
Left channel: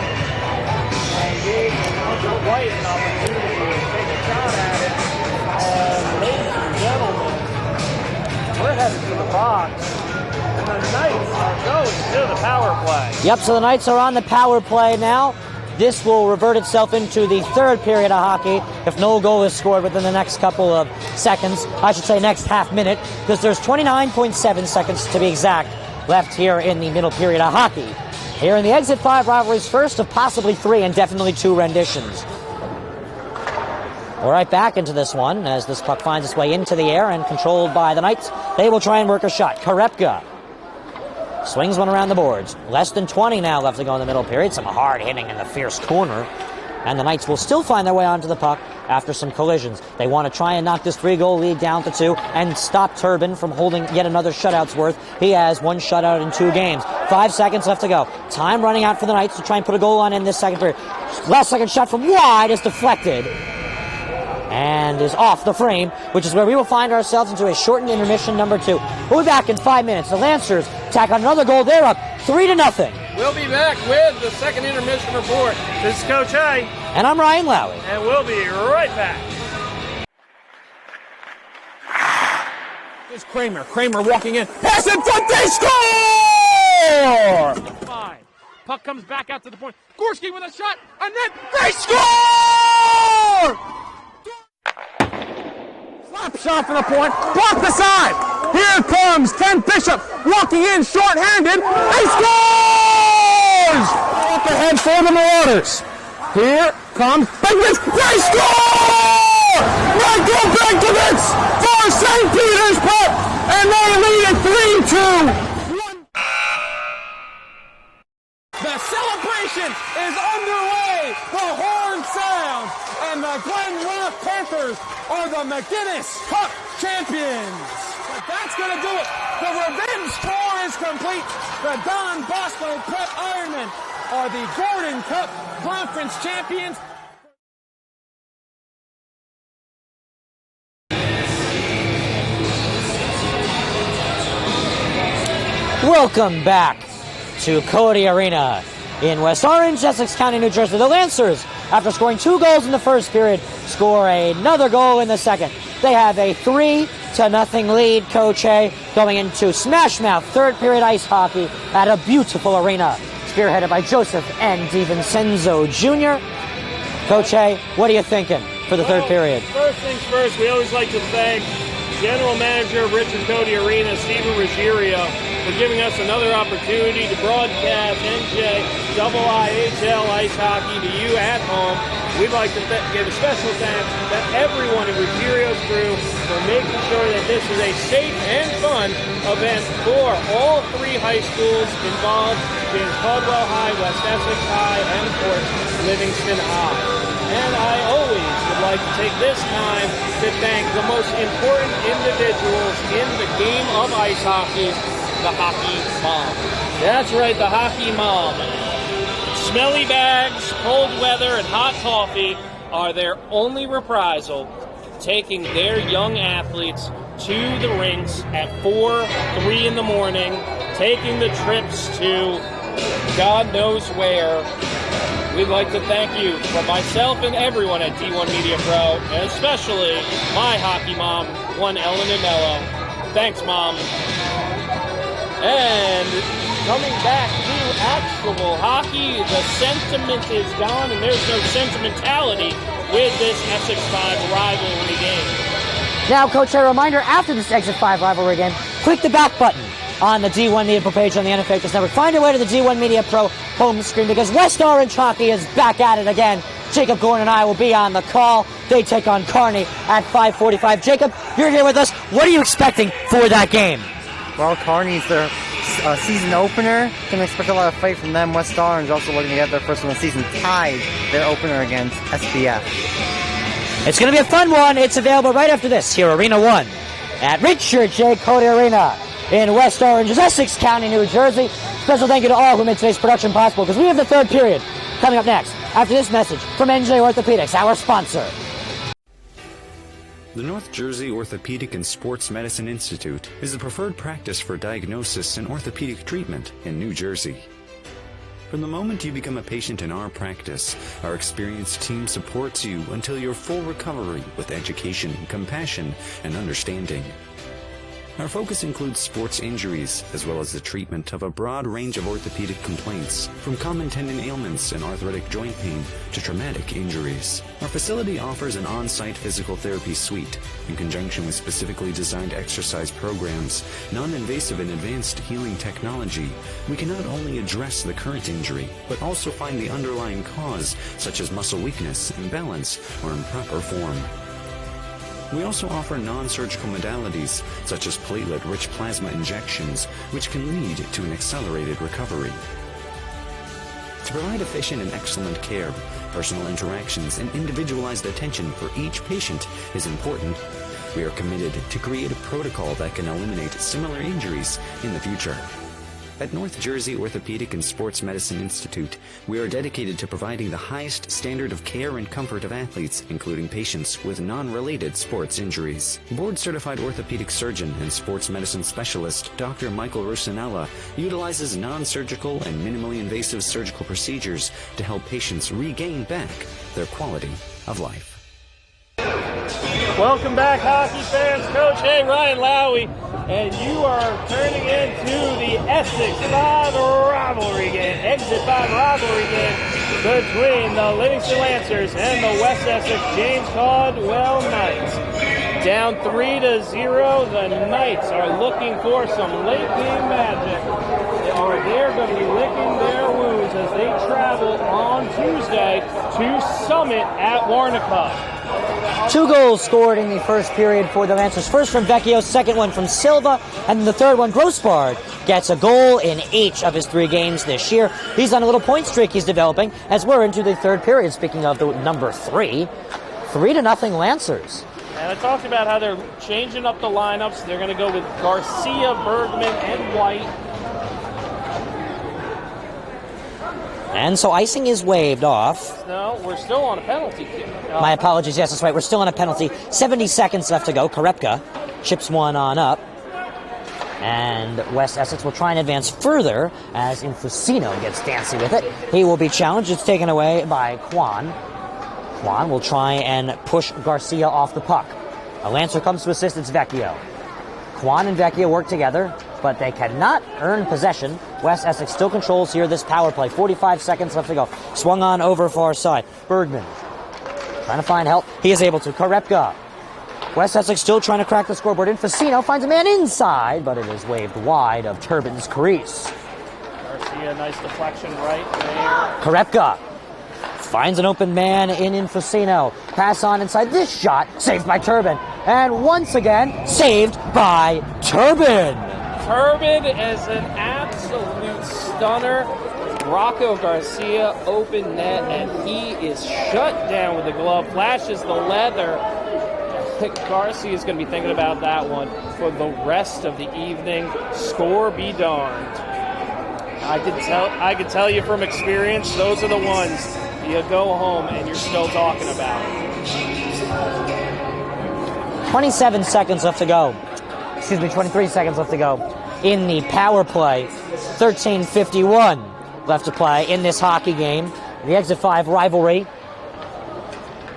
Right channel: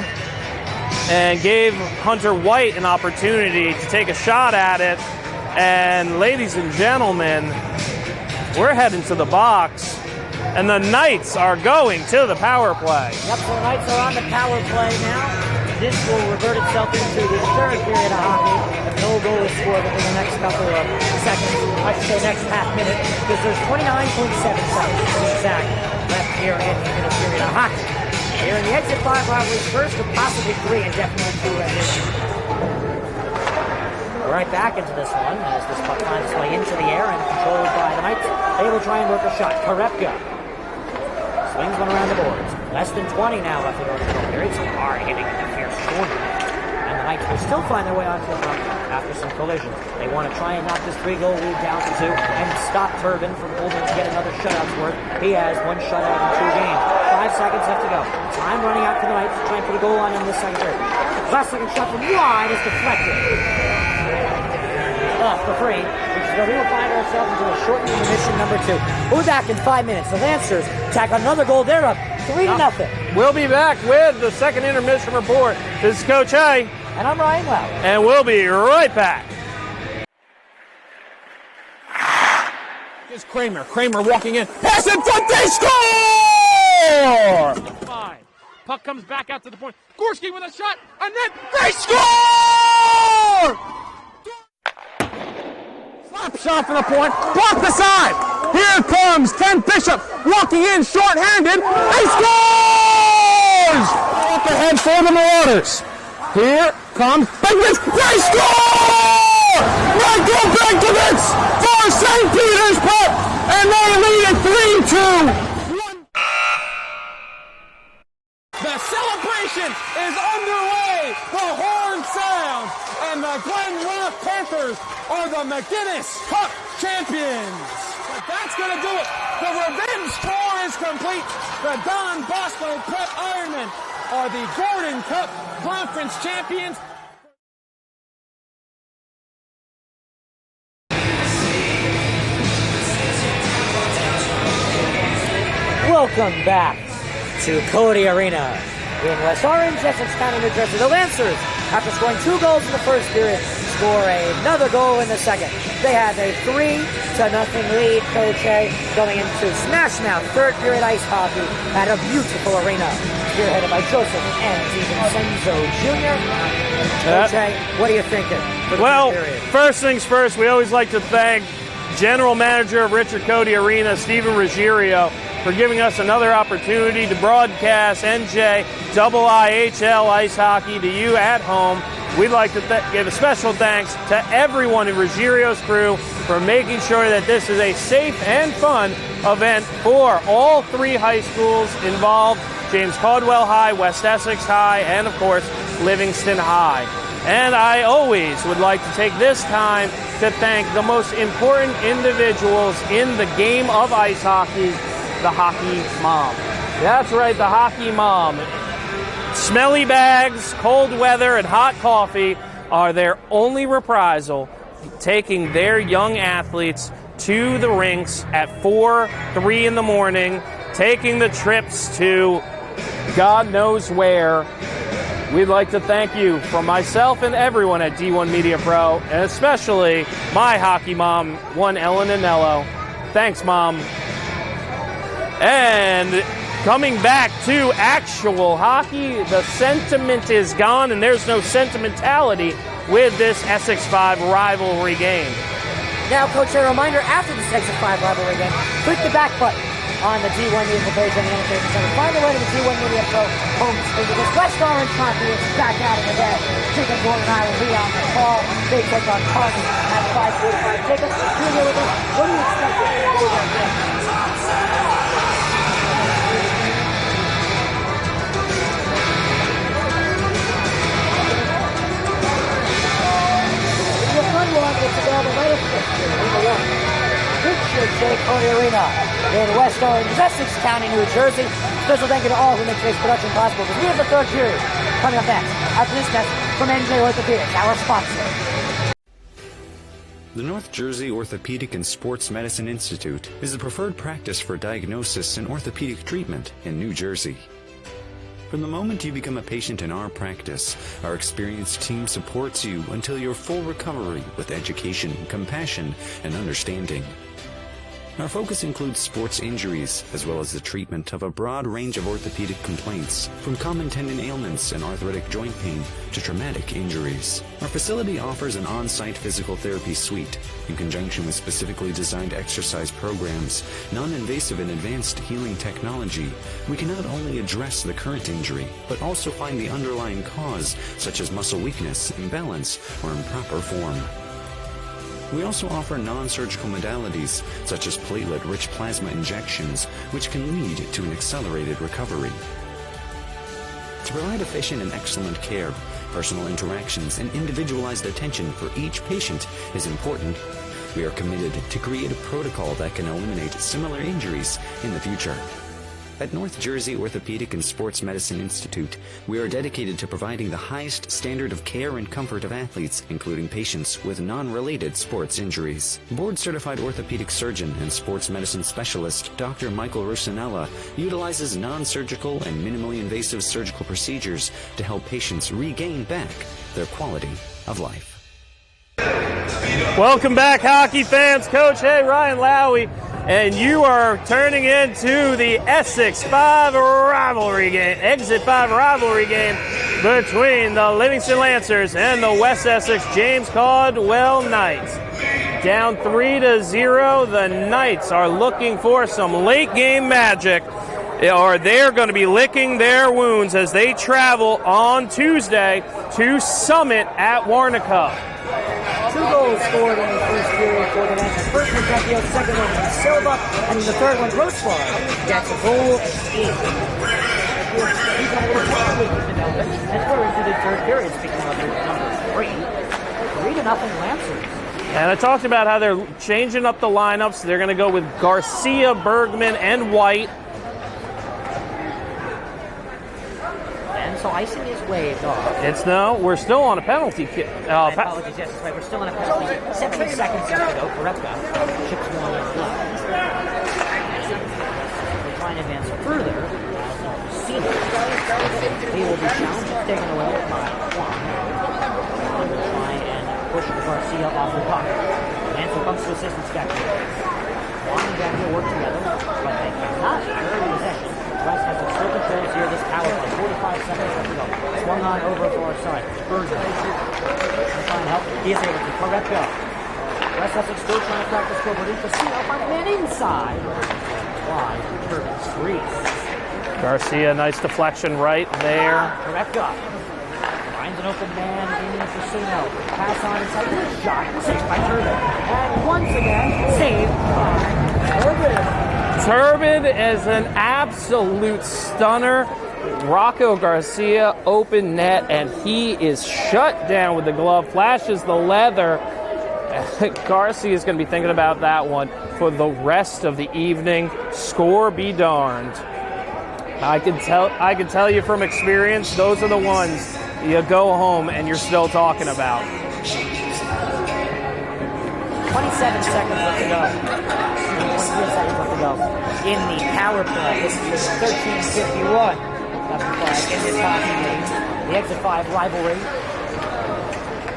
and gave Hunter White an opportunity to take a shot at it. And ladies and gentlemen, we're heading to the box, and the Knights are going to the power play. Yep, so the Knights are on the power play now. This will revert itself into the third period of hockey if no goal is scored within the next couple of seconds. I should say next half minute, because there's 29.7 seconds to be exact left here in the middle period of hockey. Here in the Exit 5 rivalry's first of possibly 3 and definitely 2 renditions. We're right back into this one as this puck finds its way into the air and controlled by the Knights. They will try and work a shot. Karepka swings one around the boards. Less than 20 now left to go in the middle period. Some hard hitting in the fierce corner. And the Knights will still find their way onto the puck after some collisions. They want to try and knock this 3-goal lead down to 2 and stop Turbin from holding yet another shutout's worth. He has 1 shutout in 2 games. 5 seconds left to go. Time running out for the Knights to try and put a goal on in this second period. Last second shot from wide is deflected and is off the frame, which is where we will find ourselves into a shortened intermission number 2. We'll be back in 5 minutes. The Lancers tack on another goal. They're up 3-0. We'll be back with the second intermission report. This is Coach A. And I'm Ryan Lowy. And we'll be right back. Here's Kramer. Kramer walking in. Pass in front. They score! 5. Puck comes back out to the point. Gorski with a shot. And then they score! Slap shot for the point. Block the side. Here comes Ken Bishop walking in short-handed. He scores! Up ahead for the Marauders. Here comes Bigwitz. They score! Michael Bigwitz for St. Peter's Put, and they lead it 3-2. The celebration is underway. The horn sounds, and the Glen Rock Panthers are the McGinnis Cup champions. But that's going to do it. The revenge tour is complete. The Don Bosco Prep Ironmen are the Gordon Cup Conference champions. Welcome back to Codey Arena in West Orange, Essex County, New Jersey. The Lancers, after scoring 2 goals in the first period, score another goal in the second. They have a 3-0 lead, Coach A, going into smash mouth third period ice hockey at a beautiful arena. spearheaded by Joseph and DiVincenzo Jr. Coach Hay, what are you thinking for the third period? First things first, we always like to thank General Manager of Richard Codey Arena, Stephen Ruggiero, for giving us another opportunity to broadcast NJ IHL ice hockey to you at home. We'd like to give a special thanks to everyone at Ruggiero's crew for making sure that this is a safe and fun event for all three high schools involved: James Caldwell High, West Essex High, and of course Livingston High. And I always would like to take this time to thank the most important individuals in the game of ice hockey, the hockey mom. That's right, the hockey mom. Smelly bags, cold weather, and hot coffee are their only reprisal, taking their young athletes to the rinks at 4, 3 in the morning, taking the trips to God knows where. We'd like to thank you from myself and everyone at D1 Media Pro, and especially my hockey mom, one Ellen Anello. Thanks, Mom. And coming back to actual hockey, the sentiment is gone, and there's no sentimentality with this Essex 5 rivalry game. Now, Coach, a reminder, after this Essex 5 rivalry game, click the back button on the D1 Media Pro page on the NFL Focus Network. Find your way to the D1 Media Pro home screen, because West Orange Hockey is back at it again. Jacob Gordon and I will be on the call. They take on Kearney at 5:45. Jacob, you're here with us. What are you expecting for that game? Well, Kearney's the season opener. I think we expect a lot of play from them. West Orange also looking to get their first of the season tied their opener against SBF. It's going to be a fun one. It's available right after this here, Arena 1 at Richard J. Codey Arena in West Orange, Essex County, New Jersey. Special thank you to all who make today's production possible, because we have the third period coming up next after this message from NJ Orthopedics, our sponsor. The North Jersey Orthopedic and Sports Medicine Institute is the preferred practice for diagnosis and orthopedic treatment in New Jersey. From the moment you become a patient in our practice, our experienced team supports you until your full recovery with education, compassion, and understanding. Our focus includes sports injuries, as well as the treatment of a broad range of orthopedic complaints, from common tendon ailments and arthritic joint pain to traumatic injuries. Our facility offers an on-site physical therapy suite, in conjunction with specifically designed exercise programs, non-invasive and advanced healing technology. We can not only address the current injury, but also find the underlying cause, such as muscle weakness, imbalance, or improper form. We also offer non-surgical modalities, such as platelet-rich plasma injections, which can lead to an accelerated recovery. To provide efficient and excellent care, personal interactions and individualized attention for each patient is important. We are committed to create a protocol that can eliminate similar injuries in the future. At North Jersey Orthopedic and Sports Medicine Institute, we are dedicated to providing the highest standard of care and comfort of athletes, including patients with non-related sports injuries. Board-certified orthopedic surgeon and sports medicine specialist Dr. Michael Rusinella utilizes non-surgical and minimally invasive surgical procedures to help patients regain back their quality of life. Welcome back, hockey fans. Coach Ryan Lowy, and you are turning into the Essex 5 rivalry game, Exit 5 rivalry game between the Livingston Lancers and the West Essex James Caldwell Knights. Down 3-0, the Knights are looking for some late game magic. They're going to be licking their wounds as they travel on Tuesday to Summit at Warnica. 2 goals scored in the first period for the Lancers. First one, Vecchio, second one from Silva, and the third one, Grossbar, gets a goal in each of his 3 games this year. He's on a little point streak he's developing as we're into the third period. Speaking of the number 3, 3-0 Lancers. And I talked about how they're changing up the lineups. They're going to go with Garcia, Bergman, and White. And so icing is waved off. We're still on a penalty kick. My apologies, yes, that's right. We're still on a penalty. 70 seconds left to go. Korepka chips one on up. And West Essex will try and advance further as Infusino gets dancy with it. He will be challenged. It's taken away by Juan. Juan will try and push Garcia off the puck. The Lancer comes to assist. It's Vecchio. Juan and Vecchio work together. but they cannot earn possession. West Essex still controls here this power play. 45 seconds left to go. Swung on over far side. Bergman trying to find help. He is able to. Korepka. West Essex still trying to crack the scoreboard. Infacino finds a man inside, but it is waved wide of Turbin's crease. Garcia, nice deflection right there. Korepka finds an open man in Infacino. Pass on inside. This shot saved by Turbin. And once again, saved by Turbin. Turbin is an absolute stunner. Rocco Garcia, open net, and he is shut down with the glove. Flashes the leather. Garcia is going to be thinking about that one for the rest of the evening. Score be darned. I can tell you from experience, those are the ones you go home and you're still talking about. 27 seconds left to go. Excuse me, 23 seconds left to go. In the power play, 13:51 left to play in this hockey game. The Exit 5 rivalry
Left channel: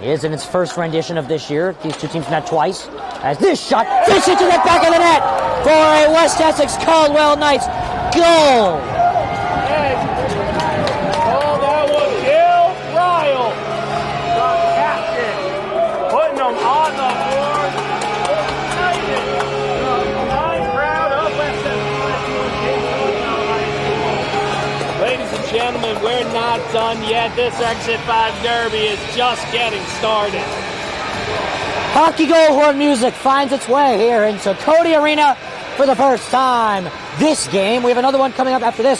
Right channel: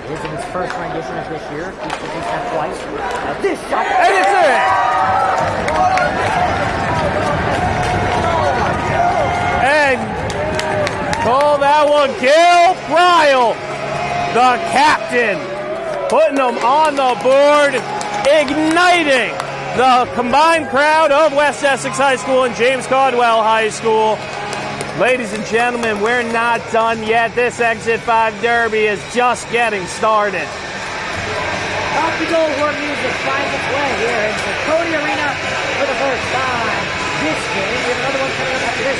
is in its first rendition of this year. These two teams met twice. As this shot takes it to the back of the net for a West Essex-Caldwell Knights goal. Hey, call that one, Gil Ryle, the captain, putting them on the board, igniting the combined crowd of West Essex High School and James Caldwell High School. Ladies and gentlemen, we're not done yet. This Exit 5 Derby is just getting started. Hockey goal horn music finds its way here into Codey Arena for the first time this game. We have another one coming up after this.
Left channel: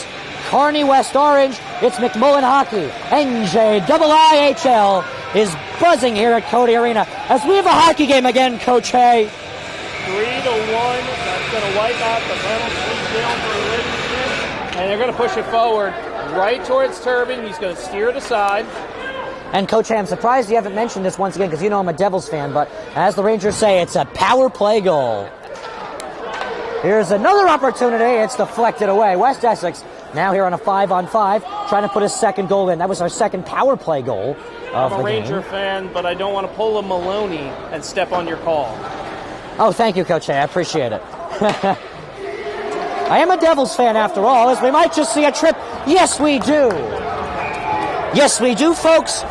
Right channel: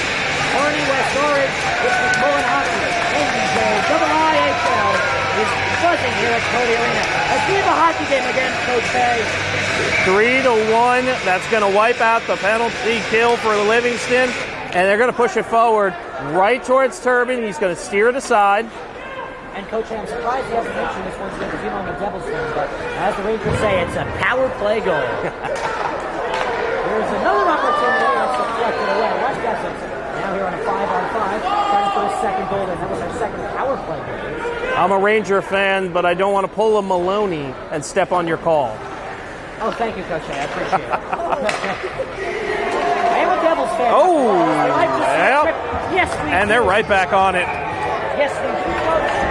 Kearney West Orange, it's McMullen Hockey. NJ IIHL is buzzing here at Codey Arena. As we have a hockey game again, Coach Hay. 3-1, that's going to wipe out the penalty kill for Livingston. And they're going to push it forward right towards Turbin. He's going to steer it aside. And Coach Hay, I'm surprised you haven't mentioned this once again because you know I'm a Devils fan, but as the Rangers say, it's a power play goal. Here's another opportunity. It's deflected away. West Essex now here on a 5-on-5, trying to put a second goal in. That was our second power play goal. I'm a Ranger fan, but I don't want to pull a Maloney and step on your call. Oh, thank you, Coach Hay. I appreciate it. I am a Devils fan after all, as we might just see a trip. Yes, we do. And they're right back on it. Yes, we do, folks.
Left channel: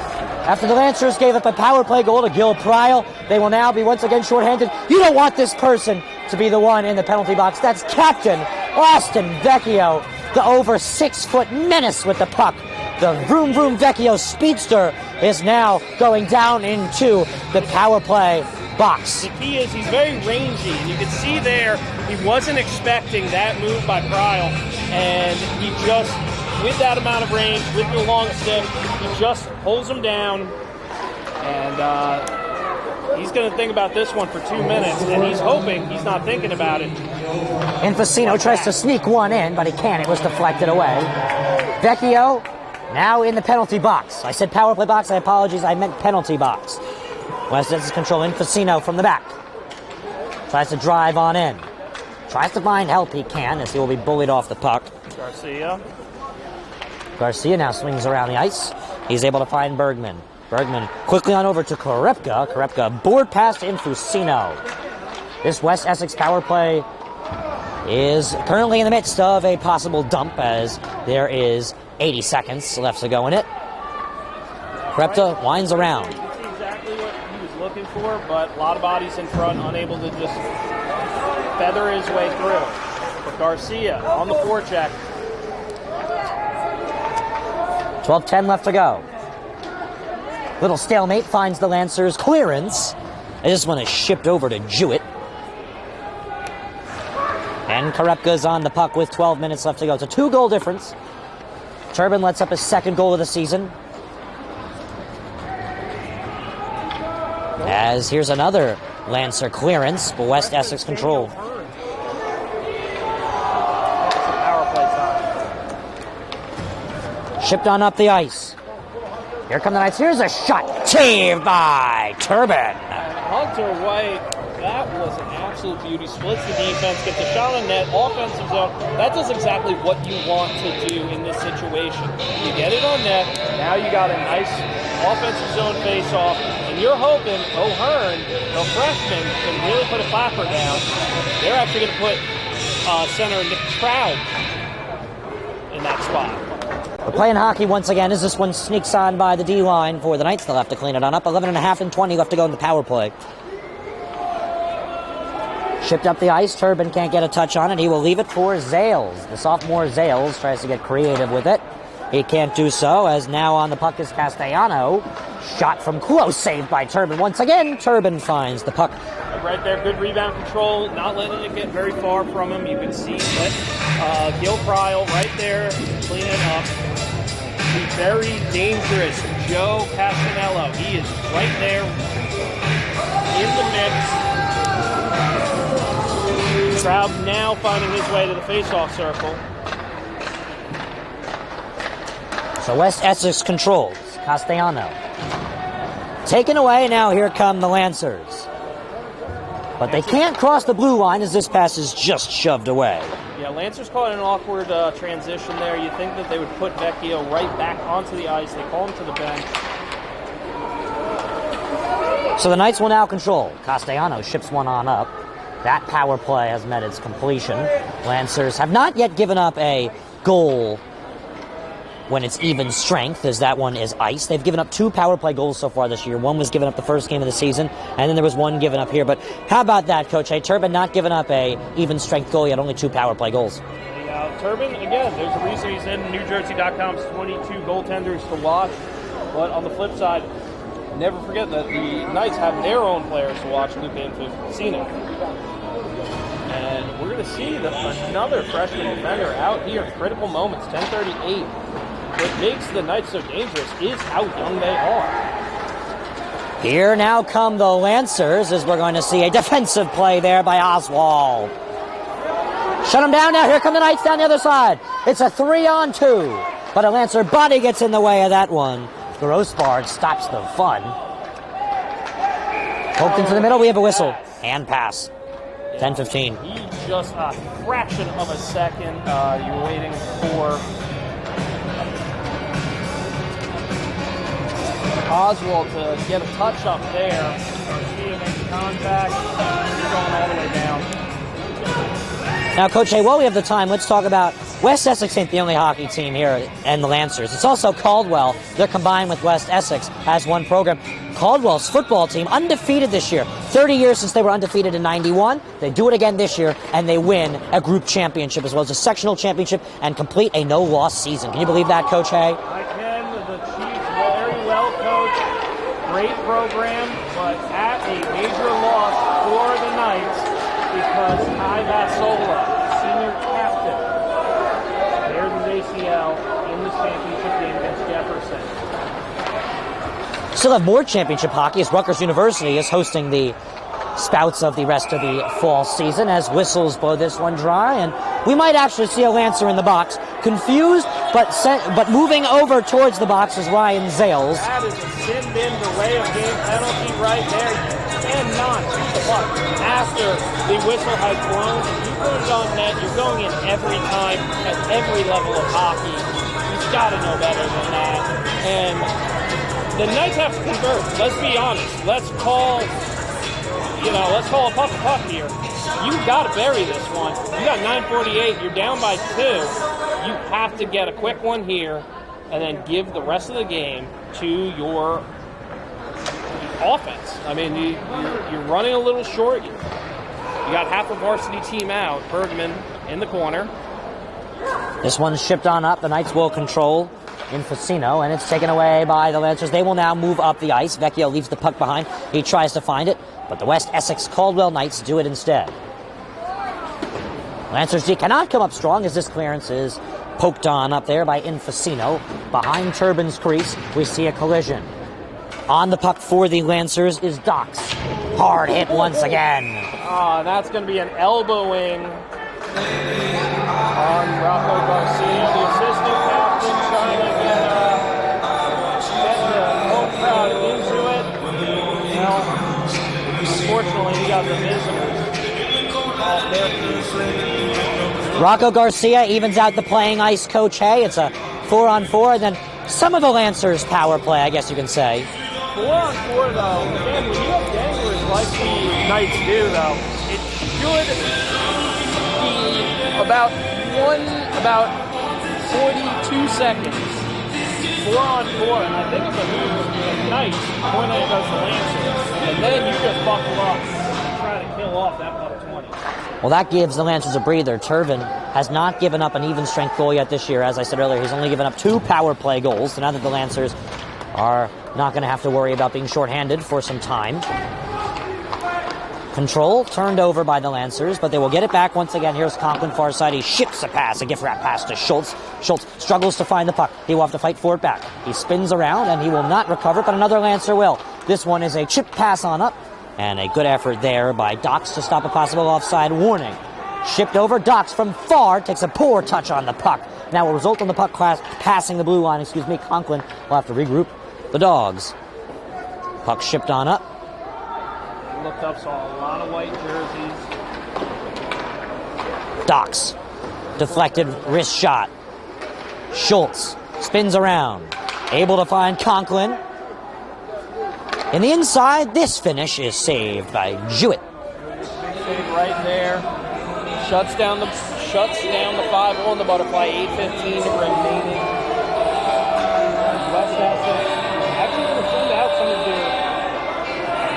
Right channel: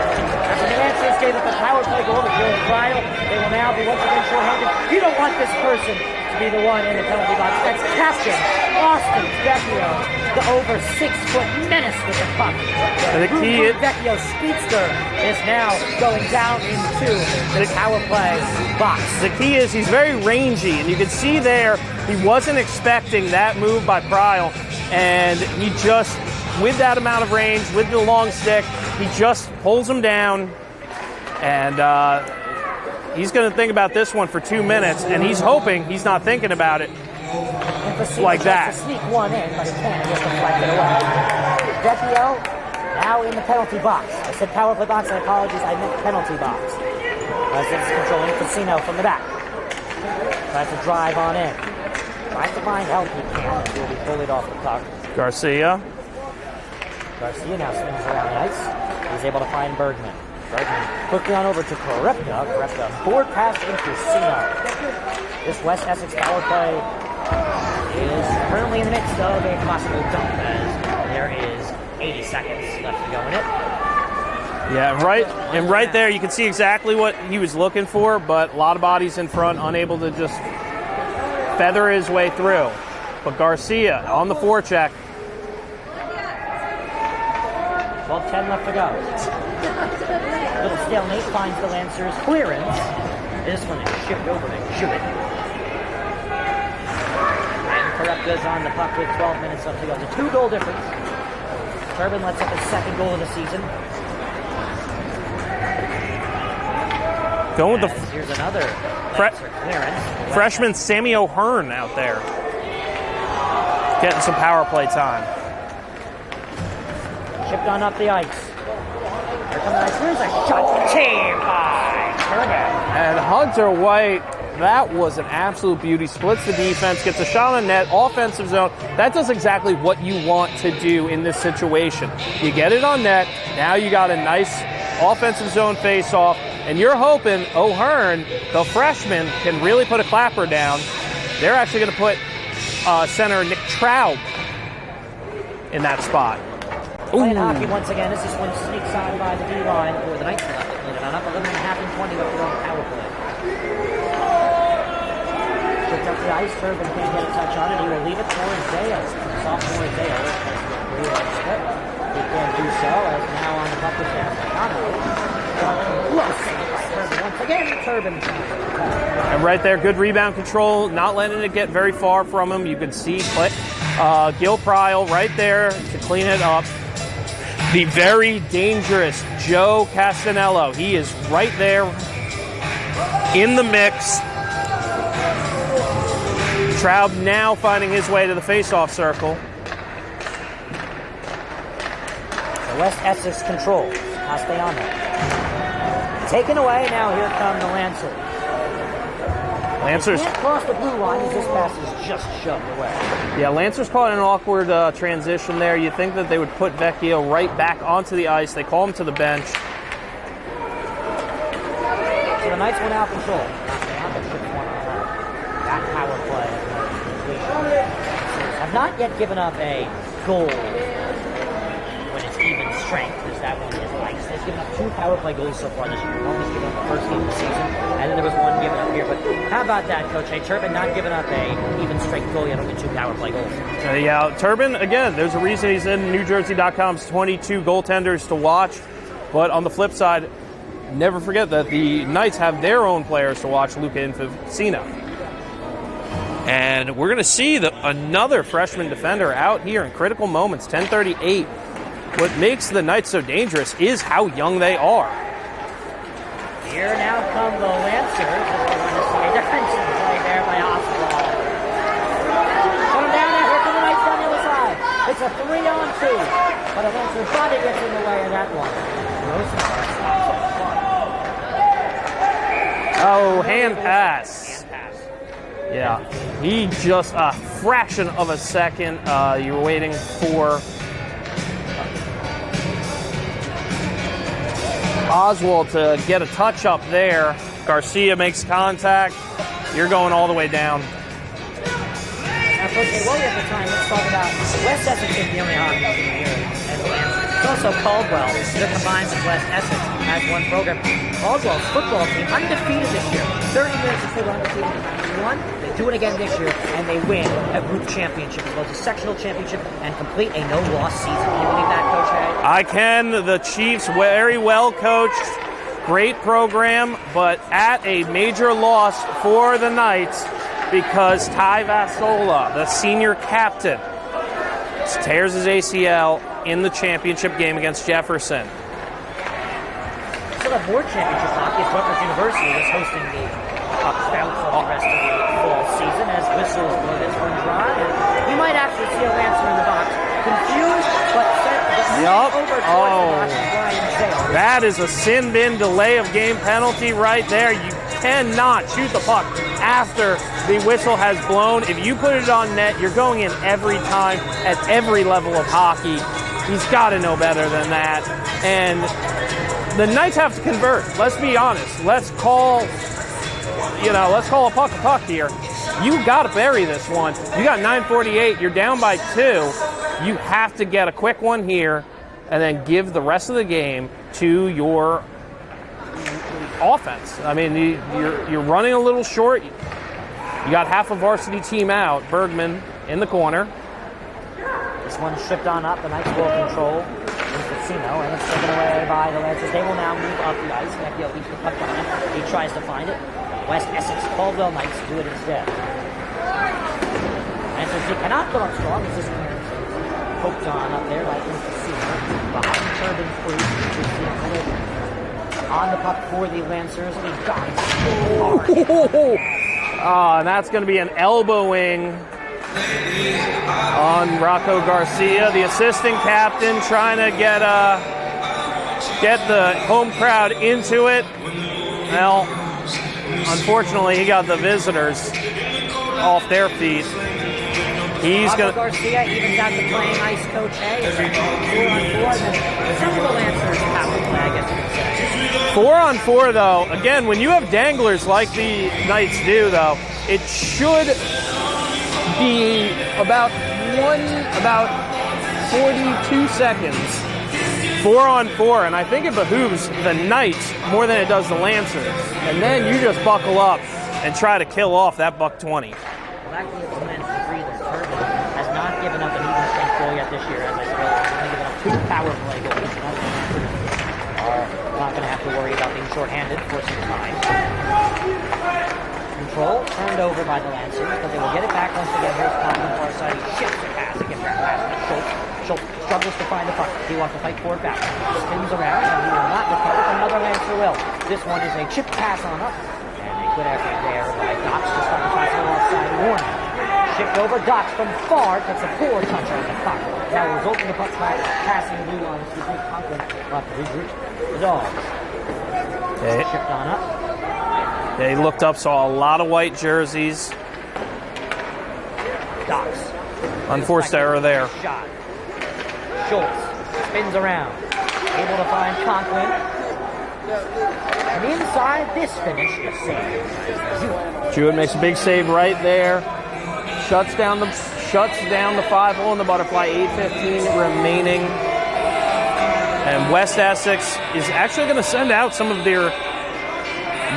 After the Lancers gave up a power play goal to Gil Pryle, they will now be once again shorthanded. You don't want this person to be the one in the penalty box. That's Captain Austin Vecchio, the over 6-foot menace with the puck. The Vroom Vroom Vecchio speedster is now going down into the power play box. The key is he's very rangy, and you can see there he wasn't expecting that move by Pryle, and he just, with that amount of range, with the long stick, he just pulls him down, and he's going to think about this one for 2 minutes, and he's hoping he's not thinking about it. Infacino tries to sneak one in, but he can't. It was deflected away. Vecchio now in the penalty box. I said power play box. I apologize. I meant penalty box. West Essex control. Infacino from the back. Tries to drive on in. Tries to find help. He can, as he will be bullied off the puck. Garcia now swings around the ice. He's able to find Bergman. Bergman quickly on over to Korepka. Korepka board pass to Infacino. This West Essex power play is currently in the midst of a possible dump, as there is 80 seconds left to go in it. Yeah, right there you can see exactly what he was looking for, but a lot of bodies in front, unable to just feather his way through. But Garcia on the forecheck. 12:10 left to go. Little stalemate finds the Lancers clearance. And this one is shipped over to Jewett. And Korepka's on the puck with 12 minutes left to go. It's a 2-goal difference. Turbin lets up his second goal of the season. As here's another Lancer clearance. West Freshman Essex Sammy control. O'Hearn out there. Getting some power play time. Shipped on up the ice. Here come the Knights. Here's a shot. Saved by Turbin. And Hunter White, that was an absolute beauty. Splits the defense, gets a shot on net, offensive zone. That does exactly what you want to do in this situation. You get it on net. Now you got a nice offensive zone face-off, and you're hoping O'Hearn, the freshman, can really put a clapper down. They're actually going to put center Nick Trout in that spot. We're playing hockey once again as this one sneaks on by the D-line for the Knights. They'll have to clean it on up. 11.5 and 20 left to go in the power play. Shipped up the ice. Turbin can't get a touch on it. He will leave it for Zales. The sophomore Zales tries to get creative with it. He can't do so, as now on the puck is Castellano. Shot from close, saved by Turbin. Once again, Turbin finds the puck. And right there, good rebound control, not letting it get very far from him. You can see Gil Pryal right there to clean it up. The very dangerous Joe Castanello. He is right there in the mix. Traub now finding his way to the face-off circle. So West Essex controls. Castellano. Taken away, now here come the Lancers. But Lancers, they can't cross the blue line as this pass is just shoved away. Yeah, Lancers caught an awkward transition there. You think that they would put Vecchio right back onto the ice. They call him to the bench. So the Knights will now control. Castellano ships one on up. That power play has met its completion. Lancers have not yet given up a goal when it's even strength, as that one is ice. They've given up 2 power play goals so far this year. One was given up the first game of the season, and then there was one given up here. But how about that, Coach? Hey, Turbin not giving up a even strength goal yet, only 2 power play goals. Yeah, Turbin, again, there's a reason he's in NewJersey.com's 22 goaltenders to watch. But on the flip side, never forget that the Knights have their own players to watch, Luca Infacino. And we're going to see another freshman defender out here in critical moments, 10:38. What makes the Knights so dangerous is how young they are. Here now come the Lancers, as we're going to see a defensive play there by Oswald. Shut him down now. Here come the Knights down the other side. It's a 3-on-2, but a Lancer body gets in the way of that one. Grossbar stops the fun. Into the middle, we have a whistle. And pass. Yeah. 10-15. He just a fraction of a second. You're waiting for Oswald to get a touch up there. Garcia makes contact. You're going all the way down. Now, Coach, while we have the time, let's talk about West Essex ain't the only hockey team here, and the Lancers. It's also Caldwell. They're combined with West Essex as one program. Caldwell's football team, undefeated this year. 30 years since they were undefeated in '91. They do it again this year, and they win a group championship as well as a sectional championship and complete a no-loss season. Can you believe that, Coach Hay? I can. The Chiefs, very well coached. Great program, but at a major loss for the Knights, because Ty Vassola, the senior captain, tears his ACL in the championship game against Jefferson. Still have more championship hockey as Rutgers University is hosting the spouts of the rest of the fall season as whistles blow this one dry, and we might actually see a Lancer in the box. Confused, but moving over towards the box is Ryan Zales. That is a sin bin delay of game penalty right there. You cannot shoot the puck after the whistle has blown. If you put it on net, you're going in every time at every level of hockey. He's got to know better than that. And the Knights have to convert. Let's be honest. Let's call a puck here. You've got to bury this one. You got 9:48. You're down by 2. You have to get a quick one here and then give the rest of the game to your offense. I mean, you're running a little short. You got half a varsity team out. Bergman in the corner. This one's shipped on up. The Knights will control Infacino, and it's taken away by the Lancers. They will now move up the ice. Vecchio leaves the puck behind. He tries to find it, but the West Essex-Caldwell Knights do it instead. Lancers cannot come up strong as this clearance is poked on up there by Infacino. Behind Turbin's crease, we see a collision. On the puck for the Lancers is Dots. Hard hit once again. And that's going to be an elbowing on Rocco Garcia, the assistant captain, trying to get the home crowd into it. Well, unfortunately, he got the visitors off their feet. Rocco Garcia evens out the playing ice, Coach Hay. It's a 4-on-4, then some of the Lancers power play, I guess you can say. 4-on-4, though, again, when you have danglers like the Knights do, though, it should be about 42 seconds. 4-on-4, and I think it behooves the Knights more than it does the Lancers. And then you just buckle up and try to kill off that $120. Well, that gives the Lancers a breather. Turbin has not given up an even strength goal yet this year. As I said earlier, he's only given up 2 power play goals. So now that the Lancers are not going to have to worry about being shorthanded for some time. Control turned over by the Lancers, but they will get it back once again. Here's Conklin far side. He ships a pass, a gift wrap pass to Schultz. Schultz struggles to find the puck. He will have to fight for it back. He spins around and he will not recover, but another Lancer will. This one is a chip pass on up, and a good effort there by Docks to stop a possible offside warning. Shipped over, Docks from far takes a poor touch on the puck. Now will result in the puck passing the blue line. Conklin will have to regroup the Dogs. Puck shipped on up. They looked up, saw a lot of white jerseys. Docks. Unforced error there. Wrist shot. Schultz spins around. Able to find Conklin. And the inside, this finish is saved by Jewett. Jewett makes a big save right there. Shuts down the 5-hole in the butterfly. 8:15 remaining. And West Essex is actually going to send out some of their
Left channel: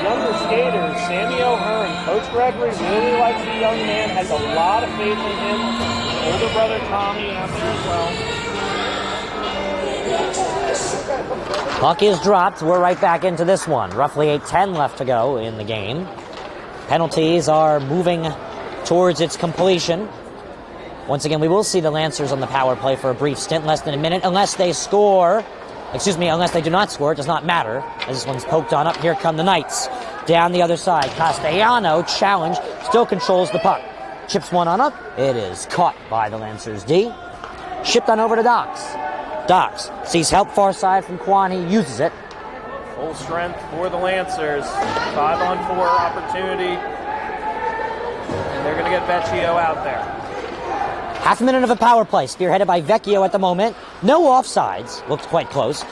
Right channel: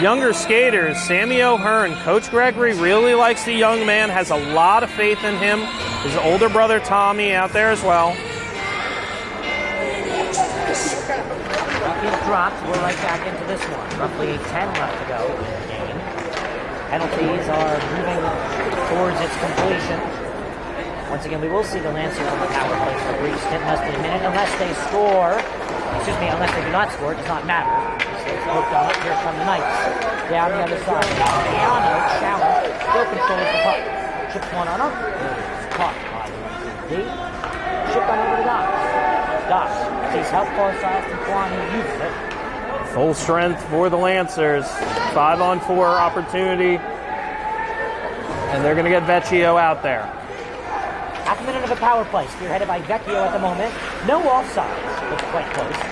younger skaters. Sammy O'Hearn, Coach Gregory really likes the young man, has a lot of faith in him. His older brother Tommy out there as well. Puck is dropped. We're right back into this one. Roughly 8:10 left to go in the game. Penalties are moving towards its completion. Once again, we will see the Lancers on the power play for a brief stint, less than a minute, unless they score. Unless they do not score, it does not matter. This one's poked on up. Here come the Knights. Down the other side. Castellano, challenge, still controls the puck. Chips one on up. It is caught by the Lancers D. Shipped on over to Docks. Docks sees help far side from Kwan. He uses it. Full strength for the Lancers. 5-on-4 opportunity. And they're going to get Vecchio out there. Half a minute of a power play, spearheaded by Vecchio at the moment. No offsides. Looked quite close.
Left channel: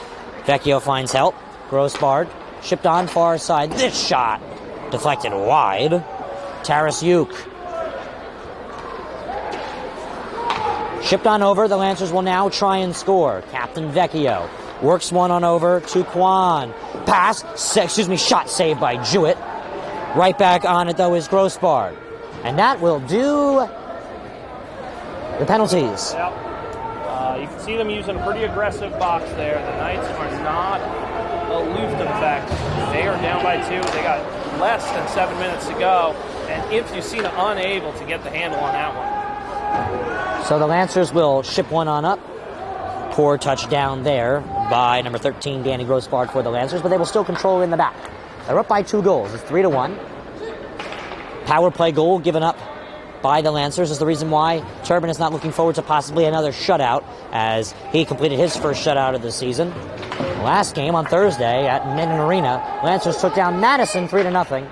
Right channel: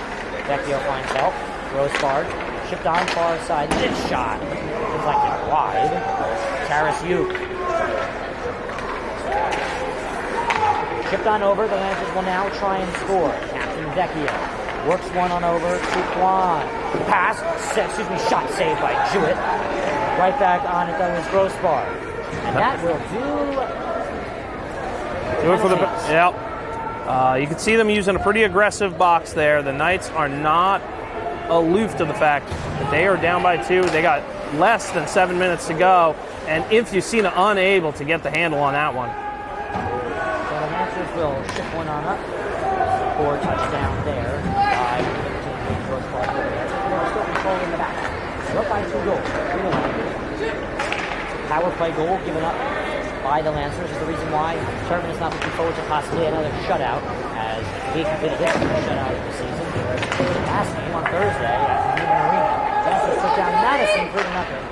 Vecchio finds help. Grossbard. Shipped on far side. This shot. Deflected wide. Tarasyuk. Shipped on over. The Lancers will now try and score. Captain Vecchio works one on over to Kwan. Pass. Shot saved by Jewett. Right back on it, though, is Grossbard. And that will do penalties. Yeah. You can see them using a pretty aggressive box there. The Knights are not aloof to the fact that they are down by 2. They got less than 7 minutes to go. And Infusina unable to get the handle on that one. So the Lancers will ship one on up. Poor touchdown there by number 13, Danny Grossbard for the Lancers, but they will still control in the back. They're up by 2 goals, 3-1. Power play goal given up by the Lancers is the reason why Turbin is not looking forward to possibly another shutout, as he completed his first shutout of the season. Last game on Thursday at Minden Arena, Lancers took down Madison 3-0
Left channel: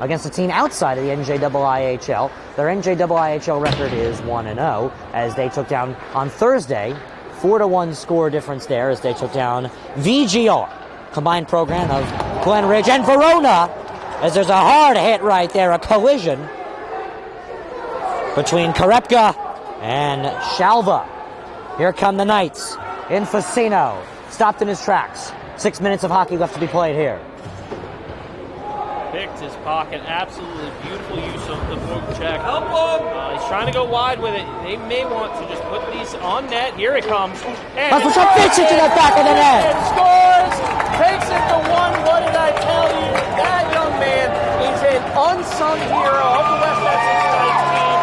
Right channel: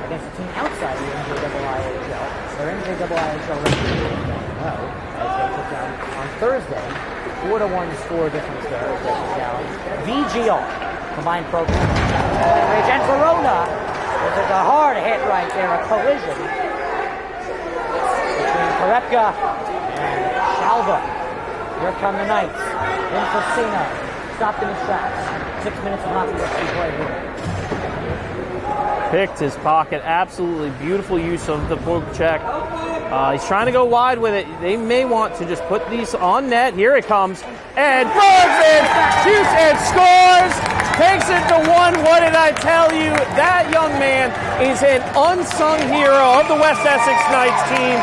against a team outside of the NJIHL. Their NJIHL record is 1-0, as they took down on Thursday, 4-1 score difference there, as they took down VGR. Combined program of Glen Ridge and Verona, as there's a hard hit right there, a collision between Karepka and Shalva. Here come the Knights. Infusino stopped in his tracks. 6 minutes of hockey left to be played here. Picked his pocket. Absolutely beautiful use of the poke check. He's trying to go wide with it. They may want to just put these on net. Here it comes. And scores! Takes it to 1. What did I tell you? That young man is an unsung hero of the West Essex Knights team.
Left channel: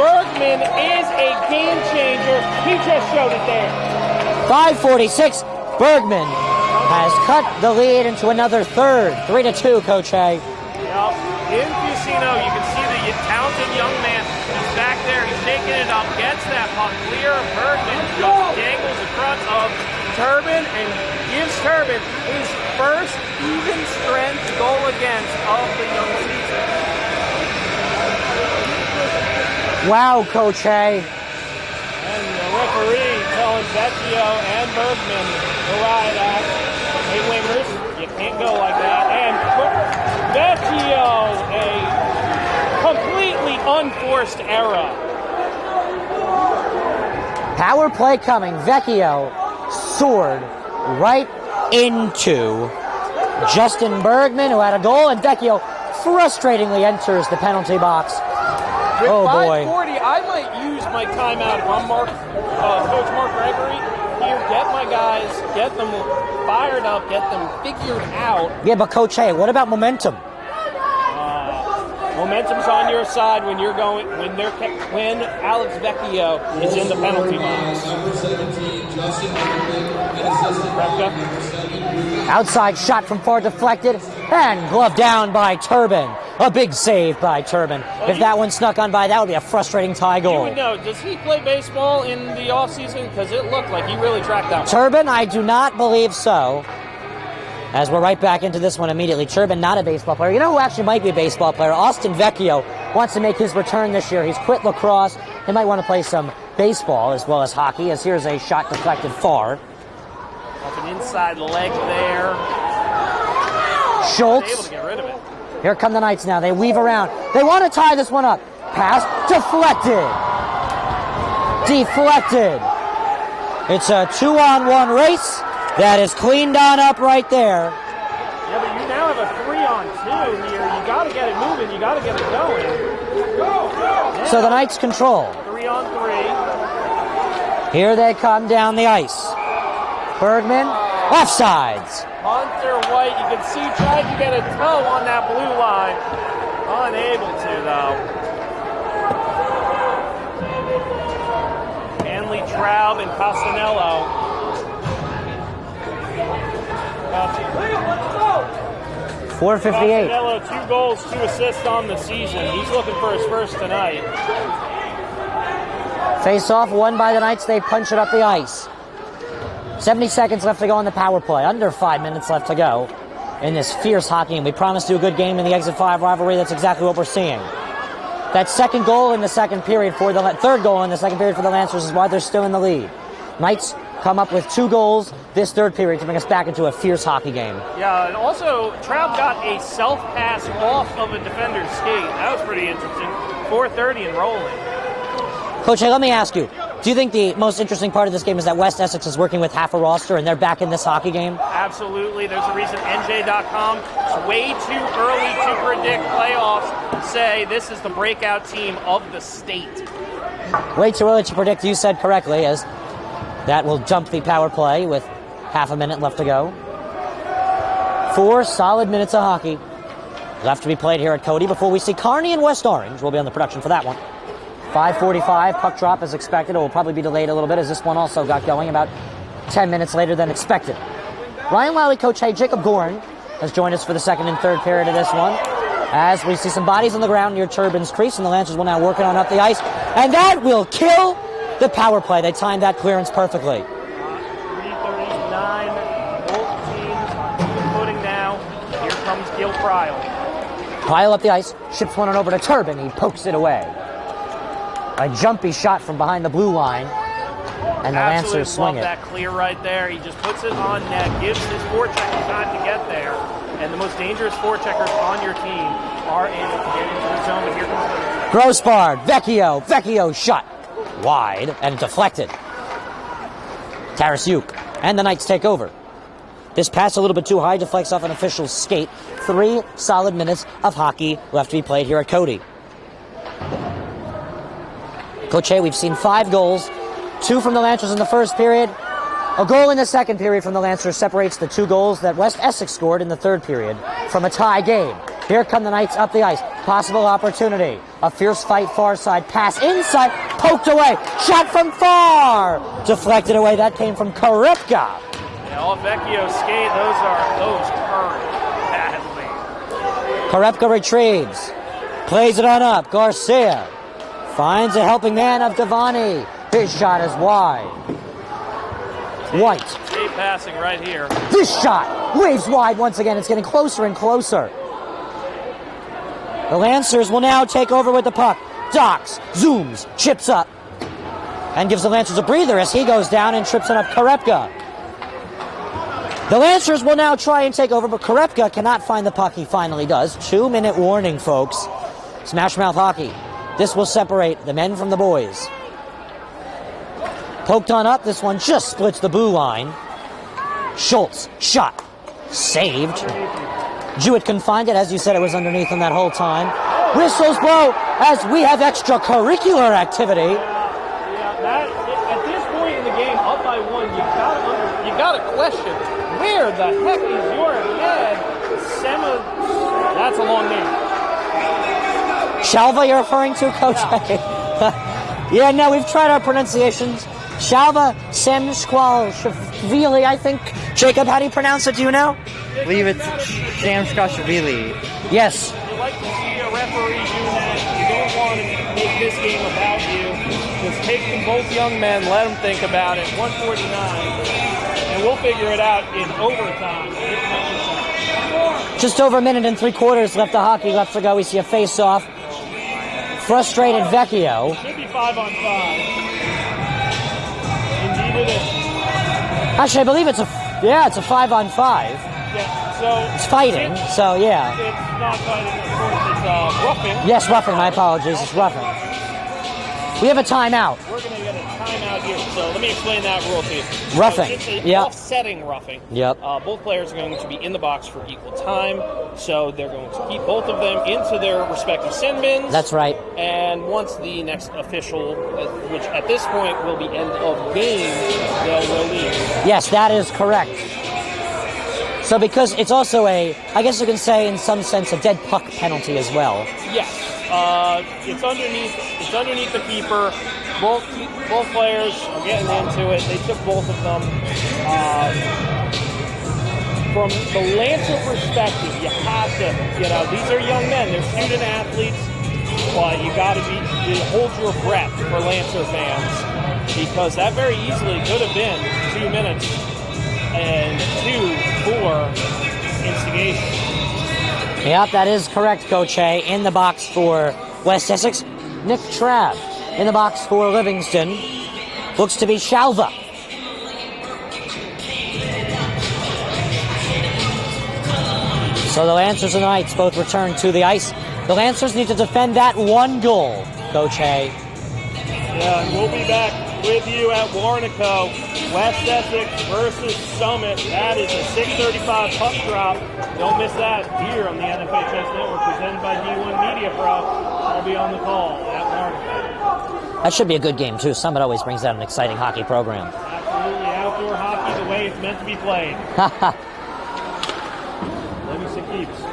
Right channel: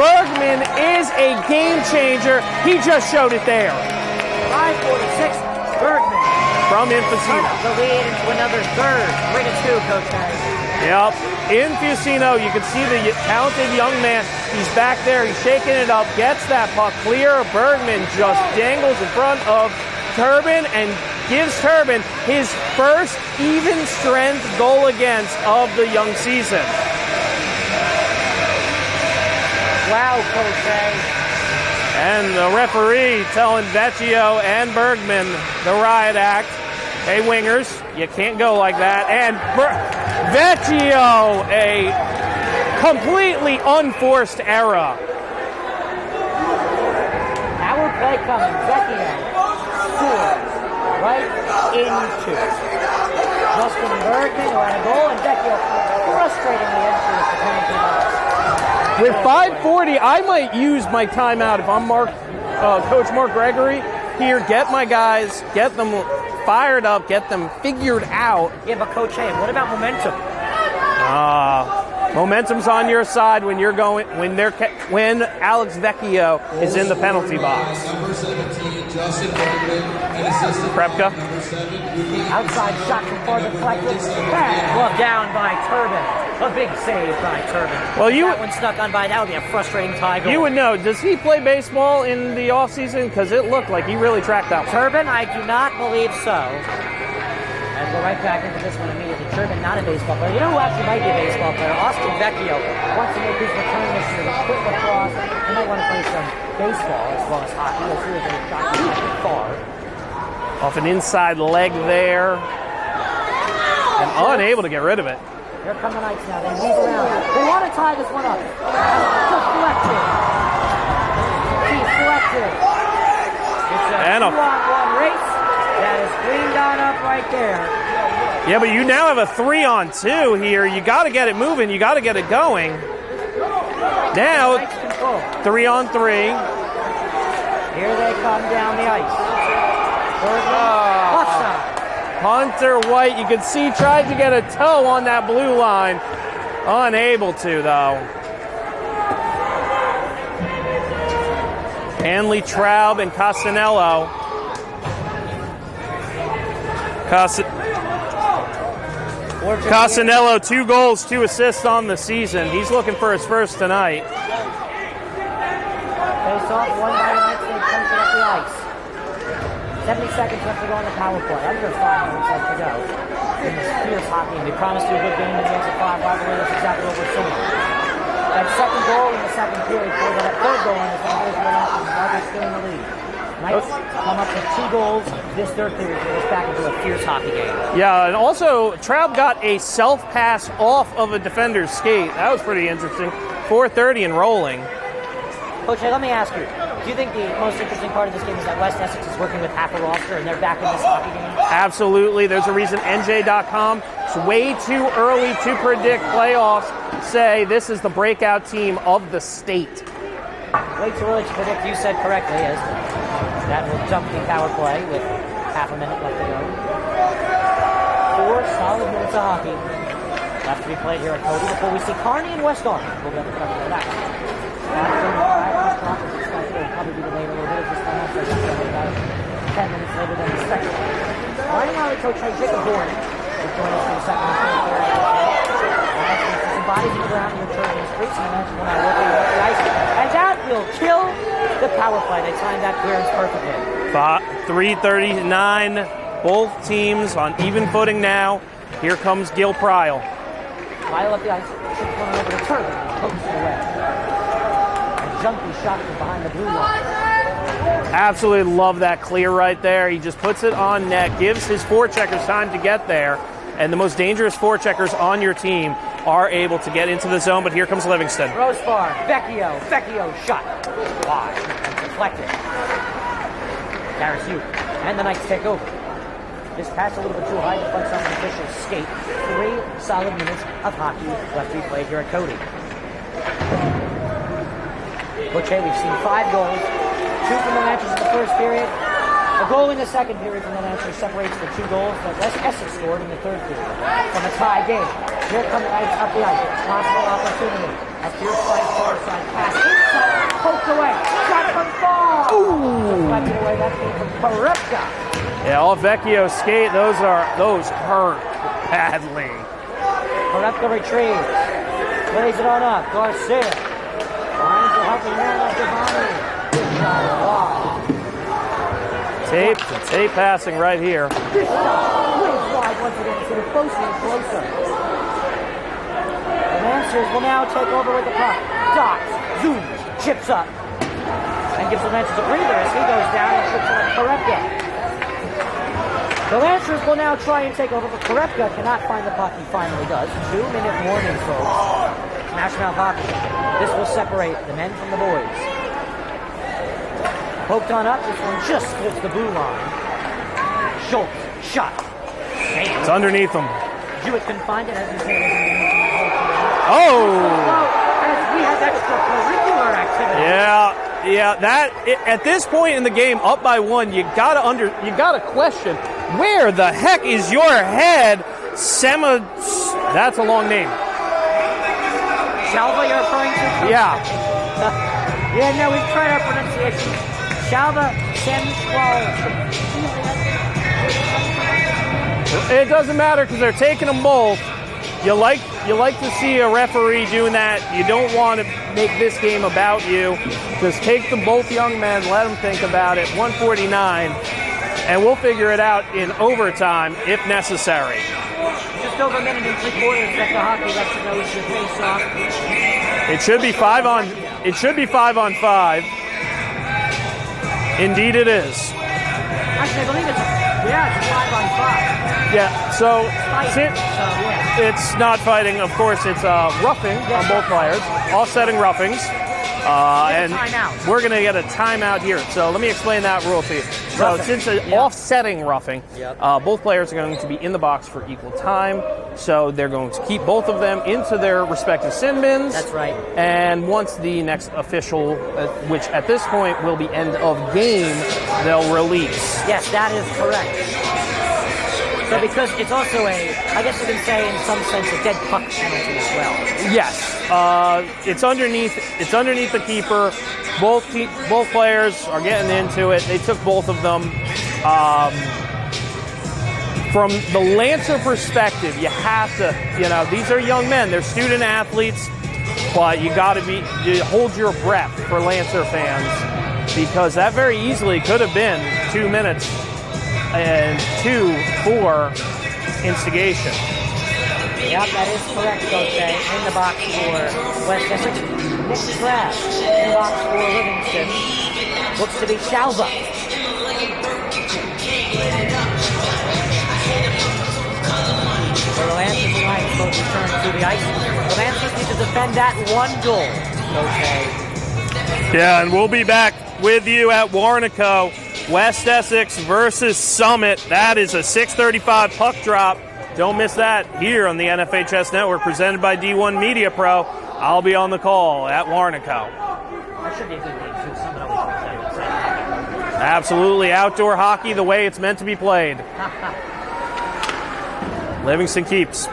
Bergman is a game changer. He just showed it there. 5:46. Bergman has cut the lead into another third. 3-2, Coach Hay. Yep. Infusino, you can see the talented young man. He's back there. He's shaking it up. Gets that puck clear. Bergman just dangles in front of Turbin and gives Turbin his first even strength goal against of the young season. Wow, Coach Hay. And the referee telling Vecchio and Bergman the riot act. Hey, wingers, you can't go like that. And Vecchio, a completely unforced error. Power play coming. Vecchio soared right into Justin Bergman, who had a goal, and Vecchio frustratingly enters the penalty box. With 5:40, I might use my timeout if I'm Coach Mark Gregory here. Get my guys, get them fired up, get them figured out. Yeah, but Coach, hey, what about momentum? Momentum's on your side when you're going when Alex Vecchio is in the penalty box. Krepka. Outside shot from far deflected, and glove down by Turbin. A big save by Turbin. Well, if that one snuck on by, that would be a frustrating tie goal. You would know. Does he play baseball in the offseason? Because it looked like he really tracked that one. Turbin, I do not believe so. As we're right back into this one immediately. Turbin, not a baseball player. You know who actually might be a baseball player? Austin Vecchio wants to make his return this year. He's quit lacrosse. He might want to play some baseball as well as hockey, as here's a shot deflected far. Off an inside leg there. Schultz. Unable to get rid of it. Here come the Knights now. They weave around. They want to tie this one up. Pass deflected. Deflected. It's a 2-on-1 race. That is cleaned on up right there. Yeah, but you now have a 3-on-2 here. You got to get it moving. You got to get it going. Now, so the Knights control. 3-on-3. Here they come down the ice. Bergman, offsides. Hunter White, you can see, tried to get a toe on that blue line. Unable to, though. Hanley, Traub, and Castanello. Castanello, 2 goals, 2 assists on the season. He's looking for his first tonight. Face-off won by the Knights. They punch it up the ice. 70 seconds left to go on the power play. Under 5 minutes left to go in this fierce hockey game. We promised you a good game in the Exit 5 rivalry. That's exactly what we're seeing. That second goal in the second period for the third goal in the second period for the Lancers is why they're still in the lead. Knights come up with 2 goals this third period to bring us back into a fierce hockey game. Yeah, and also Traub got a self-pass off of a defender's skate. That was pretty interesting. 4:30 and rolling. Coach, let me ask you, do you think the most interesting part of this game is that West Essex is working with half a roster and they're back in this hockey game? Absolutely. There's a reason NJ.com, it's way too early to predict playoffs, say this is the breakout team of the state. Way too early to predict, you said correctly, as that will jump the power play with half a minute left to go. 4 solid minutes of hockey left to be played here at Codey before we see Kearney and West Orange. We'll be on the production for that one. 5:45, puck drop is expected. It will probably be delayed a little bit as this one also got going about 10 minutes later than expected. Ryan Lowy, Coach Hay, Jacob Bourne has joined us for the second and third period of this one. As we see some bodies on the ground near Turbin's crease, and the Lancers will now work on up the ice. And that will kill the power play. They timed that clearance perfectly. 3:39, both teams on even footing now. Here comes Gil Prile. Prile up the ice, ships one over to Turbin, he pokes it away. A jumpy shot from behind the blue line. And absolutely love that clear right there. He just puts it on net, gives his forecheckers time to get there. And the most dangerous forecheckers on your team are able to get into the zone, but here comes Livingston. Grossbard, Vecchio shot wide and deflected. Tarasuk, and the Knights take over. This pass a little bit too high, deflects off an official's skate. 3 solid minutes of hockey left to be played here at Codey. Coach Hay, we've seen 5 goals, 2 from the Lancers in the first period. A goal in the second period from the Lancers separates the 2 goals that West Essex scored in the third period from a tie game. Here come the Knights up the ice. Possible opportunity. A fierce fight, far side pass inside, poked away, shot from far, deflected away. That came from Korepka. Yeah, all Vecchio's skate, those hurt badly. Korepka retrieves, plays it on up. Garcia finds a helping hand of Devani. His shot is wide. Tape passing right here. This shot waves wide once again. It's getting closer and closer. The Lancers will now take over with the puck. Docks, zooms, chips up, and gives the Lancers a breather as he goes down and trips it up Korepka. The Lancers will now try and take over, but Korepka cannot find the puck. He finally does. 2-minute warning, folks. Smash mouth hockey. This will separate the men from the boys. Poked on up. This one just splits the blue line. Schultz, shot. Saved. It's underneath him. Jewett can find it. As you said, it was underneath him that whole time. Oh! Whistles blow as we have extracurricular activity. Yeah, that at this point in the game, up by 1, you gotta question, where the heck is your head? That's a long name. Shalva, you're referring to, Coach? Yeah. Yeah, no, we've tried our pronunciations. Shalva Semskvashvili, I think. Jacob, how do you pronounce it? Do you know? It doesn't matter because they're taking them both. You like to see a referee doing that. You don't want to make this game about you. Just take them both young men, let them think about it. 149, and we'll figure it out in overtime if necessary. Just over a minute and 3/4 left of hockey left to go. We see a face-off. It should be 5 on. Vecchio. It should be 5 on 5. Indeed, it is. Actually, I believe it's a 5 on 5. Yeah, so it's fighting. So yeah, it's not fighting. Of course, it's roughing. Yes, roughing. My apologies. Offsetting roughings. We have a timeout. We're going to get a timeout here. So let me explain that rule to you. Roughing. So since it's offsetting roughing, yep. Both players are going to be in the box for equal time. So they're going to keep both of them into their respective sin bins. That's right. And once the next official, which at this point will be end of game, they'll release. Yes, that is correct. So because it's also I guess you can say in some sense, a dead puck penalty as well. Yes. It's underneath the keeper. Both players are getting into it. They took both of them. From the Lancer perspective, you have to, these are young men. They're student athletes, but you hold your breath for Lancer fans because that very easily could have been 2 minutes and 2 for instigation. Yep, that is correct, Coach A. In the box for West Essex, Nick Trapp. In the box for Livingston, looks to be Shalva. So the Lancers and the Knights both return to the ice. The Lancers need to defend that 1 goal, Coach A. Yeah, and we'll be back with you at Warnaco. West Essex versus Summit. That is a 6:35 puck drop. Don't miss that here on the NFHS Network, presented by D1 Media Pro. I'll be on the call at Warnaco. That should be a good game, too. Summit always brings out an exciting hockey program. Absolutely. Outdoor hockey the way it's meant to be played. Livingston keeps.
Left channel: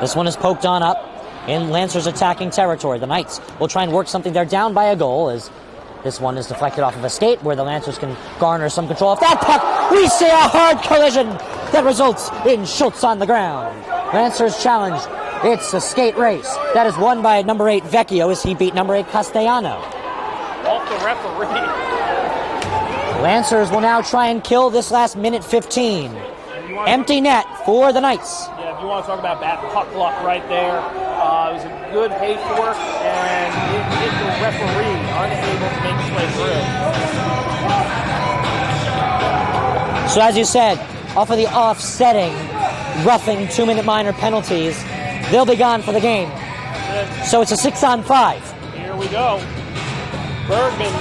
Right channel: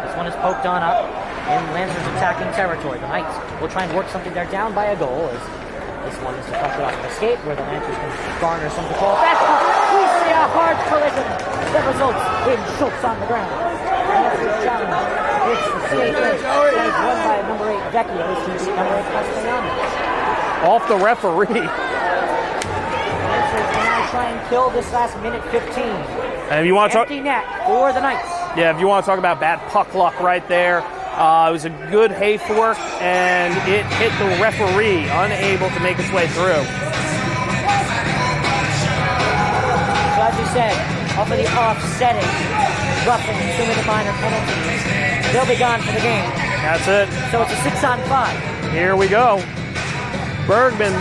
This one is poked on up in Lancers attacking territory. The Knights will try and work something. They're down by a goal as this one is deflected off of a skate where the Lancers can garner some control off that puck. We see a hard collision that results in Schultz on the ground. Lancers challenge. It's a skate race that is won by number 8 Vecchio as he beat number 8 Castellano. Off the referee. Lancers will now try and kill this last minute 15. And if you want empty net for the Knights. Yeah, if you want to talk about bad puck luck right there, it was a good hay fork, and it hit the referee, unable to make its way through. So as you said, off of the offsetting, roughing 2-minute minor penalties, they'll be gone for the game. That's it. So it's a 6 on 5. Here we go. Bergman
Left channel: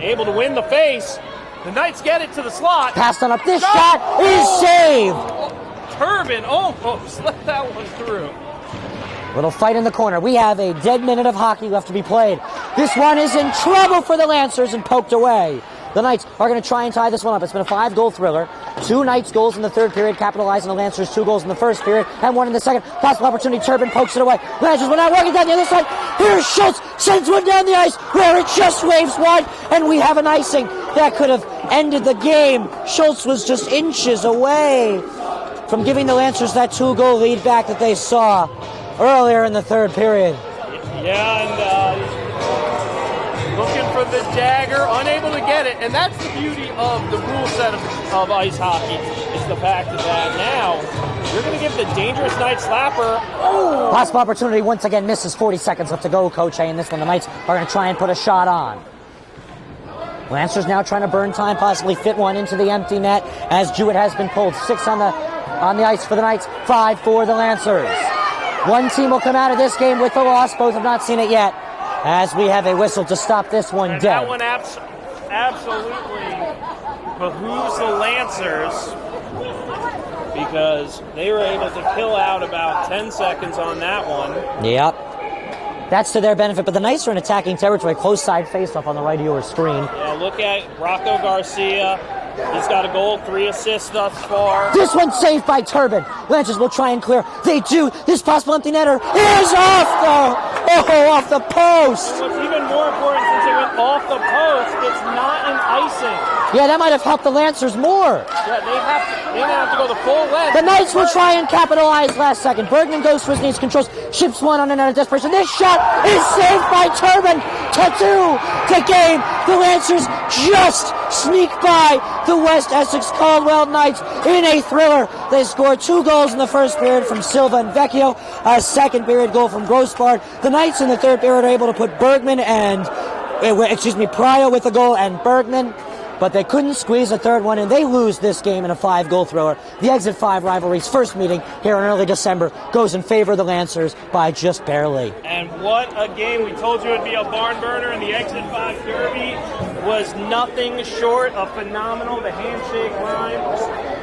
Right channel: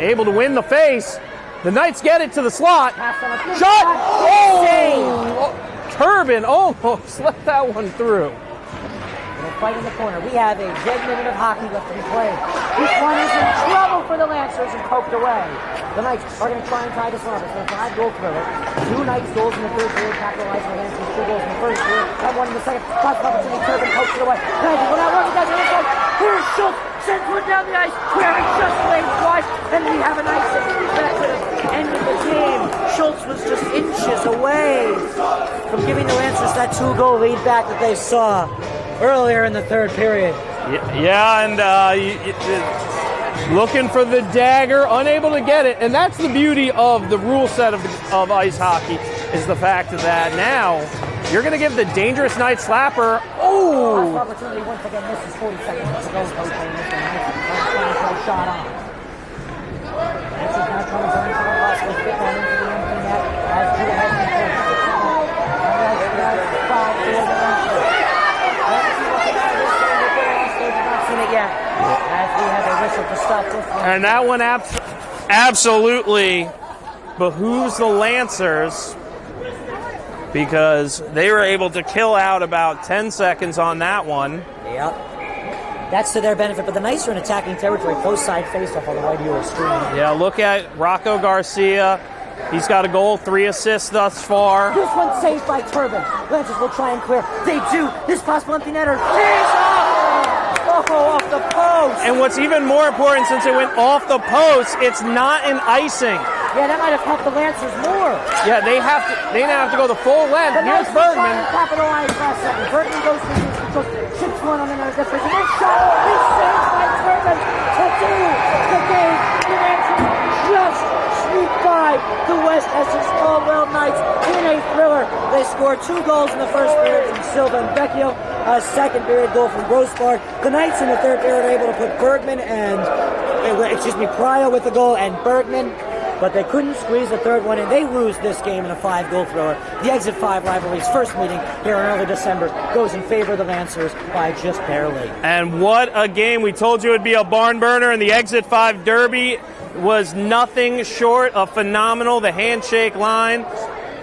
able to win the face. The Knights get it to the slot. Passed on up. This shot is saved. Turbin almost let that one through. Little fight in the corner. We have a dead minute of hockey left to be played. This one is in trouble for the Lancers and poked away. The Knights are going to try and tie this one up. It's been a 5-goal thriller. 2 Knights goals in the third period, capitalizing the Lancers 2 goals in the first period, and 1 in the second. Possible opportunity. Turbin pokes it away. Lancers will now working down the other side. Here's Schultz. Sends one down the ice where it just waves wide, and we have an icing. That could have ended the game. Schultz was just inches away from giving the Lancers that 2-goal lead back that they saw earlier in the third period. Yeah, and looking for the dagger, unable to get it. And that's the beauty of the rule set of ice hockey, is the fact that now you're going to give the dangerous Knight slapper. Oh! Possible opportunity once again misses. 40 seconds left to go, Coach A, and this one the Knights are going to try and put a shot on. Lancers now trying to burn time, possibly fit one into the empty net as Jewett has been pulled. 6 on the ice for the Knights, 5 for the Lancers. One team will come out of this game with the loss. Both have not seen it yet, as we have a whistle to stop this one. And that one absolutely behooves the Lancers, because they were able to kill out about 10 seconds on that one. Yep. That's to their benefit, but the Knights are in attacking territory. Close side faceoff on the right of your screen. Yeah, look at Rocco Garcia. He's got a goal, 3 assists thus far. This one's saved by Turbin. Lancers will try and clear. They do. His possible empty netter is off the post. And what's even more important, since it went off the post, it's not an icing. Yeah, that might have helped the Lancers more. Yeah, they didn't have to go the full length. The Knights will try and capitalize last second. Bergman goes for his knees, controls, chips one on an out of desperation. This shot is saved by Turbin. To 2 to game. The Lancers just sneak by the West Essex-Caldwell Knights in a thriller. They score 2 goals in the first period from Silva and Vecchio, a second period goal from Grossbard. The Knights in the third period are able to put Bergman and, Pryor with the goal and Bergman, but they couldn't squeeze a third one, and they lose this game in a 5-goal thrower. The Exit 5 rivalry's first meeting here in early December goes in favor of the Lancers by just barely. And what a game. We told you it would be a barn burner, and the Exit 5 Derby was nothing short of phenomenal. The handshake line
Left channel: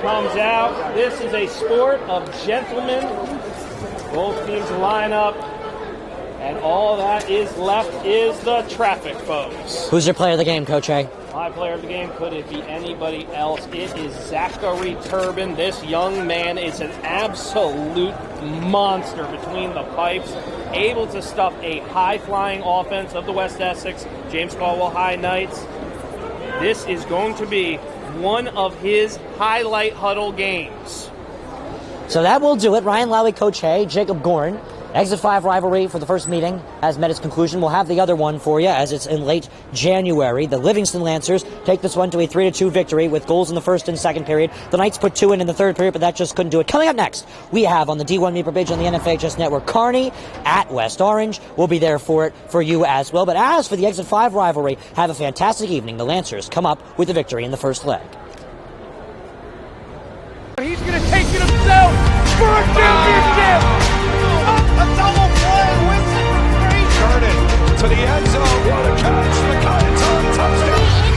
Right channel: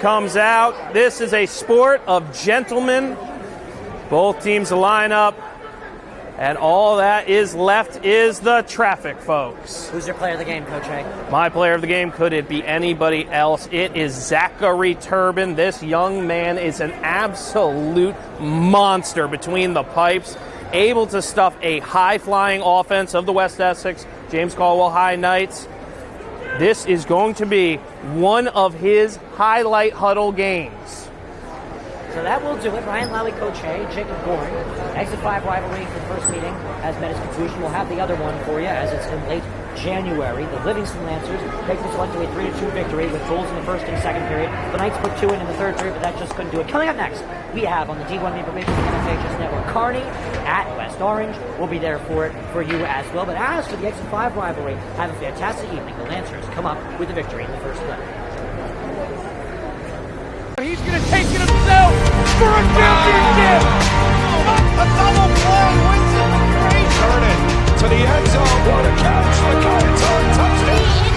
comes out. This is a sport of gentlemen. Both teams line up, and all that is left is the traffic, folks. Who's your player of the game, Coach A? My player of the game, could it be anybody else? It is Zachary Turbin. This young man is an absolute monster between the pipes, able to stuff a high-flying offense of the West Essex James Caldwell High Knights. This is going to be one of his highlight huddle games. So that will do it. Ryan Lowy, Coach A, Jacob Gorn. Exit 5 rivalry for the first meeting has met its conclusion. We'll have the other one for you as it's in late January. The Livingston Lancers take this one to a 3-2 victory with goals in the first and second period. The Knights put 2 in the third period, but that just couldn't do it. Coming up next, we have on the D1 Meeper page on the NFHS Network, Kearney at West Orange. We'll be there for it for you as well. But as for the Exit 5 rivalry, have a fantastic evening. The Lancers come up with the victory in the first leg. He's going to take it himself for a championship. A double play wins it from Frazier. Turn it to the end zone. What a catch. McKay, touchdown.